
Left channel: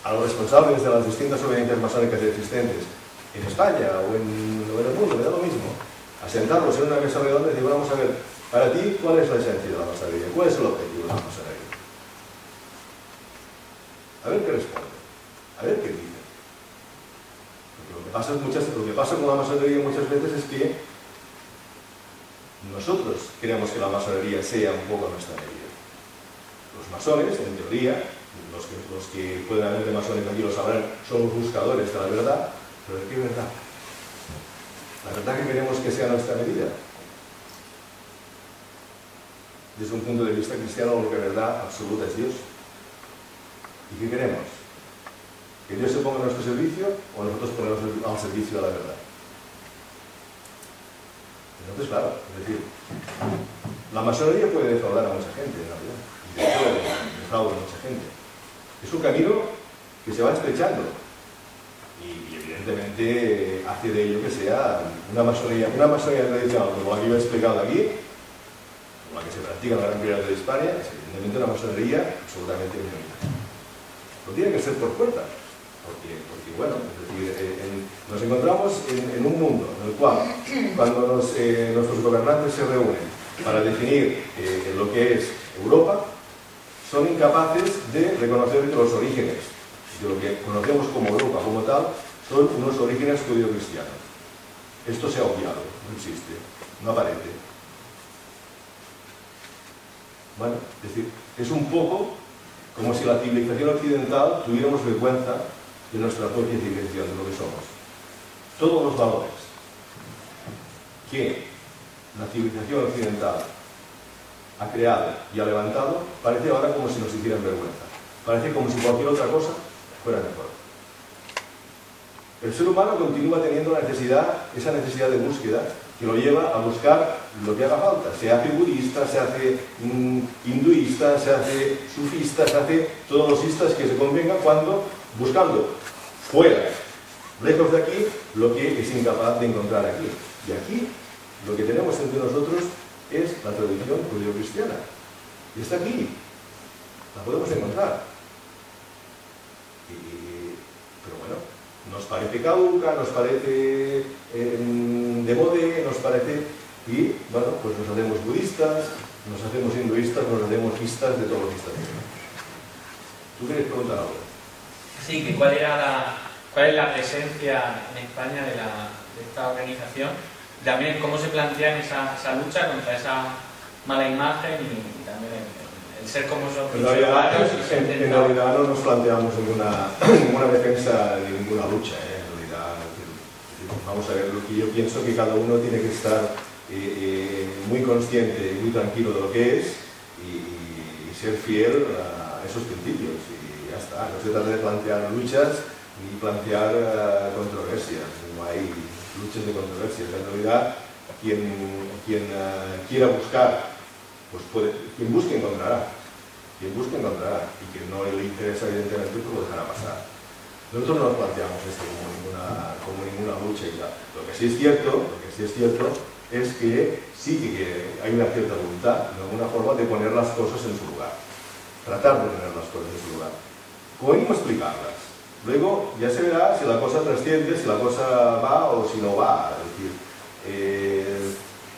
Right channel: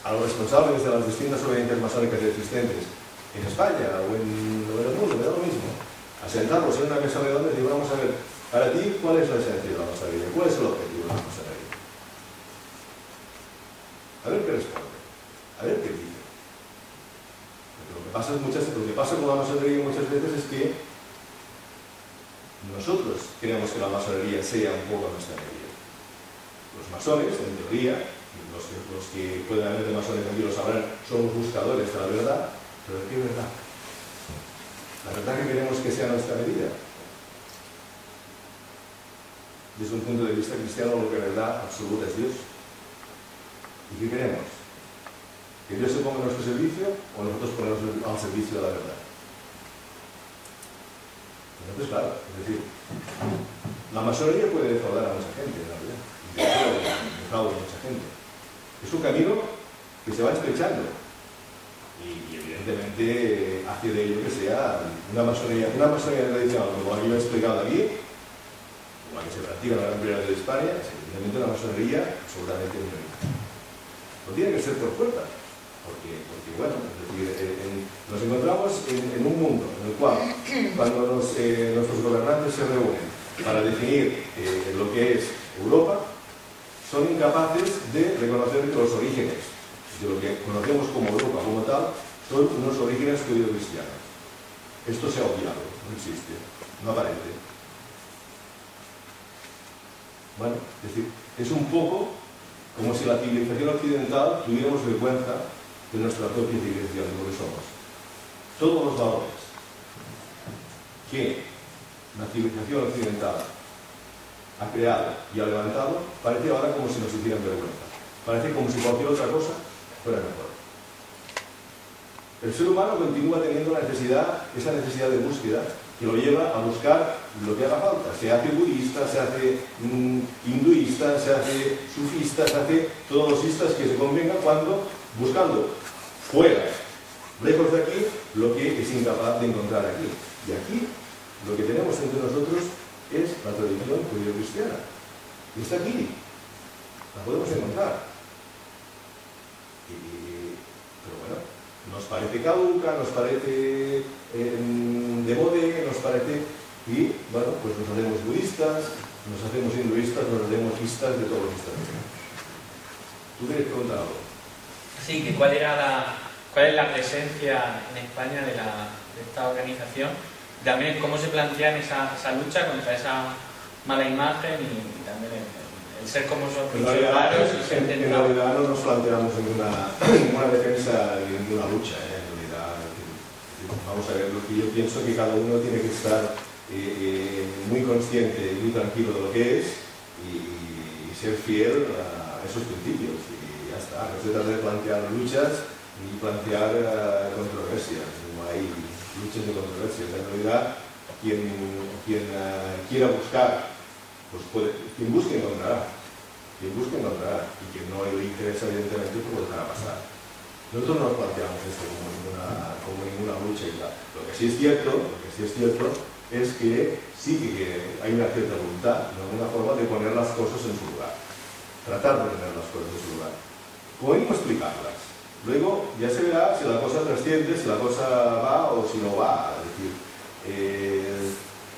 a los responsables de las distintas obediencias masónicas existentes en España o en el mundo, me da lo mismo, a sentarlos en una mesa redonda y decir, vamos a ver, para ti, ¿cuál es la esencia de la masonería? ¿Cuál es el objetivo de la masonería? A ver qué responde, a ver qué dice. Porque lo que pasa con la masonería muchas veces es que nosotros queremos que la masonería sea un poco nuestra medida. Los masones, en teoría, los que pueden haber de masones aquí lo sabrán, somos buscadores de la verdad, pero ¿de qué verdad? La verdad que queremos que sea nuestra medida. Desde un punto de vista cristiano, lo que es verdad absoluta es Dios. ¿Y qué queremos? ¿Que Dios se ponga a nuestro servicio o nosotros ponernos al servicio de la verdad? Entonces, claro, es decir, la masonería puede defraudar a mucha gente, en realidad. Y de hecho, defrauda a mucha gente. Es un camino que se va estrechando. Y evidentemente hace de ello que sea una masonería tradicional, como la que yo he explicado aquí, como la que se practica en la gran mayoría de España, es evidentemente una masonería absolutamente minoritaria. No tiene que ser por fuerza, porque bueno, es decir, nos encontramos en un mundo en el cual, cuando nuestros gobernantes se reúnen para definir lo que es Europa, son incapaces de reconocer que los orígenes de lo que conocemos como Europa como tal son unos orígenes judío-cristianos. Esto se ha obviado, no existe, no aparece. Bueno, es decir, es un poco como si la civilización occidental tuviéramos vergüenza de nuestra propia civilización, de lo que somos. Todos los valores que la civilización occidental ha creado y ha levantado, parece ahora como si nos hicieran vergüenza. Parece como si cualquier otra cosa fuera mejor. El ser humano continúa teniendo esa necesidad de búsqueda que lo lleva a buscar lo que haga falta. Se hace budista, se hace hinduista, se hace sufista, se hace todos los istas que se convengan cuando buscando fuera, lejos de aquí, lo que es incapaz de encontrar aquí. Y aquí lo que tenemos entre nosotros es la tradición judío-cristiana. Y está aquí. La podemos encontrar. Pero bueno, nos parece caduca, nos parece de moda, nos parece... Y bueno, pues nos hacemos budistas, nos hacemos hinduistas, nos hacemos istas de todos los istas. ¿Tú quieres preguntar algo? Sí, que cuál es la presencia en España de esta organización, también cómo se plantean esa lucha contra esa mala imagen y también el ser como son. En realidad no nos planteamos ninguna defensa ni ninguna lucha, en realidad. Vamos a ver, lo que yo pienso que cada uno tiene que estar muy consciente y muy tranquilo de lo que es y ser fiel a esos principios. Y ya está, no se trata de plantear luchas ni plantear controversias, no hay luchas ni controversias. En realidad, quien quiera buscar, pues quien busque encontrará. Quien busque encontrará. Y quien no le interesa, evidentemente, pues lo dejará pasar. Nosotros no nos planteamos esto como ninguna lucha y tal. Lo que sí es cierto es que sí que hay una cierta voluntad, de alguna forma, de poner las cosas en su lugar. Tratar de poner las cosas en su lugar. Como mismo explicarlas. Luego ya se verá si la cosa trasciende, si la cosa va o si no va. Es decir,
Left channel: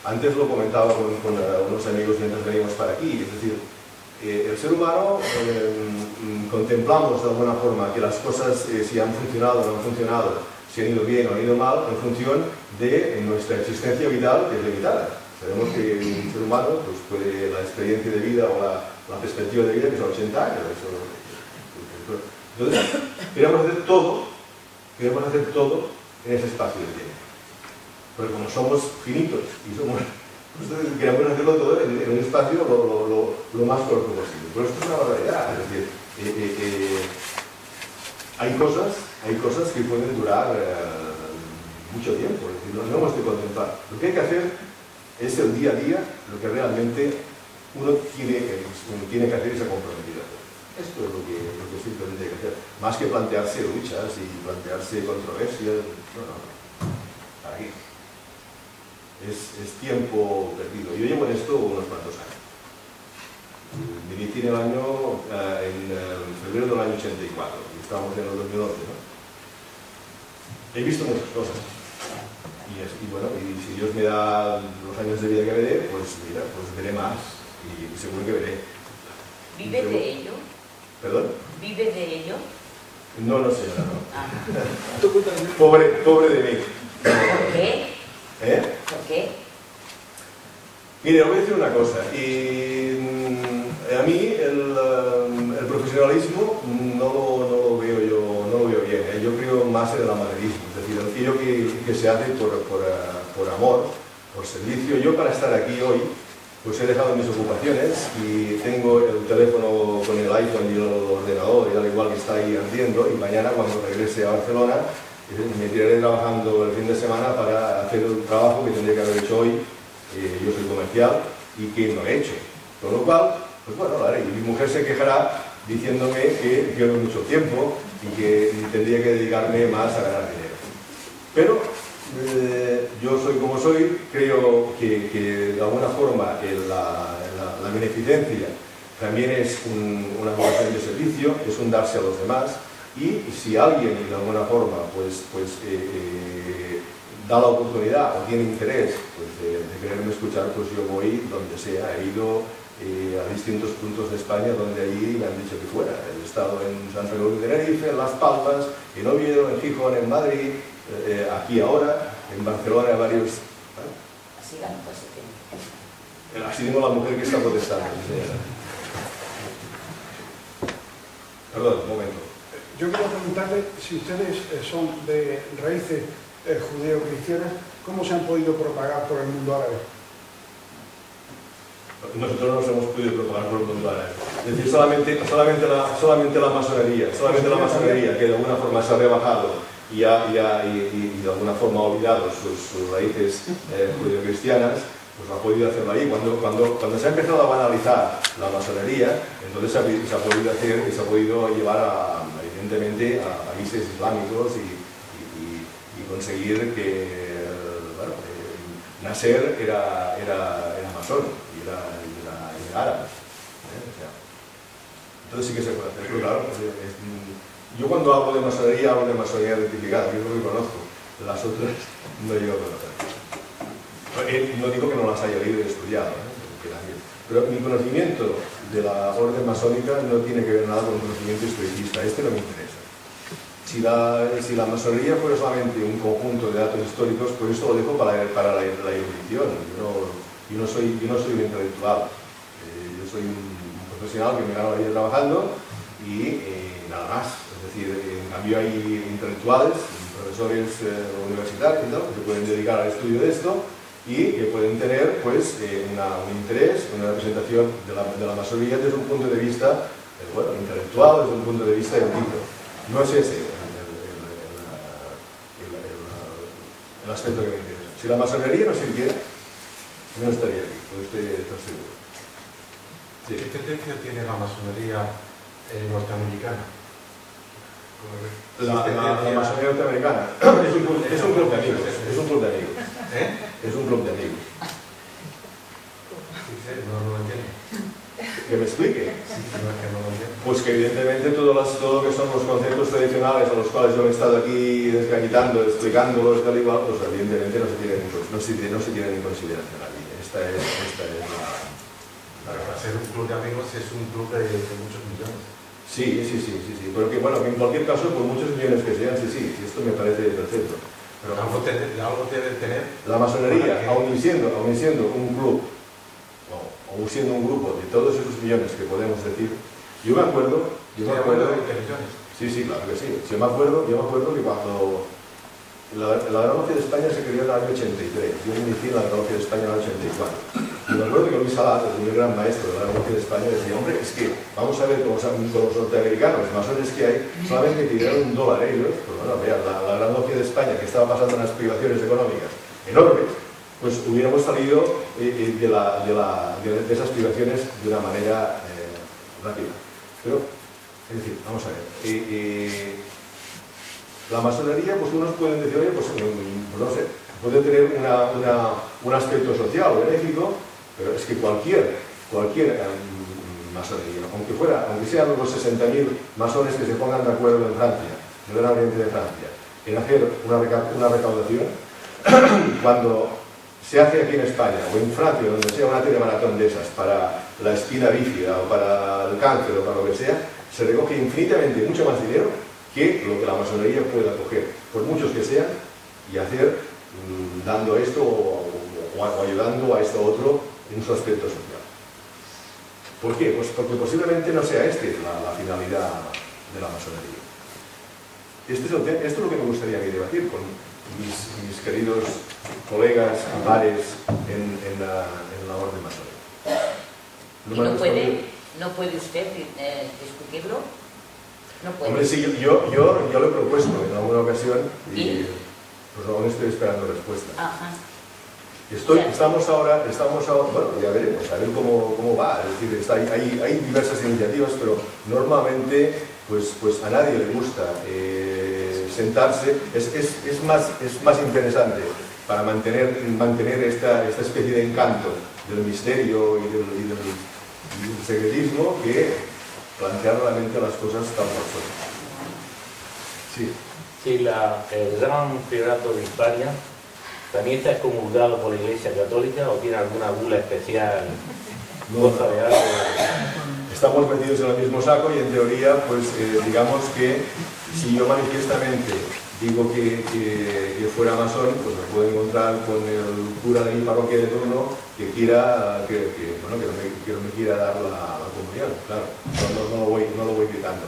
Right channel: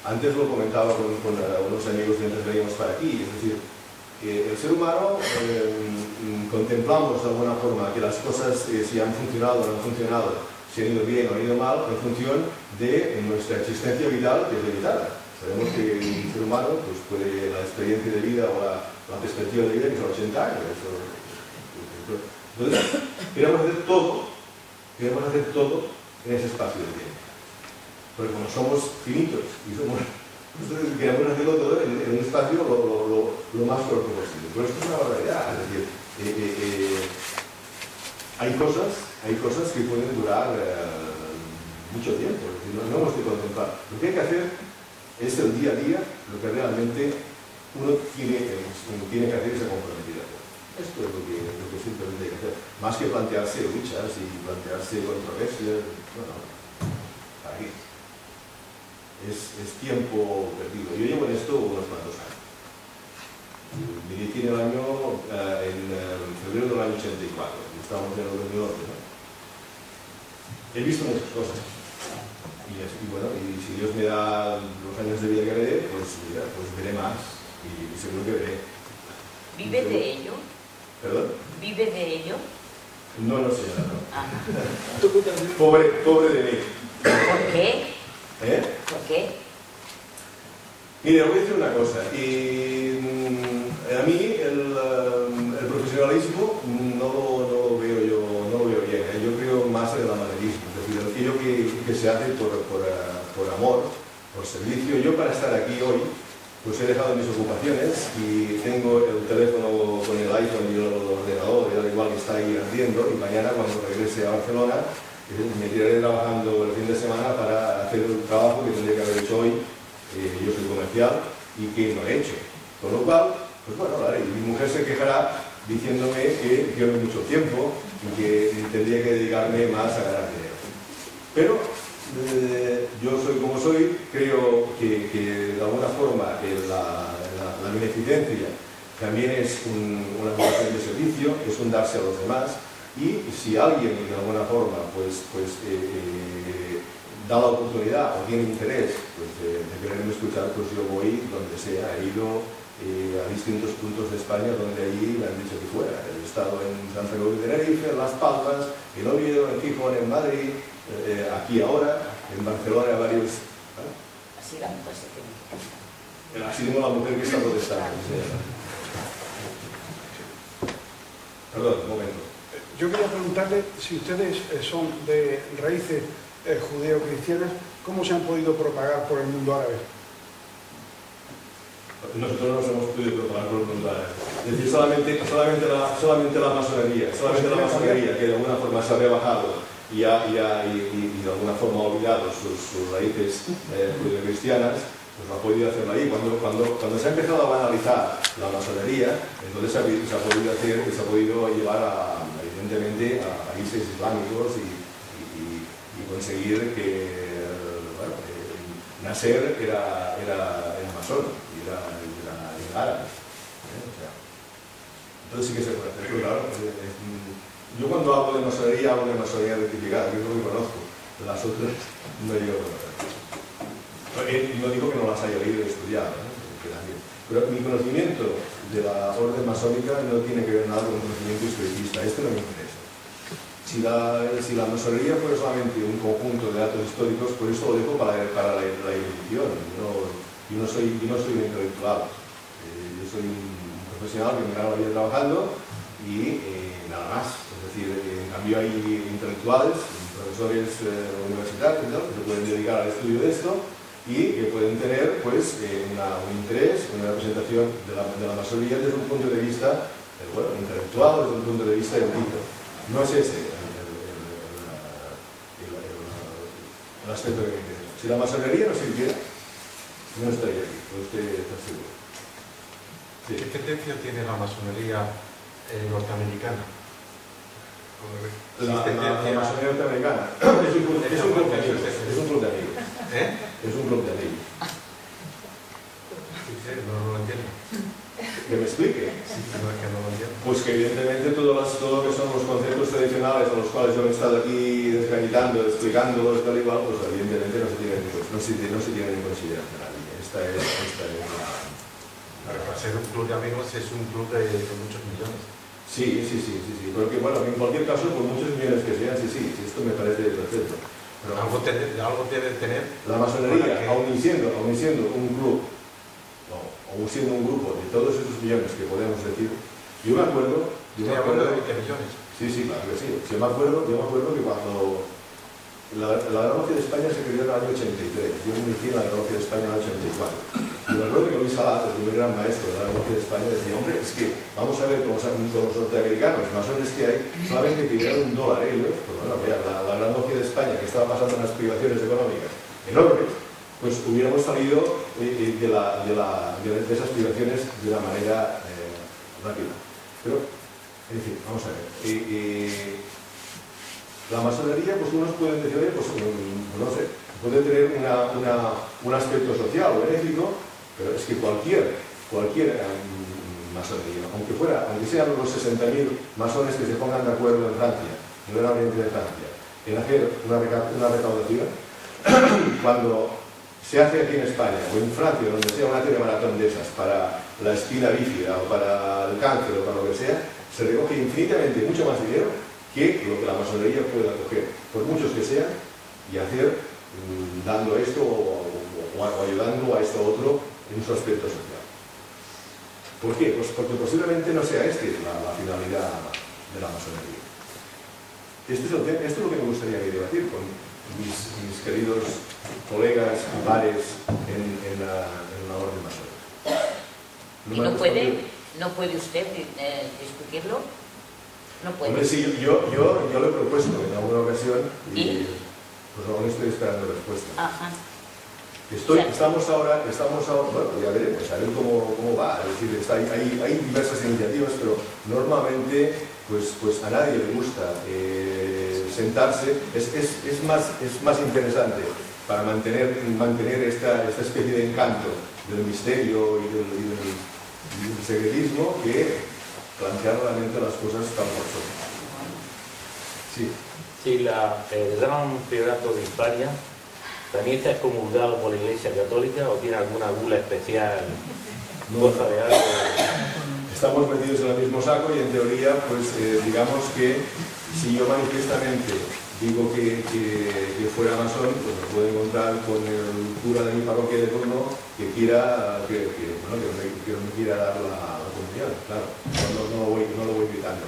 antes lo comentaba con unos amigos mientras veníamos para aquí. Es decir, el ser humano contemplamos de alguna forma que las cosas si han funcionado o no han funcionado, si han ido bien o han ido mal, en función de nuestra existencia vital, que es limitada. Sabemos que un ser humano pues puede, la experiencia de vida o la perspectiva de vida que son 80 años. Entonces, queremos hacer todo en ese espacio de tiempo. Porque como somos finitos y entonces queremos hacerlo todo en un espacio lo más corto posible. Pero esto es una barbaridad. Es decir, hay cosas que pueden durar mucho tiempo. Es decir, no hemos de contemplar. Lo que hay que hacer es el día a día, lo que realmente uno tiene que hacer y se ha comprometido a hacer. Esto es lo que simplemente hay que hacer. Más que plantearse luchas y plantearse controversias. No. ¿Para qué? Es tiempo perdido. Yo llevo en esto unos cuantos años. Dirigí en febrero del año 84. Estamos en el 2011, ¿no? He visto muchas cosas. Y bueno, y si Dios me da los años de vida que veré, pues mira, pues veré más. Y seguro que veré. ¿Vive de ello? ¿Perdón? ¿Vive de ello? No, señora, no. Ah. Pobre de mí. ¿Por qué? ¿Por qué? Mire, os voy a decir una cosa. A mí el profesionalismo funcionalismo no lo veo bien, ¿eh? Yo creo más en el amadorismo, es decir, aquello que se hace por amor, por servicio. Yo, para estar aquí hoy, pues he dejado mis ocupaciones y tengo el teléfono con el iPhone y el ordenador, y al igual que está ahí ardiendo, y mañana, cuando regrese a Barcelona, me tiraré trabajando el fin de semana para hacer un trabajo que tendría que haber hecho hoy. Yo soy comercial y que no he hecho, con lo cual, pues bueno, lo haré. Y mi mujer se quejará diciéndome que pierdo mucho tiempo y que tendría que dedicarme más a ganar dinero. Pero yo soy como soy, creo que de alguna forma la beneficencia también es una vocación de servicio, es un darse a los demás, y si alguien de alguna forma da la oportunidad o tiene interés de quererme escuchar, pues yo voy donde sea. He ido a distintos puntos de España donde allí me han dicho que fuera. He estado en Santa Cruz de Tenerife, en Las Palmas, en Oviedo, en Gijón, en Madrid, aquí ahora, en Barcelona, varios... Así la mujer se tiene que casar. Así tengo la mujer que está protestando. Perdón, un momento. Yo quería preguntarle si ustedes son de raíces judeo-cristianas, ¿cómo se han podido propagar por el mundo árabe? Nosotros no nos hemos podido propagar por el mundo árabe. Es decir, solamente la masonería, que de alguna forma se ha rebajado y de alguna forma ha olvidado sus raíces judeo-cristianas, pues ha podido hacerlo ahí. Cuando se ha empezado a banalizar la masonería, entonces se ha podido llevar evidentemente a países islámicos y conseguir que, bueno, Nasser era masón y era árabe. O sea, entonces sí que se puede hacer, pero claro, yo cuando hablo de masonería identificada, que es lo que conozco. Las otras no llego a conocer. No digo que no las haya leído y estudiado, pero mi conocimiento de la orden masónica no tiene que ver nada con un conocimiento historicista. Este no me interesa. Si la masonería fuera solamente un conjunto de datos históricos, pues esto lo dejo para la erudición. Yo no soy un intelectual. Yo soy un profesional que me gano la vida trabajando y nada más. Es decir, en cambio hay intelectuales, profesores universitarios y tal, que se pueden dedicar al estudio de esto y que pueden tener pues, un interés, una representación de la masonería desde un punto de vista intelectual, desde un punto de vista erudito. No es ese el aspecto que me interesa. Si la masonería no sirviera, no estaría aquí, puede usted estar seguro. Sí. ¿Qué tendencia tiene la masonería norteamericana? La masonería norteamericana es un club de amigos. Es un club de amigos. Es un club de amigos. No lo entiendo. Que me explique. Sí, no es que no lo entiendo. Pues que evidentemente todo lo que son los conceptos tradicionales a los cuales yo he estado aquí desgañitando, explicándolos tal y cual, pues evidentemente no se tienen en consideración aquí. Esta es la... Para ser un club de amigos es un club de muchos millones. Sí. Pero que, bueno, en cualquier caso, por muchos millones que sean, sí, esto me parece perfecto. Pero algo debe tener. La masonería, aun siendo un club, o siendo un grupo de todos esos millones que podemos decir, yo me acuerdo de 20 millones. Sí, claro que sí. Yo me acuerdo que cuando la Gran Logia de España se creó en el año 83, yo me inicié en la Gran Logia de España en el año 84. Y me acuerdo que Luis Salat, el primer gran maestro de la Gran Logia de España, decía, hombre, es que vamos a ver con los norteamericanos, los masones que hay, solamente que dieran $1 ellos, pues bueno, vean, la Gran Logia de España, que estaba pasando unas privaciones económicas enormes, pues hubiéramos salido de esas privaciones de una manera rápida. Pero, es decir, vamos a ver, la masonería, pues unos pueden decir, oye, pues no sé, puede tener un aspecto social o benéfico, pero es que cualquier masonería, aunque sean los 60.000 masones que se pongan de acuerdo en Francia, en el Gran Oriente de Francia, en hacer una recaudación, cuando se hace aquí en España o en Francia, donde sea una telemaratón de esas para la espina bífida o para el cáncer o para lo que sea, se recoge infinitamente mucho más dinero que lo que la masonería pueda coger, por muchos que sean, y hacer dando esto o ayudando a esto otro en su aspecto social. ¿Por qué? Pues porque posiblemente no sea la finalidad de la masonería. Esto es lo que me gustaría debatir con mis queridos colegas y pares en la orden masónica. ¿No puede usted discutirlo? No puede. Hombre, sí, yo lo he propuesto en alguna ocasión y pues aún estoy esperando respuesta. Ajá. Estamos ahora, bueno, ya veremos, a ver cómo va. Es decir, hay diversas iniciativas, pero normalmente pues a nadie le gusta sentarse. Es más interesante para mantener esta especie de encanto del misterio y del secretismo que plantear realmente las cosas tan por son. Sí. Sí, el Gran Priorato de Hispania también está excomulgado por la Iglesia Católica o tiene alguna bula especial, cosa de algo. Estamos metidos en el mismo saco y en teoría, pues digamos que si yo manifiestamente digo que fuera masón, pues me puedo encontrar con el cura de mi parroquia de turno que no me quiera dar la comunión, claro. No lo voy gritando.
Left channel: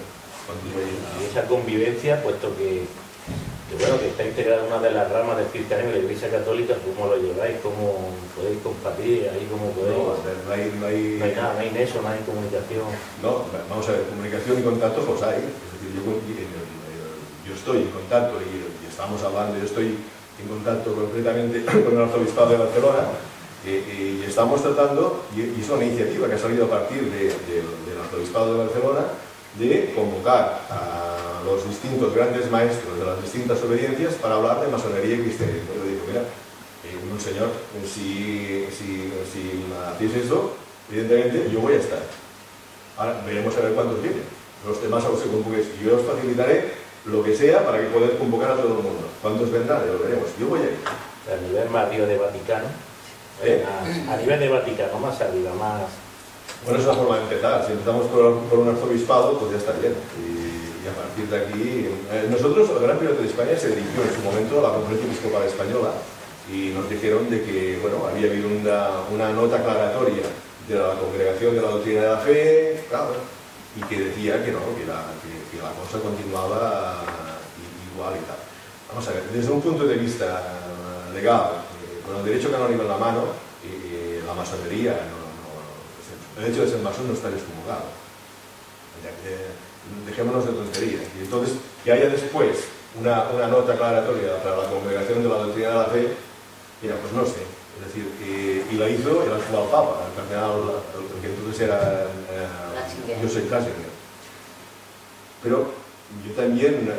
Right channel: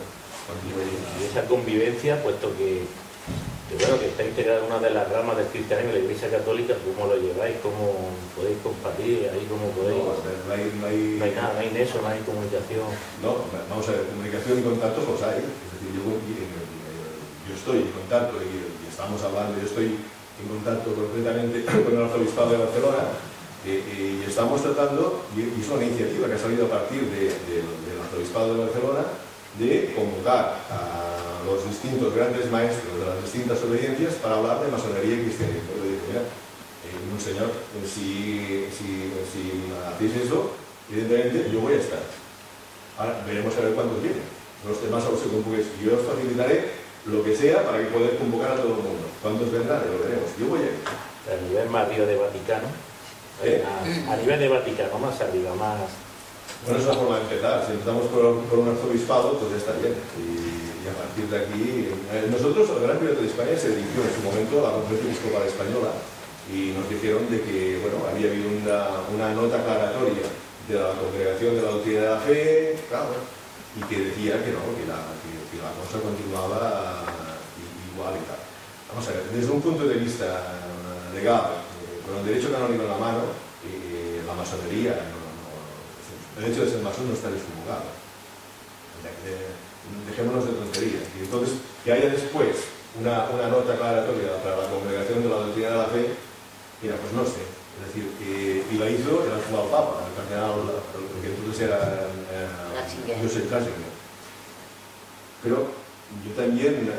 Y esa convivencia, puesto que está integrada en una de las ramas del cristianismo de la Iglesia Católica, ¿cómo lo lleváis? ¿Cómo podéis compartir? ¿Ahí cómo podéis? No hay nada, no hay nexo, no hay comunicación. No, vamos a ver, comunicación y contactos los hay. Es decir, yo estoy en contacto y estamos hablando, yo estoy en contacto concretamente con el Arzobispado de Barcelona y estamos tratando, y es una iniciativa que ha salido a partir del Arzobispado de Barcelona, de convocar a los distintos grandes maestros de las distintas obediencias para hablar de masonería y cristianismo. Yo le digo, mira, Monseñor, si hacéis eso, evidentemente yo voy a estar. Ahora veremos a ver cuántos vienen. Los demás aún se convoquéis. Yo os facilitaré lo que sea para que podáis convocar a todo el mundo. ¿Cuántos vendrán? Lo veremos. Yo voy a ir. A nivel más arriba de Vaticano. A nivel de Vaticano, más arriba, más... Bueno, es una forma de empezar. Si empezamos por un arzobispado, pues ya está bien. Y a partir de aquí... nosotros, el Gran Priorato de España se dirigió en su momento a la Conferencia Episcopal Española y nos dijeron de que, bueno, había habido una nota aclaratoria de la Congregación de la Doctrina de la Fe, claro, y que decía que no, que la cosa continuaba igual y tal. Vamos a ver, desde un punto de vista legal, con el derecho canónico en la mano, la masonería, el hecho de ser masón no está descomulgado. Dejémonos de tonterías. Y entonces, que haya después una nota aclaratoria para la Congregación de la Doctrina de la Fe, mira, pues no sé. Es decir, y la hizo el actual Papa, el cardenal, el que entonces era Joseph Ratzinger. Pero yo también,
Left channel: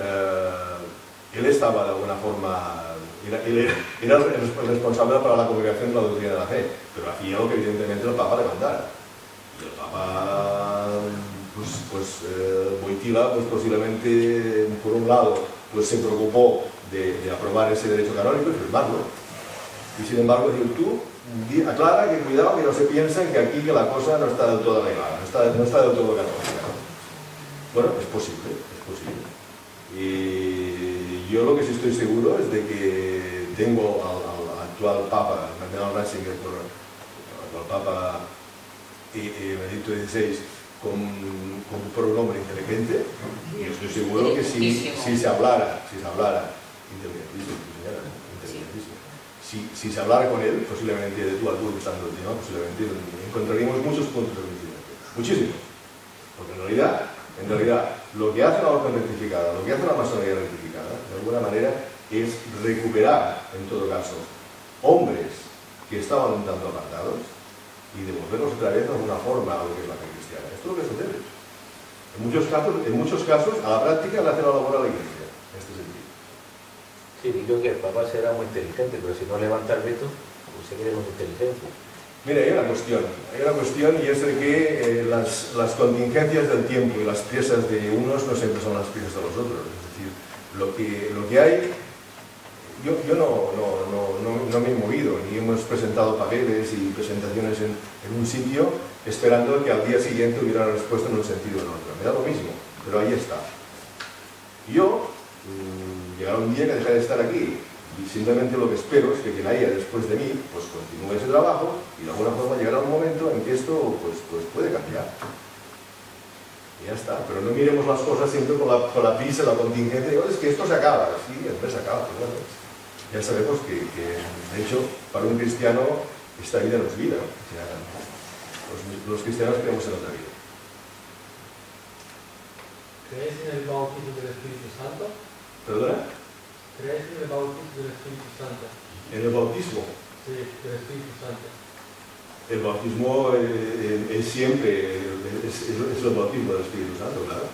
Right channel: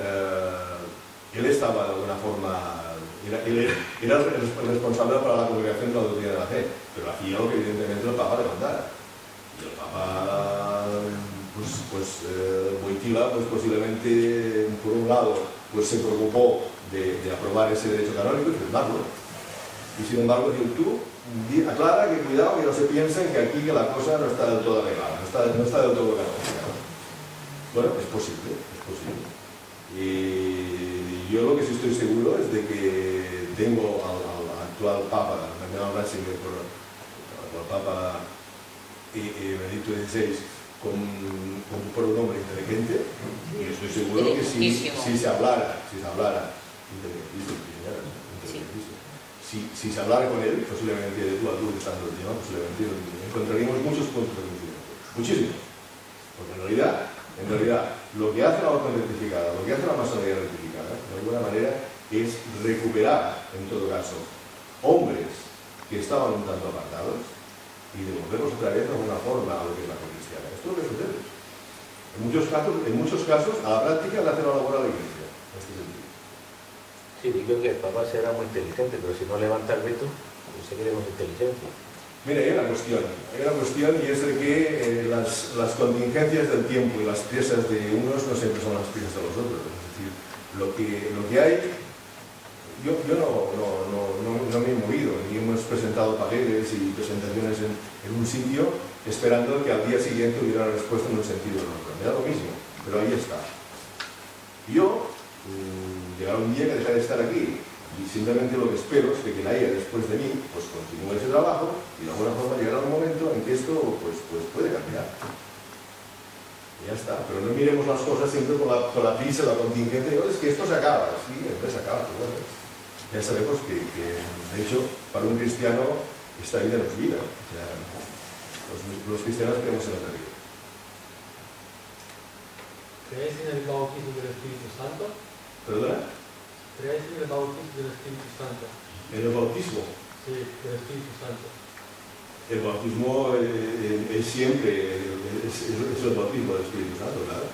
él estaba de alguna forma, él era el responsable para la Congregación de la Doctrina de la Fe, pero hacía lo que evidentemente el Papa le mandara. Y el Papa, Wojtyla, pues posiblemente, por un lado, pues se preocupó de aprobar ese derecho canónico y firmarlo. Y sin embargo, tú aclara que cuidado que no se piensen que aquí la cosa no está del todo arreglada, no está del todo canónica, ¿no? Bueno, es posible. Y yo lo que sí estoy seguro es de que tengo al actual Papa, el cardenal Ratzinger, al actual Papa Benedicto XVI, por un hombre inteligente, y estoy seguro que si se hablara, inteligentísimo, señora, inteligentísimo. Si se hablara con él, posiblemente de tú a tú, usando el tema, posiblemente encontraríamos muchos puntos de coincidencia. Muchísimos. Porque en realidad, lo que hace la orden rectificada, lo que hace la masonería rectificada, de alguna manera, es recuperar, en todo caso, hombres que estaban un tanto apartados y devolverlos otra vez de alguna forma a lo que es la fe cristiana. Esto es lo que sucede. En muchos casos, a la práctica le hace la labor a la Iglesia, en este sentido. Sí, digo que el Papa será muy inteligente, pero si no levanta el veto, pues se quede con su inteligencia. Mira, hay una cuestión y es de que las contingencias del tiempo y las piezas de unos no siempre son las piezas de los otros. Es decir, lo que hay, yo no me he movido, ni hemos presentado papeles y presentaciones en un sitio esperando que al día siguiente hubiera una respuesta en un sentido o en otro. Me da lo mismo, pero ahí está. Yo llegará un día que dejaré de estar aquí y simplemente lo que espero es que quien haya después de mí pues continúe ese trabajo y de alguna forma llegará un momento en que esto pues puede cambiar. Y ya está, pero no miremos las cosas siempre con la prisa, la contingencia, digo, es que esto se acaba, sí, entonces se acaba, pero bueno, ya sabemos que de hecho, para un cristiano esta vida no es vida, o sea, los cristianos creemos en otra vida. ¿Creéis en el bautismo del Espíritu Santo? ¿Perdona? ¿Creéis en el bautismo del Espíritu Santo? ¿En el bautismo? Sí, del Espíritu Santo. El bautismo es siempre, es el bautismo del Espíritu Santo, claro.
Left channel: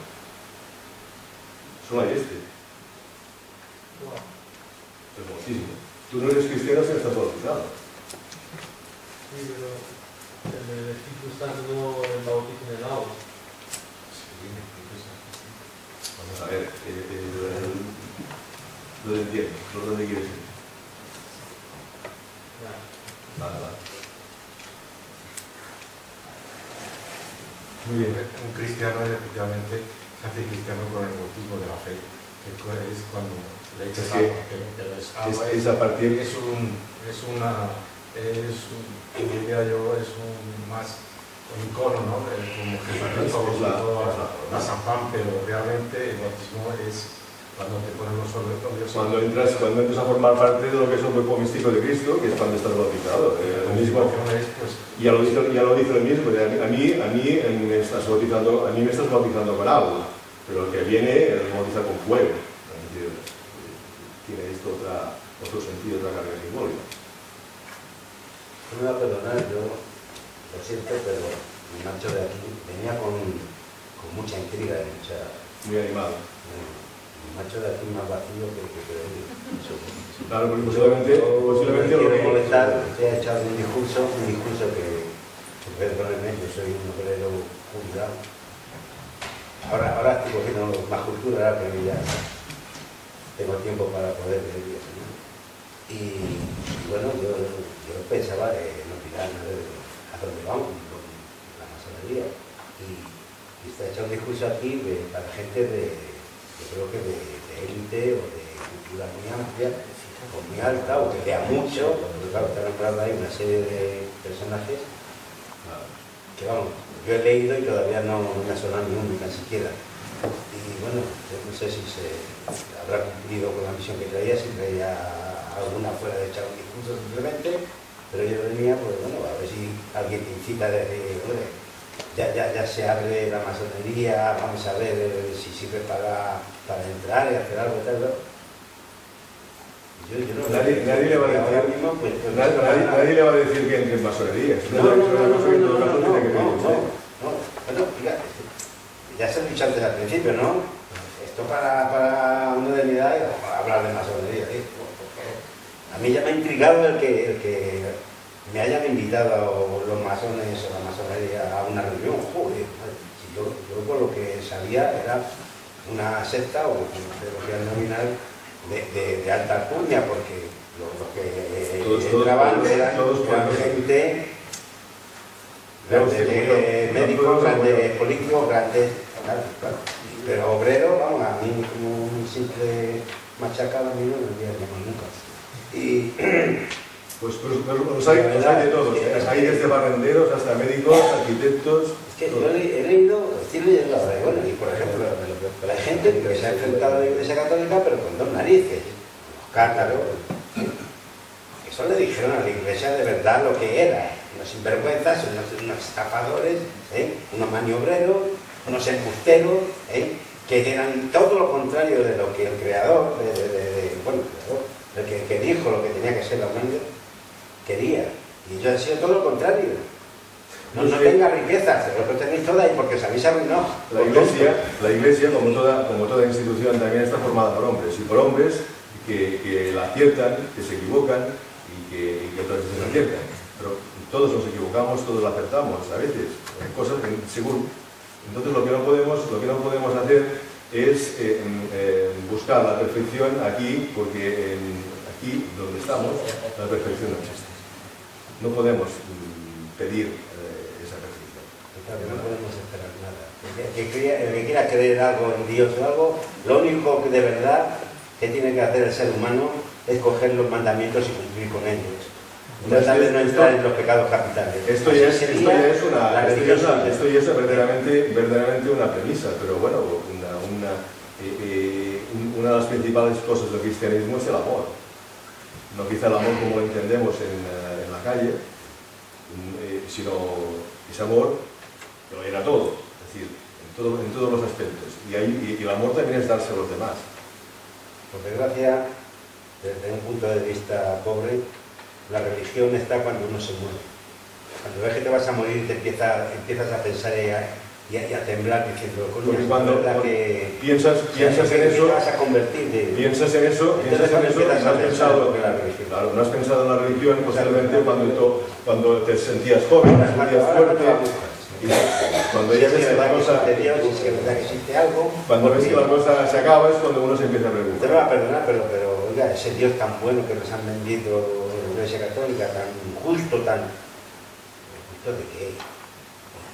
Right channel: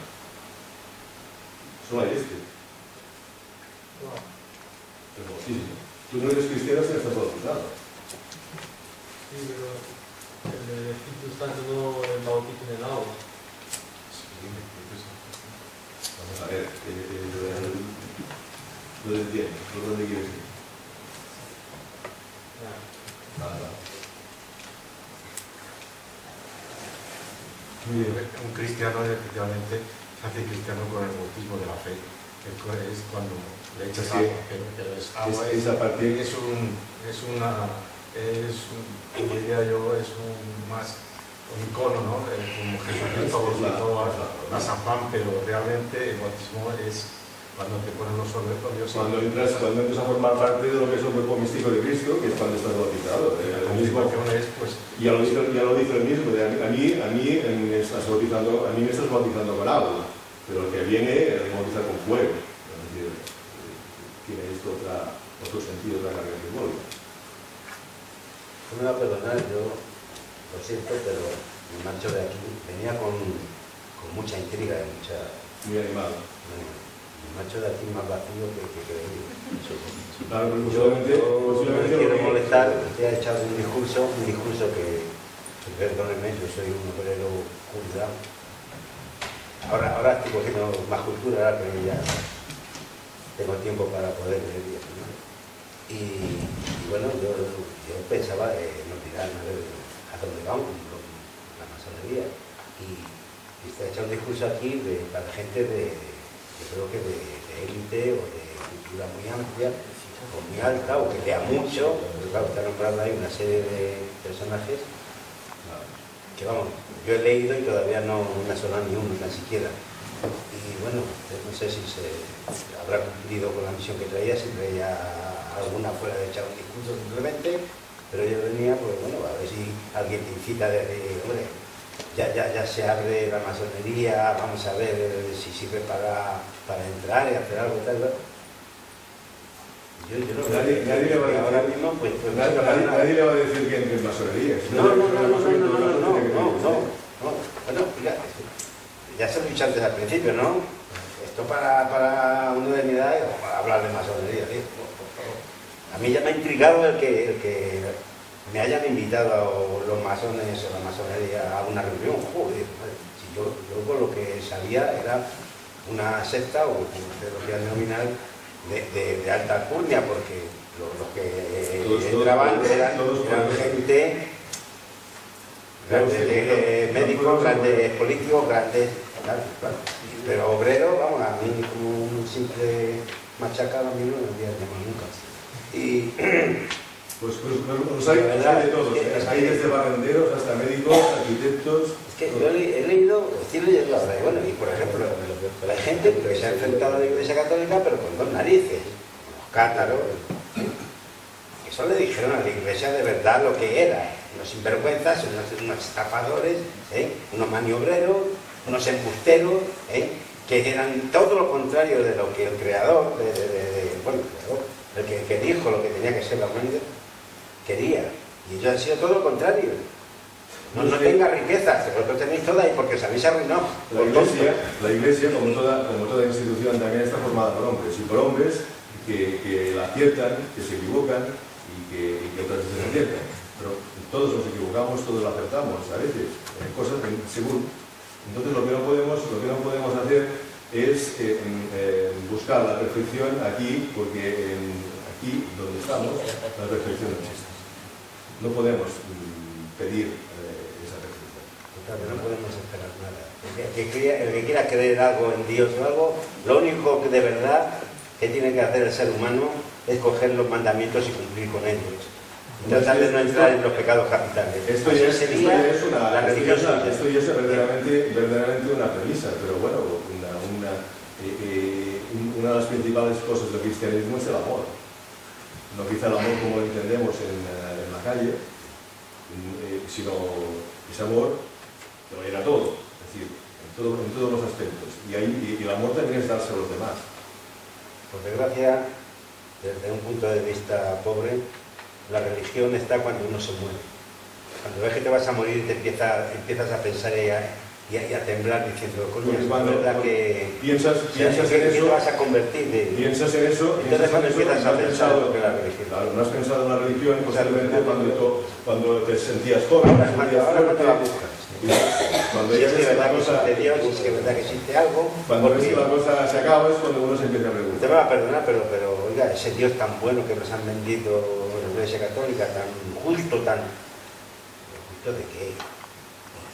Solo hay este. Wow. El bautismo. Tú no eres cristiano si no estás bautizado. Sí, pero el Espíritu Santo no el bautismo en el agua. Vamos a ver, lo entiendo, ¿por dónde quieres ir? Vale. Muy bien, un cristiano efectivamente se hace cristiano con el bautismo de la fe, que es cuando le echas agua, pero es agua, es a partir... diría yo, es un icono, ¿no? Como Jesucristo bautizó a San Juan, pero realmente el bautismo es cuando te ponen los óleos. Cuando entras a formar parte de lo que es el cuerpo místico de Cristo, que es cuando estás bautizado. La misma es, pues, ya lo dice el mismo, a mí me estás bautizando con agua, pero el que viene me bautiza con fuego. Es decir, tiene esto otro sentido, otra carga simbólica. No me va a perdonar, yo lo siento, pero me marcho de aquí. Venía con mucha intriga y muy animado. Me marcho de aquí más vacío que venido. Claro, porque posiblemente quiero molestar, usted ha echado un discurso que perdónenme, yo soy un obrero jubilado. Ahora estoy cogiendo más cultura, ahora que ya tengo tiempo para poder leer y eso, ¿no? Y bueno, yo pensaba que nos dirán a ver a dónde vamos con la masonería. Y está hecho un discurso aquí para gente yo creo que de élite o de cultura muy amplia o muy alta o que lea mucho, porque claro, está nombrando ahí una serie de personajes que vamos, yo he leído y todavía no me ha sonado ni uno, ni tan siquiera. Y bueno, no sé si se habrá cumplido con la misión que traía, si traía alguna fuera de echar un discurso simplemente, pero yo venía, pues bueno, a ver si alguien te incita a decir, hombre, ya se abre la masonería, vamos a ver si sirve para entrar y hacer algo y tal. Yo no, nadie le va a decir ahora mismo, pues, nadie le va a decir que entre en masonería. No. Bueno, mira, ya se lo he dicho antes al principio, ¿no? Esto para uno de mi edad hablar de masonería, ¿sí? A mí ya me ha intrigado el que me hayan invitado los masones o la masonería a una reunión. Joder, si yo por lo que sabía era una secta o de lo que era nominal de alta alcurnia, porque los que entraban eran gente, grandes médicos, grandes políticos, grandes, claro. Pero obrero, vamos, a mí como un simple machacado a mí no me voy a llamar nunca. Y pues hay de todos, hay desde barrenderos hasta médicos, arquitectos. Es que yo he leído, estoy leyendo ahora, y bueno, y por ejemplo, la gente que se ha enfrentado a la Iglesia Católica, pero con dos narices, los cátaros, que eso le dijeron a la Iglesia de verdad lo que era, unos sinvergüenzas, unos estafadores, unos maniobreros, unos embusteros, que eran todo lo contrario de lo que el creador, el que dijo lo que tenía que ser la humanidad, quería. Y ellos han sido todo lo contrario. No tenga riquezas, lo tenéis todas y porque os habéis arruinado. La Iglesia, como toda institución, también está formada por hombres, y por hombres que la aciertan, que se equivocan y que otras veces aciertan. Pero todos nos equivocamos, todos lo acertamos, a veces, cosas según. Entonces lo que no podemos hacer es buscar la perfección aquí, porque aquí donde estamos la perfección no existe. No podemos pedir esa perfección. No podemos esperar nada. El que quiera creer algo en Dios o algo, lo único que de verdad que tiene que hacer el ser humano es coger los mandamientos y cumplir con ellos. Tratar de no entrar en los pecados capitales. Esto ya es verdaderamente una premisa, pero bueno, una de las principales cosas del cristianismo es el amor. No quizá el amor como lo entendemos en la calle, sino ese amor que lo llena todo, es decir, en todos los aspectos. Y el amor también es darse a los demás. Por desgracia, desde un punto de vista pobre, la religión está cuando uno se muere. Cuando ves que te vas a morir, te empiezas a pensar y a temblar diciendo, coño, es verdad que piensas en eso, te vas a convertir. Piensas en eso, no has pensado en la religión posiblemente cuando te sentías joven, fuerte. Cuando ya ves que la cosa de Dios, es que verdad que existe algo. Cuando ves que la cosa se acaba es cuando uno se empieza a preguntar. Te me va a perdonar, pero oiga, ese Dios tan bueno que nos han vendido en la Iglesia Católica, tan justo, ¿justo de qué?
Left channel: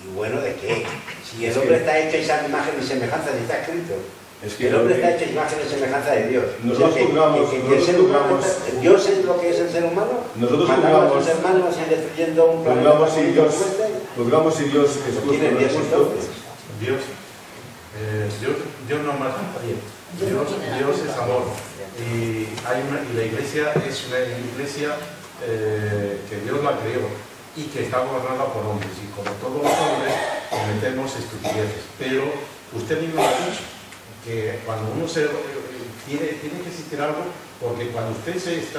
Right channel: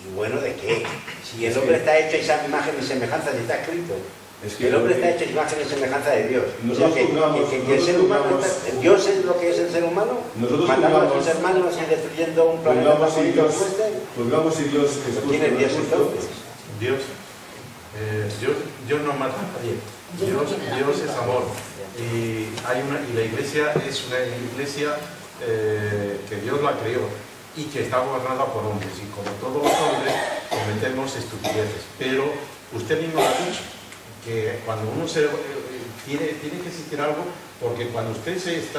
¿Y bueno de qué? Si el hombre está hecho esa imagen y semejanza, si está escrito. Es que el hombre está hecho imagen y semejanza de Dios. Nosotros Dios es lo que es el ser humano. Matando a sus hermanos y destruyendo un planeta. Juzgamos si Dios es justo. Dios no mata a nadie. Dios es amor. Y la iglesia es una iglesia que Dios la creó y que está gobernada por hombres. Y como todos los hombres cometemos estupideces. Pero usted mismo lo ha dicho, que cuando uno tiene que existir algo, porque cuando usted es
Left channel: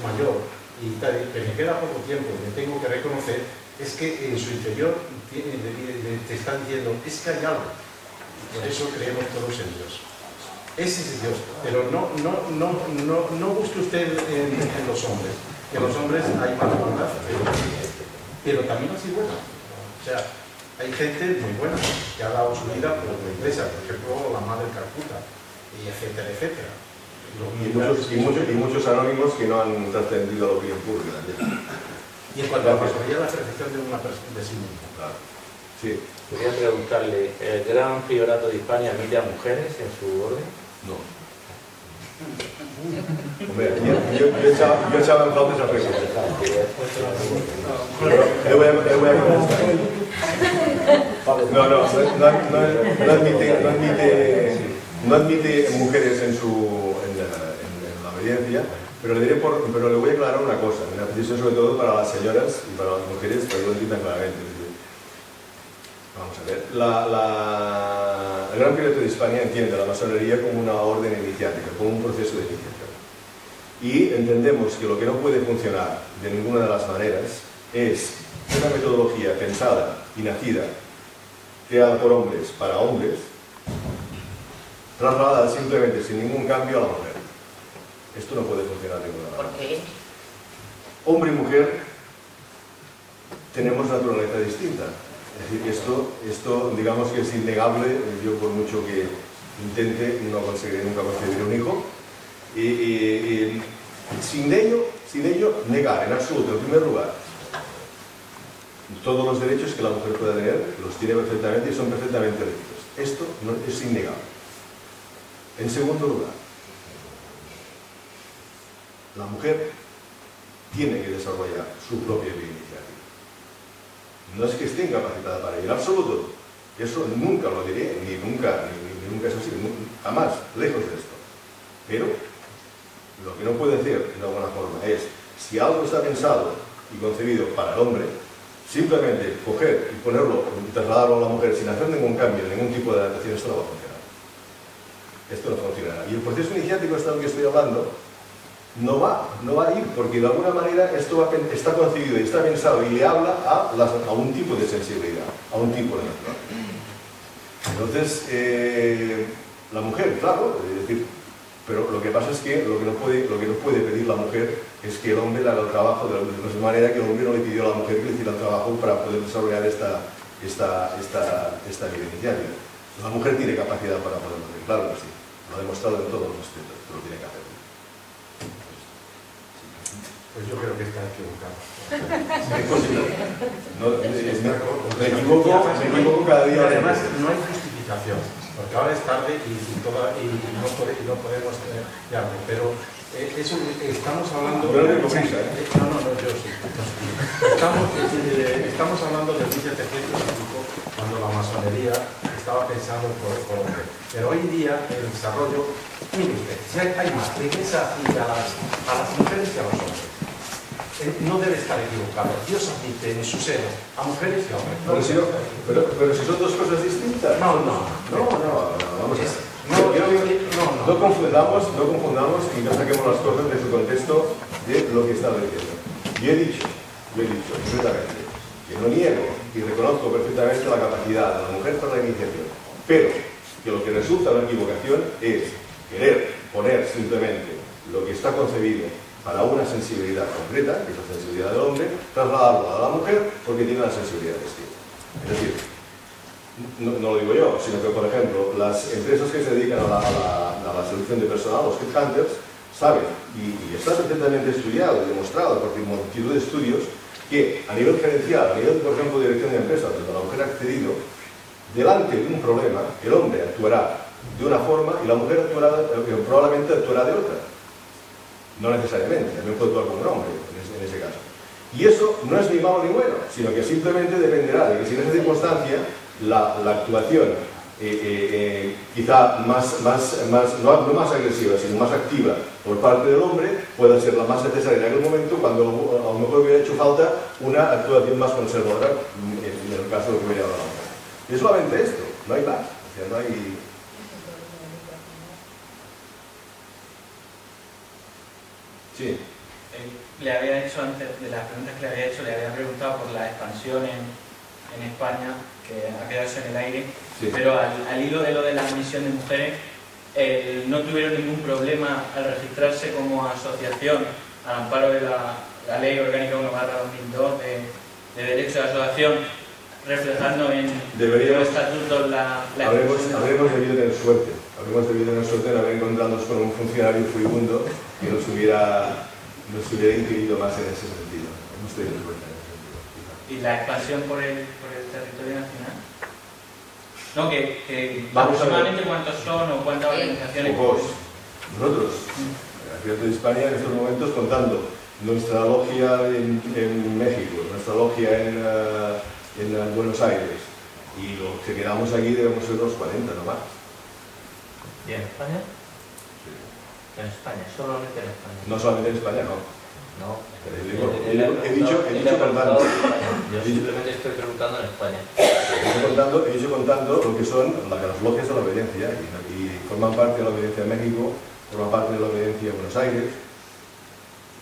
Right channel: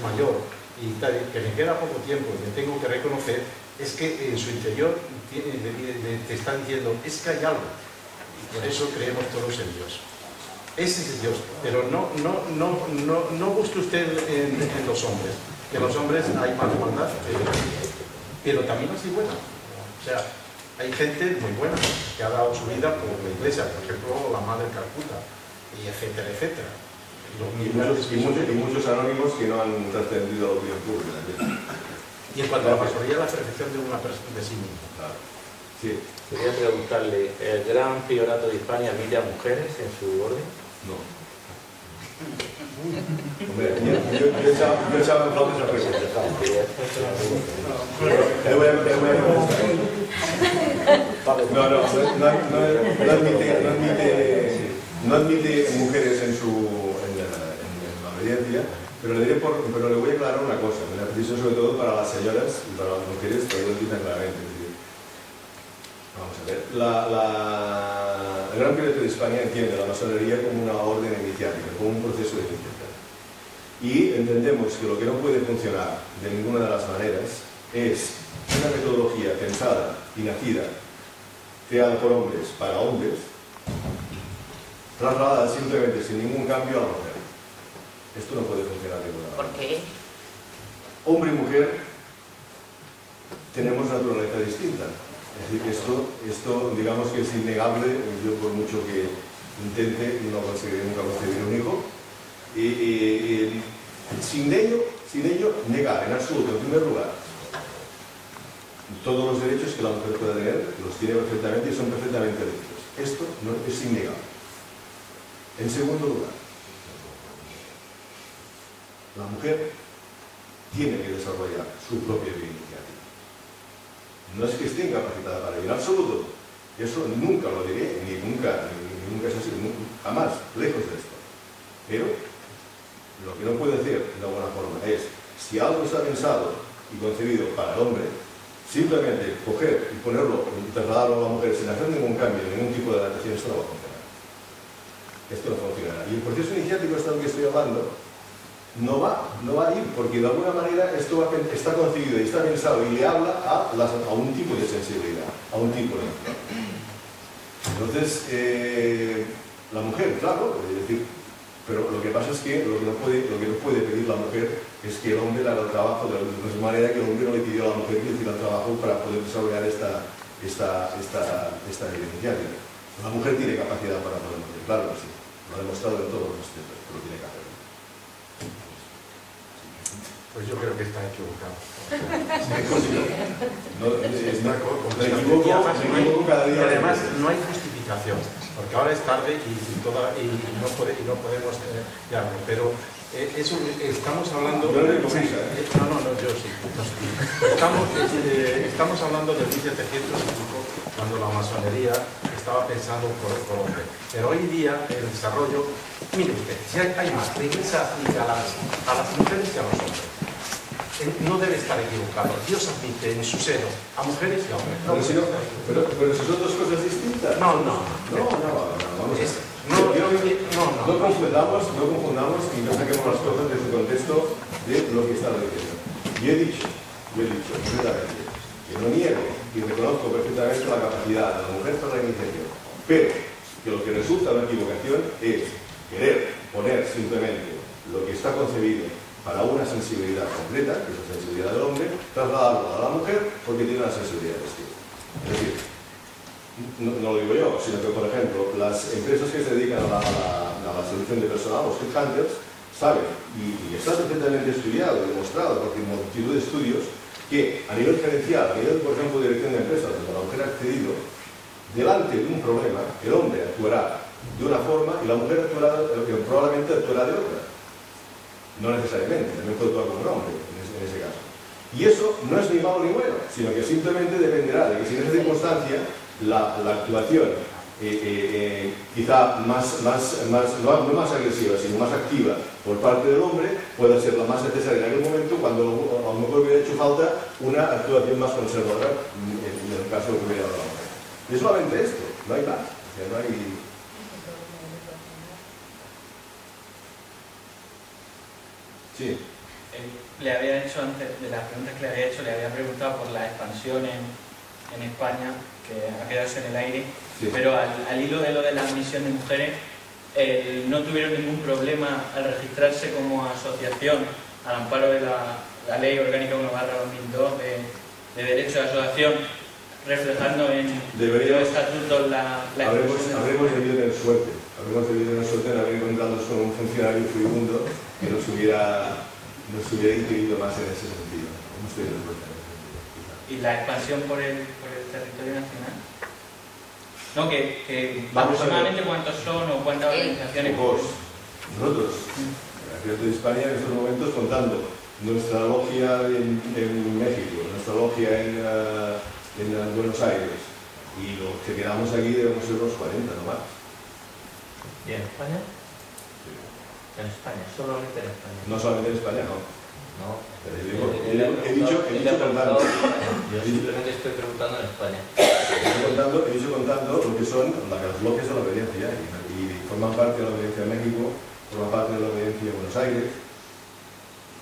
mayor y que me queda poco tiempo y me tengo que reconocer, es que en su interior te está diciendo, es que hay algo. Y por eso creemos todos en Dios. Ese es Dios. Pero no busque usted en los hombres. Que en los hombres hay más maldad, pero también así buena. O sea, hay gente muy buena que ha dado su vida por la iglesia, por ejemplo, la Madre Calcuta, y etcétera, etcétera. Y muchos anónimos que no han trascendido a la opinión pública también. Y en cuanto a la pastoría, la perfección de sí mismo. Claro. Sí. Quería preguntarle, ¿el Gran Priorato de Hispania admite a mujeres en su orden? No. Hombre, yo echaba en falta esa pregunta. No admite mujeres en la obediencia, pero le voy a aclarar una cosa, una precisión sobre todo para las señoras y para las mujeres, para que lo entiendan claramente. Vamos a ver, el Gran Priorato de Hispania entiende la masonería como una orden iniciática, como un proceso de iniciación. Y entendemos que lo que no puede funcionar de ninguna de las maneras es una metodología pensada y nacida, creada por hombres para hombres, trasladada simplemente sin ningún cambio a la mujer. Esto no puede funcionar de ninguna manera. ¿Por qué? Hombre y mujer tenemos naturaleza distinta. Es decir, que esto digamos que es innegable. Yo por mucho que intente no conseguiré nunca concebir un hijo. Y sin ello negar en absoluto, en primer lugar, todos los derechos que la mujer pueda tener, los tiene perfectamente y son perfectamente legítimos. Esto no es innegable. En segundo lugar, la mujer tiene que desarrollar su propia vida iniciativa. No es que esté incapacitada para ello, en absoluto. Eso nunca lo diré, ni nunca es así, jamás, lejos de esto. Pero lo que no puede hacer de alguna forma es, si algo está pensado y concebido para el hombre, simplemente coger y ponerlo y trasladarlo a la mujer sin hacer ningún cambio, ningún tipo de adaptación, esto no va a funcionar. Esto no funcionará. Y el proceso iniciático, este del que estoy hablando, no va a ir, porque de alguna manera esto está concebido y está pensado y le habla a un tipo de sensibilidad, a un tipo de natura. Entonces, la mujer, claro, es decir, pero lo que pasa es que lo que no puede pedir la mujer es que el hombre le haga el trabajo de la misma manera que el hombre no le pidió a la mujer que le hiciera el trabajo para poder desarrollar esta vida iniciática. La mujer tiene capacidad para poderlo hacer, claro que sí, lo ha demostrado en todos los aspectos, pero tiene que hacerlo. Pues yo creo que está equivocado. Me equivoco cada día. Y además no hay justificación, porque ahora es tarde y no podemos ya, pero Estamos hablando... Yo no tengo prisa, ¿eh? No, yo sí. Estamos hablando de 1705, cuando la masonería estaba pensando por hombre. Pero hoy día el desarrollo... Mire usted, si hay más, la Iglesia admite a las mujeres y a los hombres. No debe estar equivocado. Dios admite en su seno a mujeres y a hombres. Pero si son dos cosas distintas. No, vamos a ver. No confundamos y no saquemos las cosas de su contexto de lo que estaba diciendo. Yo he dicho perfectamente que no niego y reconozco perfectamente la capacidad de la mujer para la iniciación, pero que lo que resulta una equivocación es querer poner simplemente lo que está concebido para una sensibilidad concreta, que es la sensibilidad del hombre, trasladarlo a la mujer porque tiene una sensibilidad distinta. Es decir, no lo digo yo, sino que, por ejemplo, las empresas que se dedican a la selección de personal, los headhunters, saben, y está perfectamente estudiado y demostrado por multitud de estudios, que a nivel gerencial, a nivel, por ejemplo, de dirección de empresas, donde la mujer ha accedido, delante de un problema, el hombre actuará de una forma y la mujer probablemente actuará de otra. No necesariamente, también puede actuar como un hombre en ese caso. Y eso no es ni malo ni bueno, sino que simplemente dependerá de que si en esa circunstancia la actuación quizá no más agresiva, sino más activa por parte del hombre pueda ser la más necesaria en aquel momento, cuando a lo mejor hubiera hecho falta una actuación más conservadora en el caso de que hubiera dado la mujer. Y es solamente esto, no hay más. O sea, no hay... Sí. Le había hecho, antes de las preguntas que le había hecho, le había preguntado por la expansión en España, que ha quedado en el aire, sí. Pero al hilo de lo de la admisión de mujeres, no tuvieron ningún problema al registrarse como asociación al amparo de la Ley Orgánica 1/2002 de Derecho de Asociación, reflejando en los estatutos la habremos debido tener suerte. Habremos debido tener suerte en haber encontrado con un funcionario furibundo que nos hubiera inquirido más en ese sentido. Hemos tenido suerte en ese sentido, quizás. ¿Y la expansión por el territorio nacional? No, que aproximadamente cuántos son o cuántas organizaciones. Nosotros, Abierto de España, en estos momentos, contando nuestra logia en México, nuestra logia en Buenos Aires, y los que quedamos aquí debemos ser los 40, no más. ¿Y en España? Sí. En España, solamente en España. No solamente en España, no. No. He dicho contando. Yo simplemente estoy preguntando en España. He dicho contando lo que son las logias de la obediencia, y forman parte de la obediencia de México, forman parte de la obediencia de Buenos Aires,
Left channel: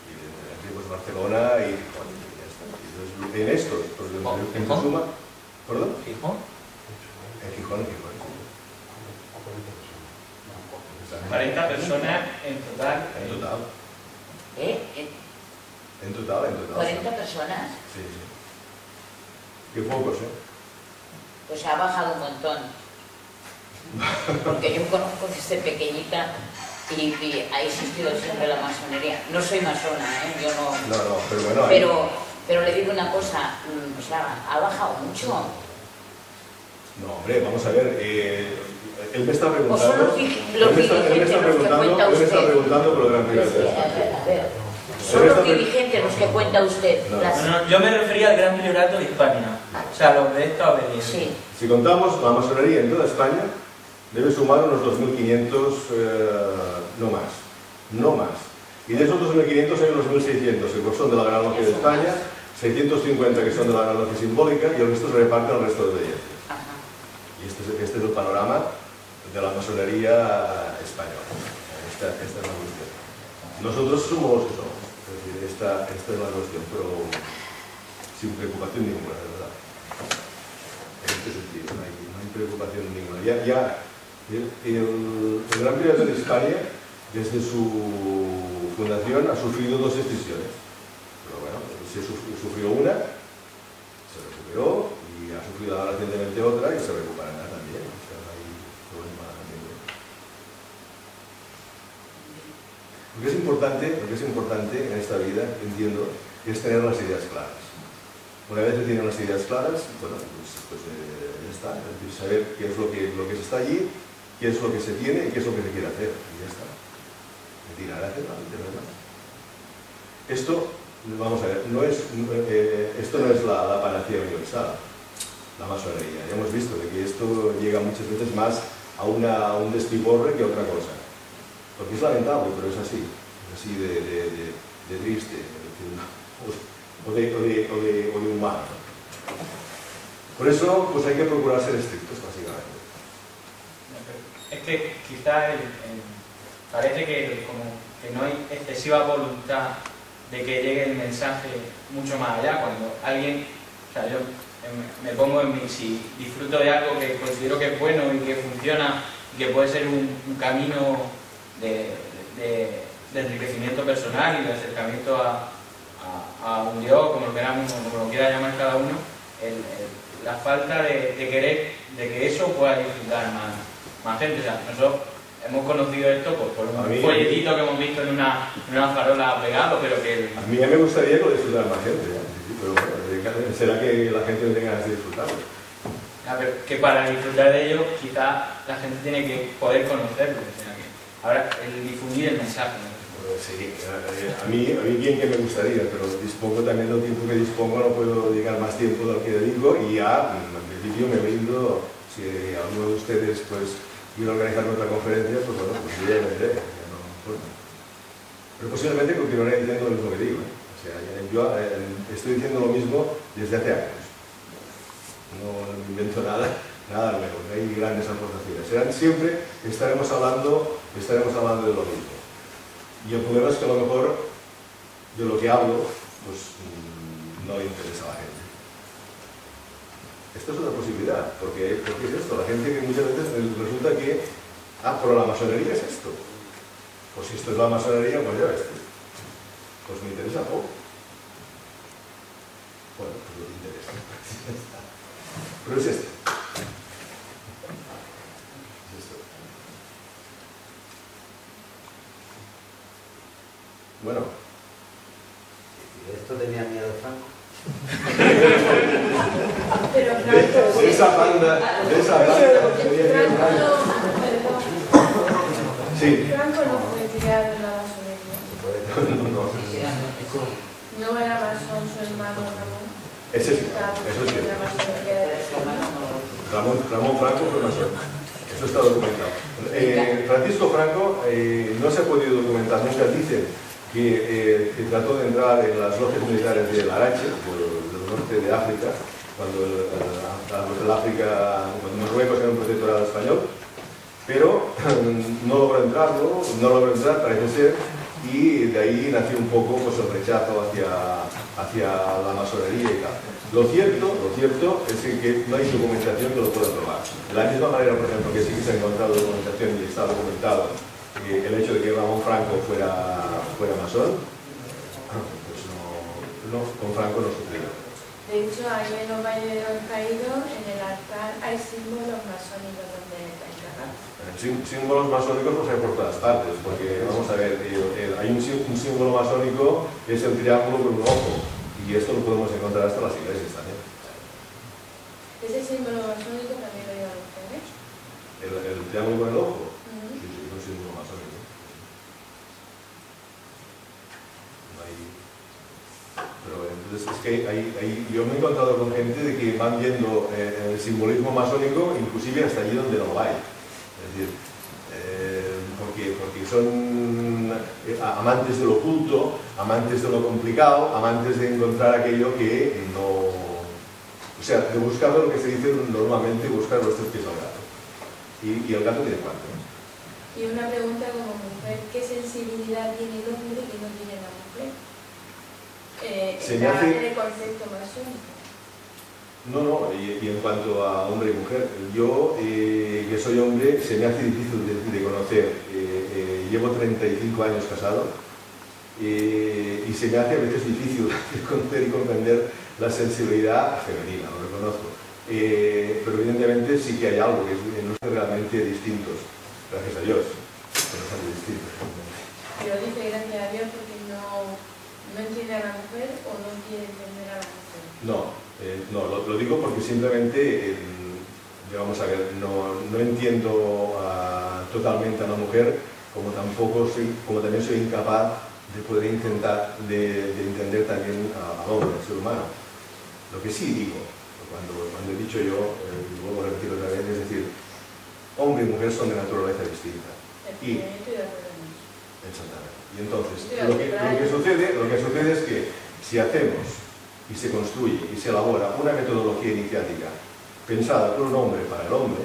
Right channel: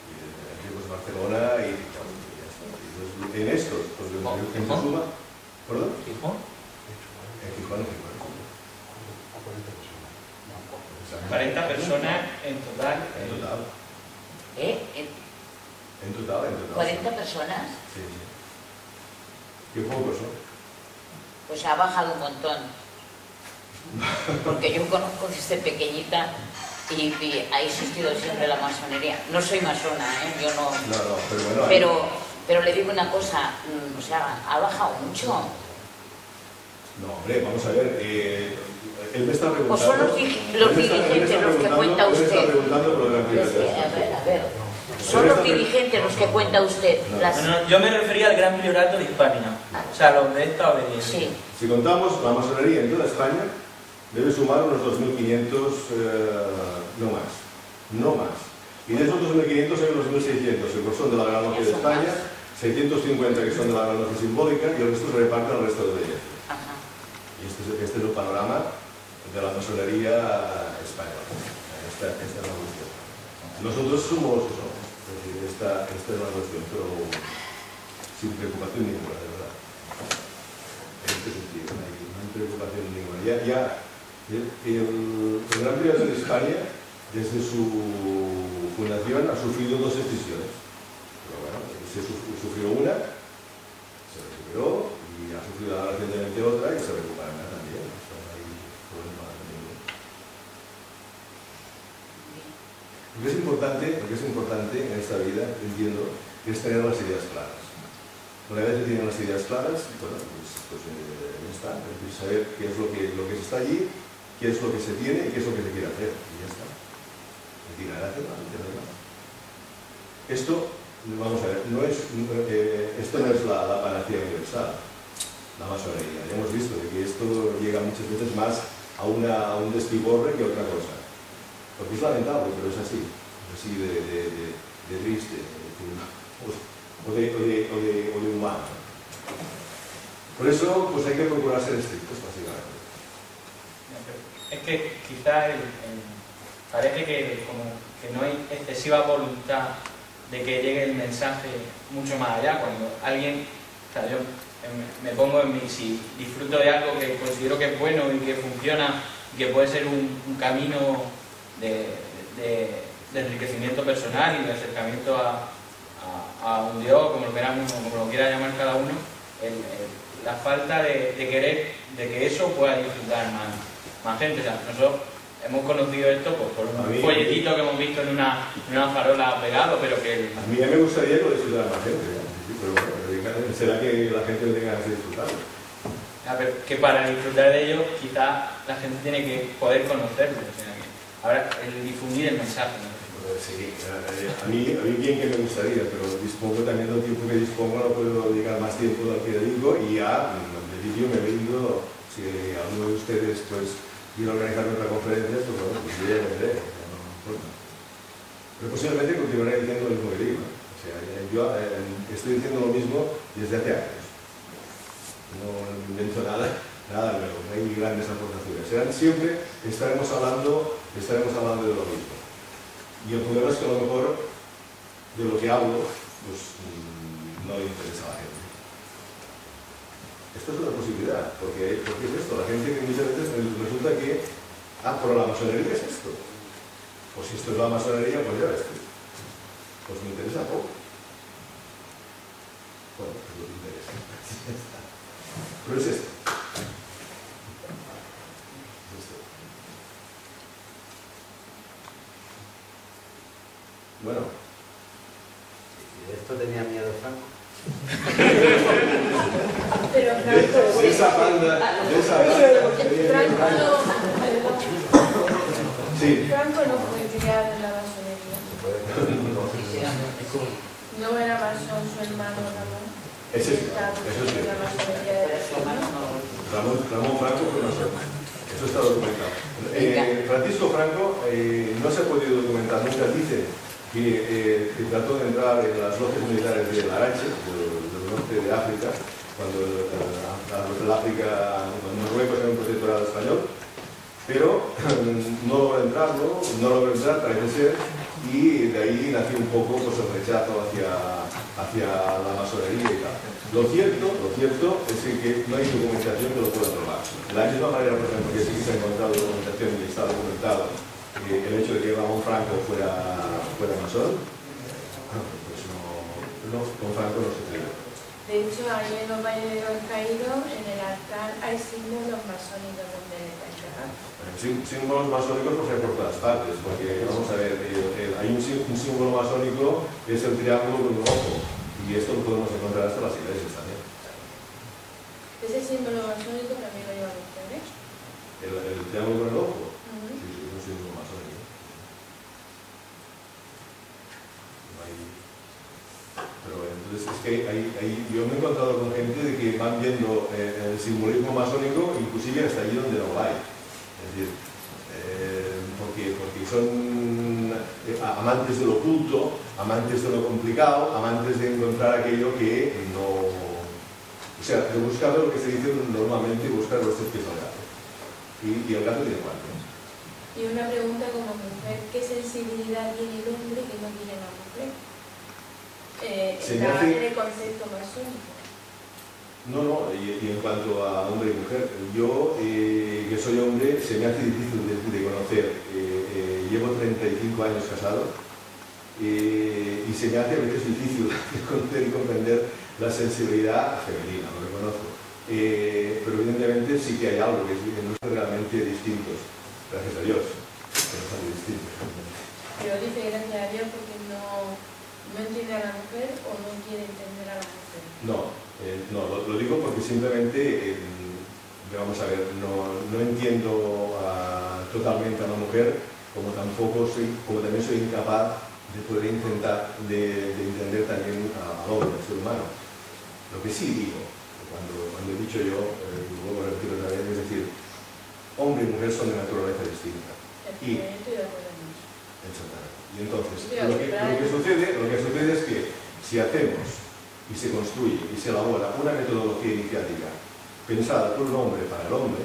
y evidentemente pues Barcelona y Gijón, y ya está. Entonces, en estos, porque en suma, ¿perdón? ¿Gijón? En Gijón. 40 personas en total. En total. ¿40 personas? Sí. Qué pocos, ¿eh? Pues ha bajado un montón. Porque yo conozco desde pequeñita y ha existido siempre la masonería. No soy masona, ¿eh? Yo no... No, pero bueno... Pero le digo una cosa, o sea, ha bajado mucho. No, hombre, vamos a ver, él me está preguntando... ¿O son los dirigentes los que cuenta usted? Él me está preguntando por lo gran prioridad. A ver, ¿son los dirigentes los que cuenta usted? No, yo me refería al Gran Priorato de Hispania, o sea, los de esta obediencia. Sí. Si contamos la masonería en toda España, debe sumar unos 2.500, no más. Y de esos 2.500 hay unos 1.600 que son de la Gran Logia de España, 650 que son de la Gran Logia Simbólica, y el resto se reparten al resto de obediencias. Y este es el panorama de la masonería española. Esta es la cuestión. Nosotros somos eso, es decir, esta es la cuestión, pero sin preocupación ninguna, de verdad. En este sentido, no hay preocupación ninguna. El Gran Priorato de España, desde su fundación, ha sufrido 2 excisiones. Pero bueno, se sufrió una, se recuperó, y ha sufrido ahora recientemente otra y se recuperará también. O sea, no hay problema ninguno. Lo que es importante en esta vida, entiendo, es tener las ideas claras. Una vez que tienen las ideas claras, bueno, pues ya está. Es decir, saber qué es lo que se está allí, qué es lo que se tiene y qué es lo que se quiere hacer. Y ya está. Es tirar hacia adelante, no hay más. Esto, vamos a ver, esto no es la panacea universal, la masonería. Ya hemos visto de que esto llega muchas veces más a un despiporre que a otra cosa. Porque es lamentable, pero es así de triste, o de humano. Por eso, pues hay que procurar ser estrictos, básicamente. Es que quizás parece que como que no hay excesiva voluntad de que llegue el mensaje mucho más allá. Cuando alguien, o sea, yo me pongo en mí, si disfruto de algo que considero que es bueno y que funciona y que puede ser un camino de enriquecimiento personal y de acercamiento a un Dios, como lo quiera llamar cada uno, la falta de querer de que eso pueda disfrutar más gente. O sea, nosotros hemos conocido esto pues, por un folletito que hemos visto en una farola pegado, pero que... A mí me gustaría que lo disfrutara más gente, sí, pero bueno, será que la gente no tenga ganas de disfrutarlo. Pero que para disfrutar de ello, quizá la gente tiene que poder conocerlo. O sea, que ahora el difundir el mensaje, ¿no? Sí, a mí bien que me gustaría, pero dispongo también del tiempo que dispongo, no puedo dedicar más tiempo del que dedico y ya, en principio me brindo, si alguno de ustedes pues quiere organizar otra conferencia, pues bueno, pues yo ya vendré, ya no importa. Pero posiblemente continuaré diciendo lo mismo que digo, ¿eh? O sea, yo estoy diciendo lo mismo desde hace años. No me invento nada nuevo, no hay grandes aportaciones. Siempre estaremos hablando de lo mismo. Y el problema es que a lo mejor de lo que hablo pues no le interesa a la gente. Esta es otra posibilidad, porque es esto, la gente que muchas veces resulta que pero la masonería es esto. Pues si esto es la masonería, pues ya ves tú. Pues me interesa poco. Bueno, pues no te interesa. Pero es esto. Bueno. ¿Y esto tenía miedo Franco? Pero Franco... De esa banda... Sí. Franco no fue criado en la masonería. No era masón su hermano Ramón. Eso es cierto. Ramón Franco fue masón. Eso está documentado. Francisco Franco no se ha podido documentar nunca. Dice que trató de entrar en las logias militares de Larache, del norte de África, cuando Marruecos era un protectorado español, pero no logró entrar, parece ser, y de ahí nació un poco pues, el rechazo hacia la masonería y tal. Lo cierto es que no hay documentación que lo pueda probar. De la misma manera, por ejemplo, que sí que se ha encontrado documentación y está documentado el hecho de que Ramón Franco fuera masón, pues no, con Franco no sucedió. De hecho, ahí en los Valles de los Caídos, en el altar, hay símbolos masónicos donde está enterrado. Símbolos masónicos pues hay por todas partes, porque vamos a ver, hay un símbolo masónico que es el triángulo con un ojo, y esto lo podemos encontrar hasta las iglesias también. ¿Ese símbolo masónico también lo llevan ustedes? ¿El triángulo con el ojo? Sí, es un símbolo masónico. Pero entonces es que yo me he encontrado con gente de que van viendo el simbolismo masónico inclusive hasta allí donde no lo hay. Es decir, porque son amantes de lo oculto, amantes de lo complicado, amantes de encontrar aquello que no... O sea, de buscar lo que se dice normalmente, buscar los 3 pies al gato. Y el gato tiene 4. Y una pregunta como mujer, ¿qué sensibilidad tiene el hombre que no tiene la mujer? En el concepto masónico. No, y en cuanto a hombre y mujer, yo que soy hombre, se me hace difícil de conocer. Llevo 35 años casado y se me hace a veces difícil de conocer y comprender la sensibilidad femenina, lo reconozco. Pero evidentemente sí que hay algo que no son realmente distintos, gracias a Dios, pero son distintos. Pero dice gracias a Dios porque no entiende a la mujer o no quiere entender a la mujer. No, lo digo porque simplemente, vamos a ver, no entiendo totalmente a la mujer como también soy incapaz de poder intentar de entender también al hombre, al ser humano. Lo que sí digo, cuando he dicho yo, y vuelvo a repetir otra vez, es decir, hombre y mujer son de naturaleza distinta. Y, exactamente. Y entonces, lo que sucede es que si hacemos y se construye y se elabora una metodología iniciática pensada por un hombre para el hombre,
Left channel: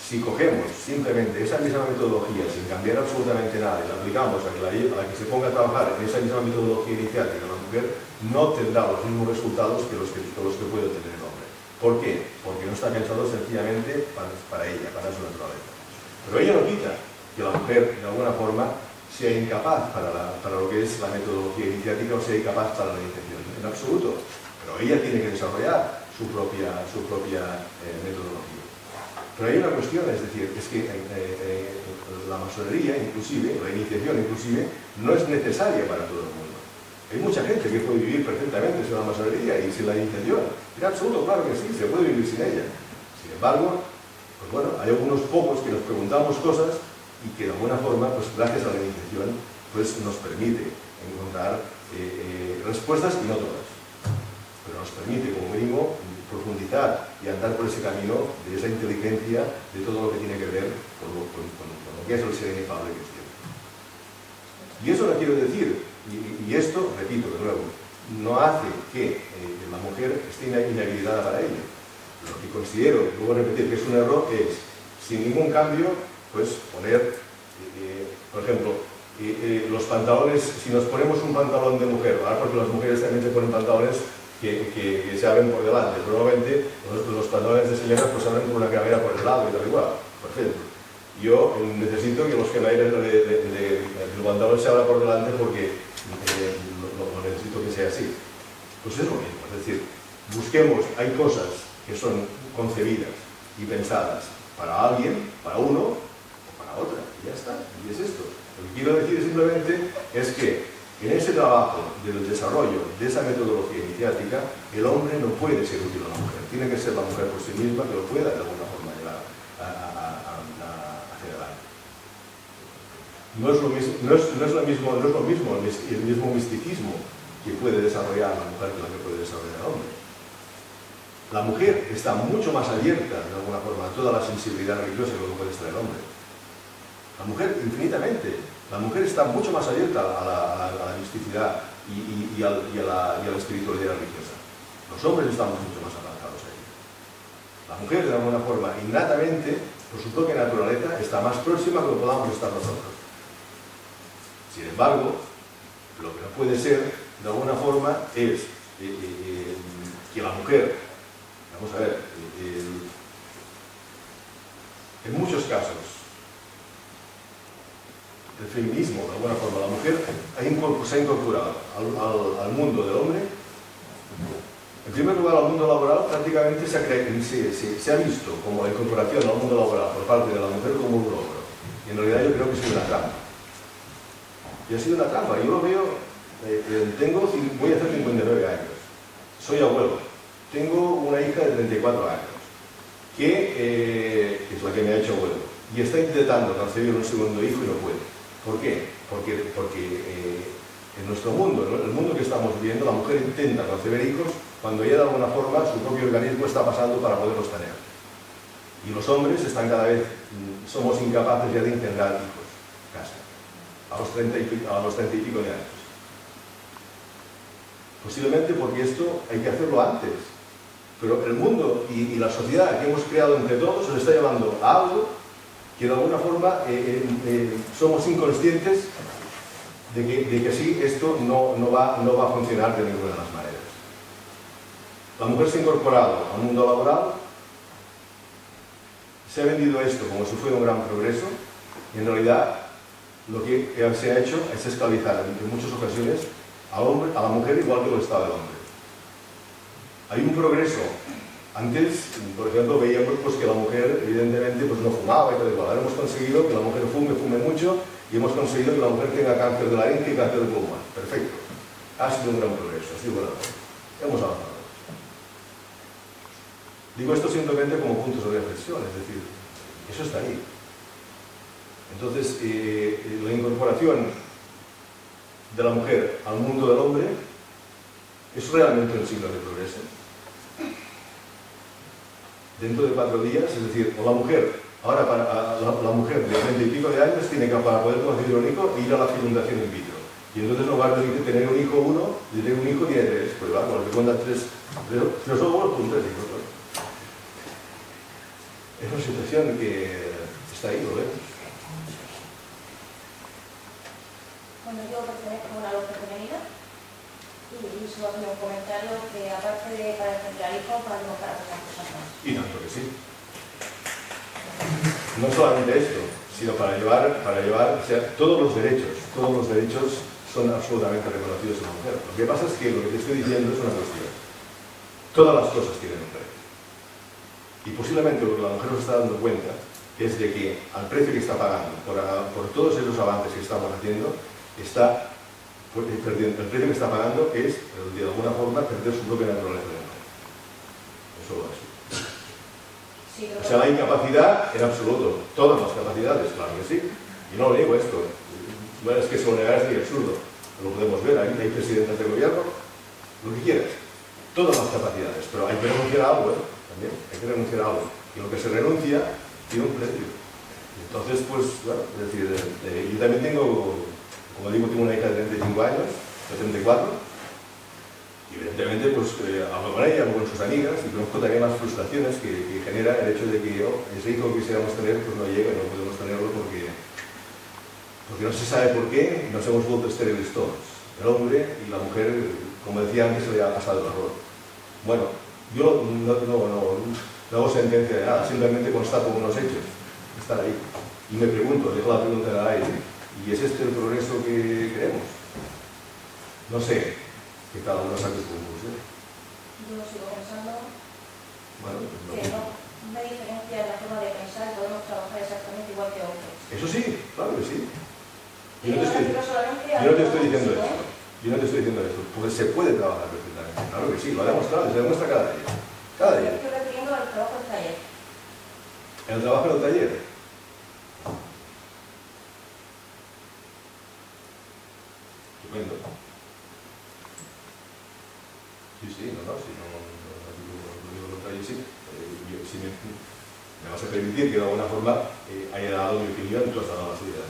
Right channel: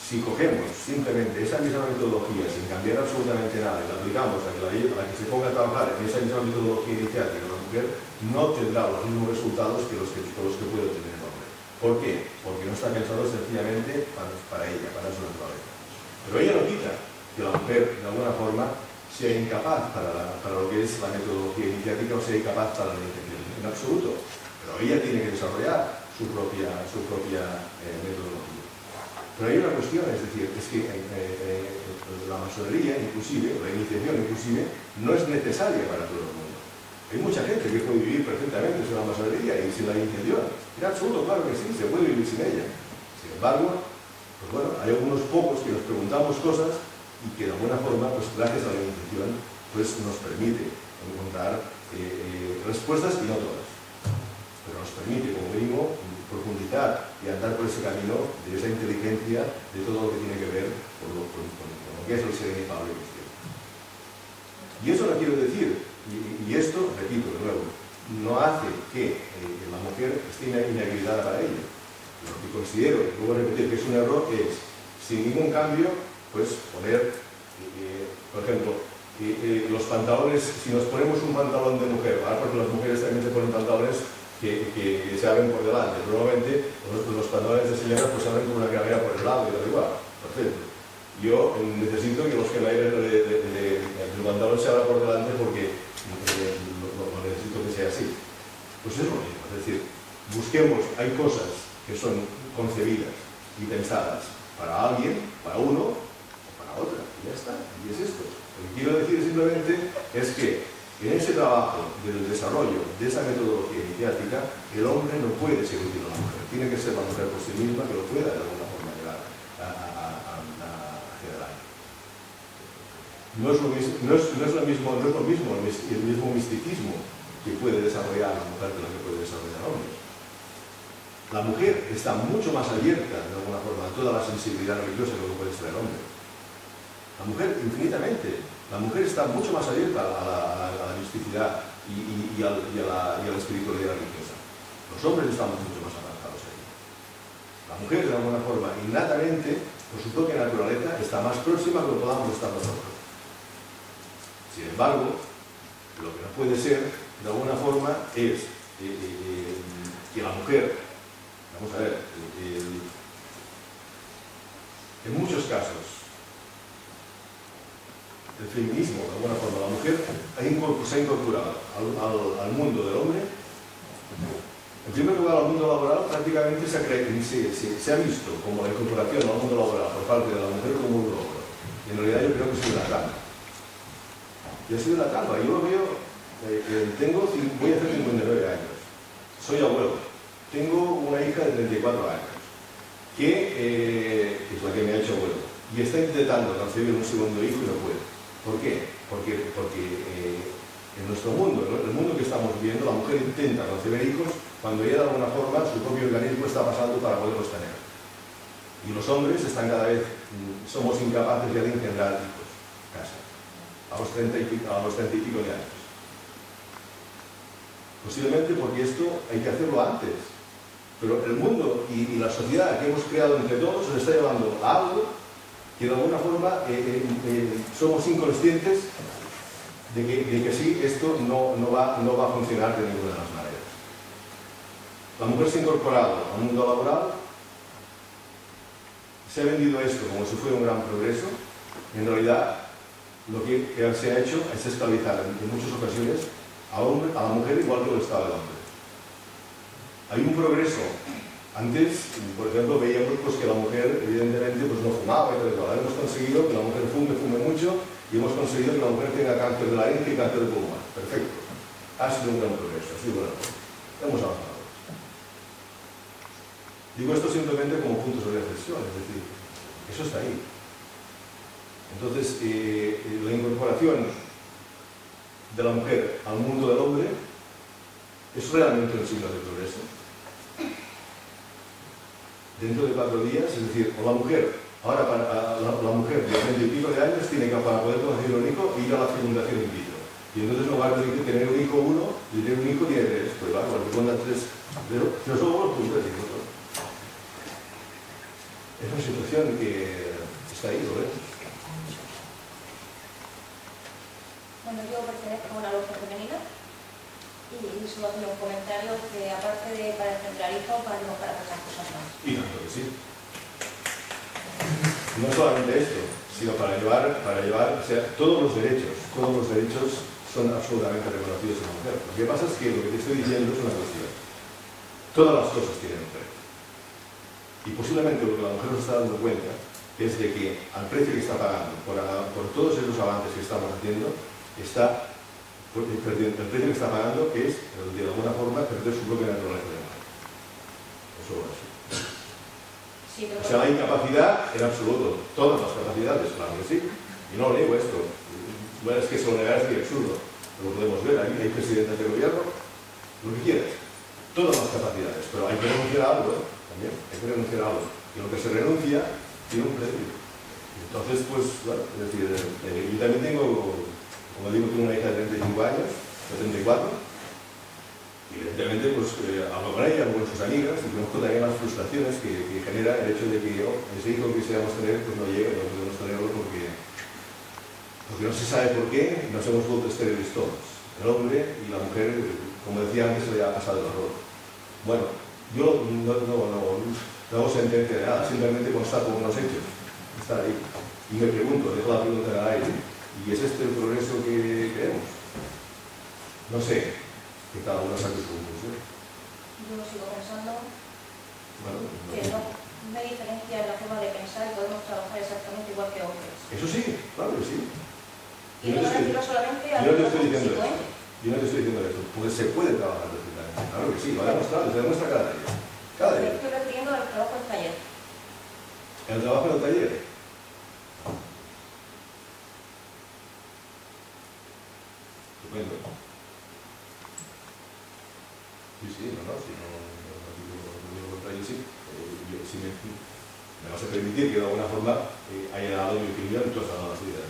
si cogemos simplemente esa misma metodología sin cambiar absolutamente nada y la aplicamos a la que se ponga a trabajar en esa misma metodología iniciática, la mujer no tendrá los mismos resultados que los que puede obtener el hombre. ¿Por qué? Porque no está pensado sencillamente para ella, para su naturaleza. Pero ella no quita que la mujer, de alguna forma, sea incapaz para lo que es la metodología iniciática o sea incapaz para la iniciación. En absoluto. Pero ella tiene que desarrollar su propia metodología. Pero hay una cuestión, es decir, es que la masonería, inclusive, la iniciación inclusive, no es necesaria para todo el mundo. Hay mucha gente que puede vivir perfectamente sin la masonería y sin la iniciación. En absoluto, claro que sí, se puede vivir sin ella. Sin embargo, pues bueno, hay algunos pocos que nos preguntamos cosas y que de alguna forma, pues gracias a la iniciación, pues nos permite encontrar respuestas y no todas. Pero nos permite, como mínimo, profundizar y andar por ese camino de esa inteligencia de todo lo que tiene que ver con lo que es el ser inefable que es Dios. Y eso no quiero decir, y esto, repito de nuevo, no hace que la mujer esté inhabilitada para ello. Lo que considero, y luego repetir que es un error, es, sin ningún cambio, pues poner, por ejemplo, los pantalones, si nos ponemos un pantalón de mujer, ahora porque las mujeres también se ponen pantalones que se abren por delante, pero normalmente los pantalones de señoras pues se abren con una cremallera por el lado y tal igual, perfecto. Yo necesito que los cremalleras del pantalón se abran por delante porque lo necesito que sea así. Pues es lo mismo, es decir, busquemos, hay cosas que son concebidas y pensadas para alguien, para uno o para otra, y ya está, y es esto. Lo que quiero decir simplemente es que en ese trabajo del desarrollo de esa metodología iniciática, el hombre no puede ser útil a la mujer, tiene que ser la mujer por sí misma que lo pueda de alguna forma llevar hacia adelante. No es lo mismo el mismo misticismo que puede desarrollar la mujer que la que puede desarrollar el hombre. La mujer está mucho más abierta, de alguna forma, a toda la sensibilidad religiosa que lo puede estar el hombre. La mujer, infinitamente. La mujer está mucho más abierta a la misticidad y a la espiritualidad religiosa. Los hombres estamos mucho más avanzados ahí. La mujer, de alguna forma, innatamente, por su propia naturaleza, está más próxima que lo podamos estar nosotros. Sin embargo, lo que no puede ser, de alguna forma, es que la mujer, vamos a ver, en muchos casos, el feminismo, de alguna forma, la mujer se ha incorporado al mundo del hombre. En primer lugar, al mundo laboral prácticamente se ha visto como la incorporación al mundo laboral por parte de la mujer como un logro. Y en realidad yo creo que ha sido una trampa. Y ha sido una trampa. Yo lo veo, voy a hacer 59 años. Soy abuelo. Tengo una hija de 34 años, que es la que me ha hecho abuelo. Y está intentando concebir un segundo hijo y no puede. ¿Por qué? Porque en nuestro mundo, ¿no? En el mundo que estamos viviendo, la mujer intenta concebir hijos cuando ella de alguna forma su propio organismo está pasando para poderlos tener. Y los hombres están cada vez, somos incapaces ya de engendrar hijos, casi, a los 30 y pico de años. Posiblemente porque esto hay que hacerlo antes. Pero el mundo y la sociedad que hemos creado entre todos nos está llevando a algo que de alguna forma somos inconscientes de que así esto no va a funcionar de ninguna de las maneras. La mujer se ha incorporado al mundo laboral, se ha vendido esto como si fuera un gran progreso, y en realidad lo que se ha hecho es esclavizar en muchas ocasiones a la mujer igual que lo estaba el hombre. Hay un progreso. Antes, por ejemplo, veíamos pues, que la mujer evidentemente pues, no fumaba y tal y cual. Ahora hemos conseguido que la mujer fume mucho y hemos conseguido que la mujer tenga cáncer de laringe y cáncer de pulmón. Perfecto. Ha sido un gran progreso, ha sido un gran progreso. Hemos avanzado. Digo esto simplemente como puntos de reflexión, es decir, eso está ahí. Entonces, la incorporación de la mujer al mundo del hombre es realmente un signo de progreso. Dentro de 4 días, es decir, o la mujer, ahora la mujer de 30 y pico de años tiene que, para poder concebir un hijo, ir a la fecundación in vitro. Y entonces no va a tener un hijo 1, y tener un hijo tiene 3, pues va, porque cuentan 3 óvulos, pues 3 hijos. Es una situación que está ahí, lo vemos. Bueno, yo pertenezco a una logia femenina y solo hacer un comentario que aparte de para engendrar hijos, valemos para muchas cosas más. Y tanto que sí. No solamente esto, sino para llevar, o sea, todos los derechos son absolutamente reconocidos en la mujer. Lo que pasa es que lo que te estoy diciendo es una cuestión. Todas las cosas tienen un precio. Y posiblemente lo que la mujer nos está dando cuenta es de que al precio que está pagando por todos esos avances que estamos haciendo, el precio que está pagando es, de alguna forma, perder su propia naturaleza de mujer. Eso es. Sí, O sea, la incapacidad en absoluto, todas las capacidades, claro que sí. Y no niego esto. Bueno, es que se lo negar es muy absurdo. Lo podemos ver, hay presidentes de gobierno, lo que quieras. Todas las capacidades, pero hay que renunciar a algo, también, hay que renunciar a algo. Y lo que se renuncia tiene un precio. Entonces, pues, bueno, es decir, yo también tengo, como digo, tengo una hija de 35 años, de 34, y evidentemente, pues, hablo con ella, hablo con sus amigas, y conozco también las frustraciones que genera el hecho de que ese hijo que quisiéramos tener, pues no llega, no podemos tenerlo porque no se sabe por qué, y nos hemos vuelto estériles todos. El hombre y la mujer, como decía antes, se le ha pasado el error. Bueno, yo no hago sentencia de nada, simplemente constato unos hechos, están ahí. Y me pregunto, dejo la pregunta en el aire, ¿y es este el progreso que queremos? No sé, que cada uno saque su conclusión. Yo sigo pensando Bueno, que no me diferencia en la forma de pensar y podemos trabajar exactamente igual que hombres. eso sí, claro que sí. Y no me refiero solamente a... Yo no te estoy diciendo esto. Yo no te estoy diciendo esto, porque se puede trabajar perfectamente. Claro que sí, lo ha demostrado, se demuestra cada día. Cada Me día. estoy refiriendo al trabajo del taller. El trabajo en el taller. Estupendo. Sí, no digo lo contrario, sí. Si me vas a permitir que de alguna forma haya dado mi opinión, tú has dado la tuya.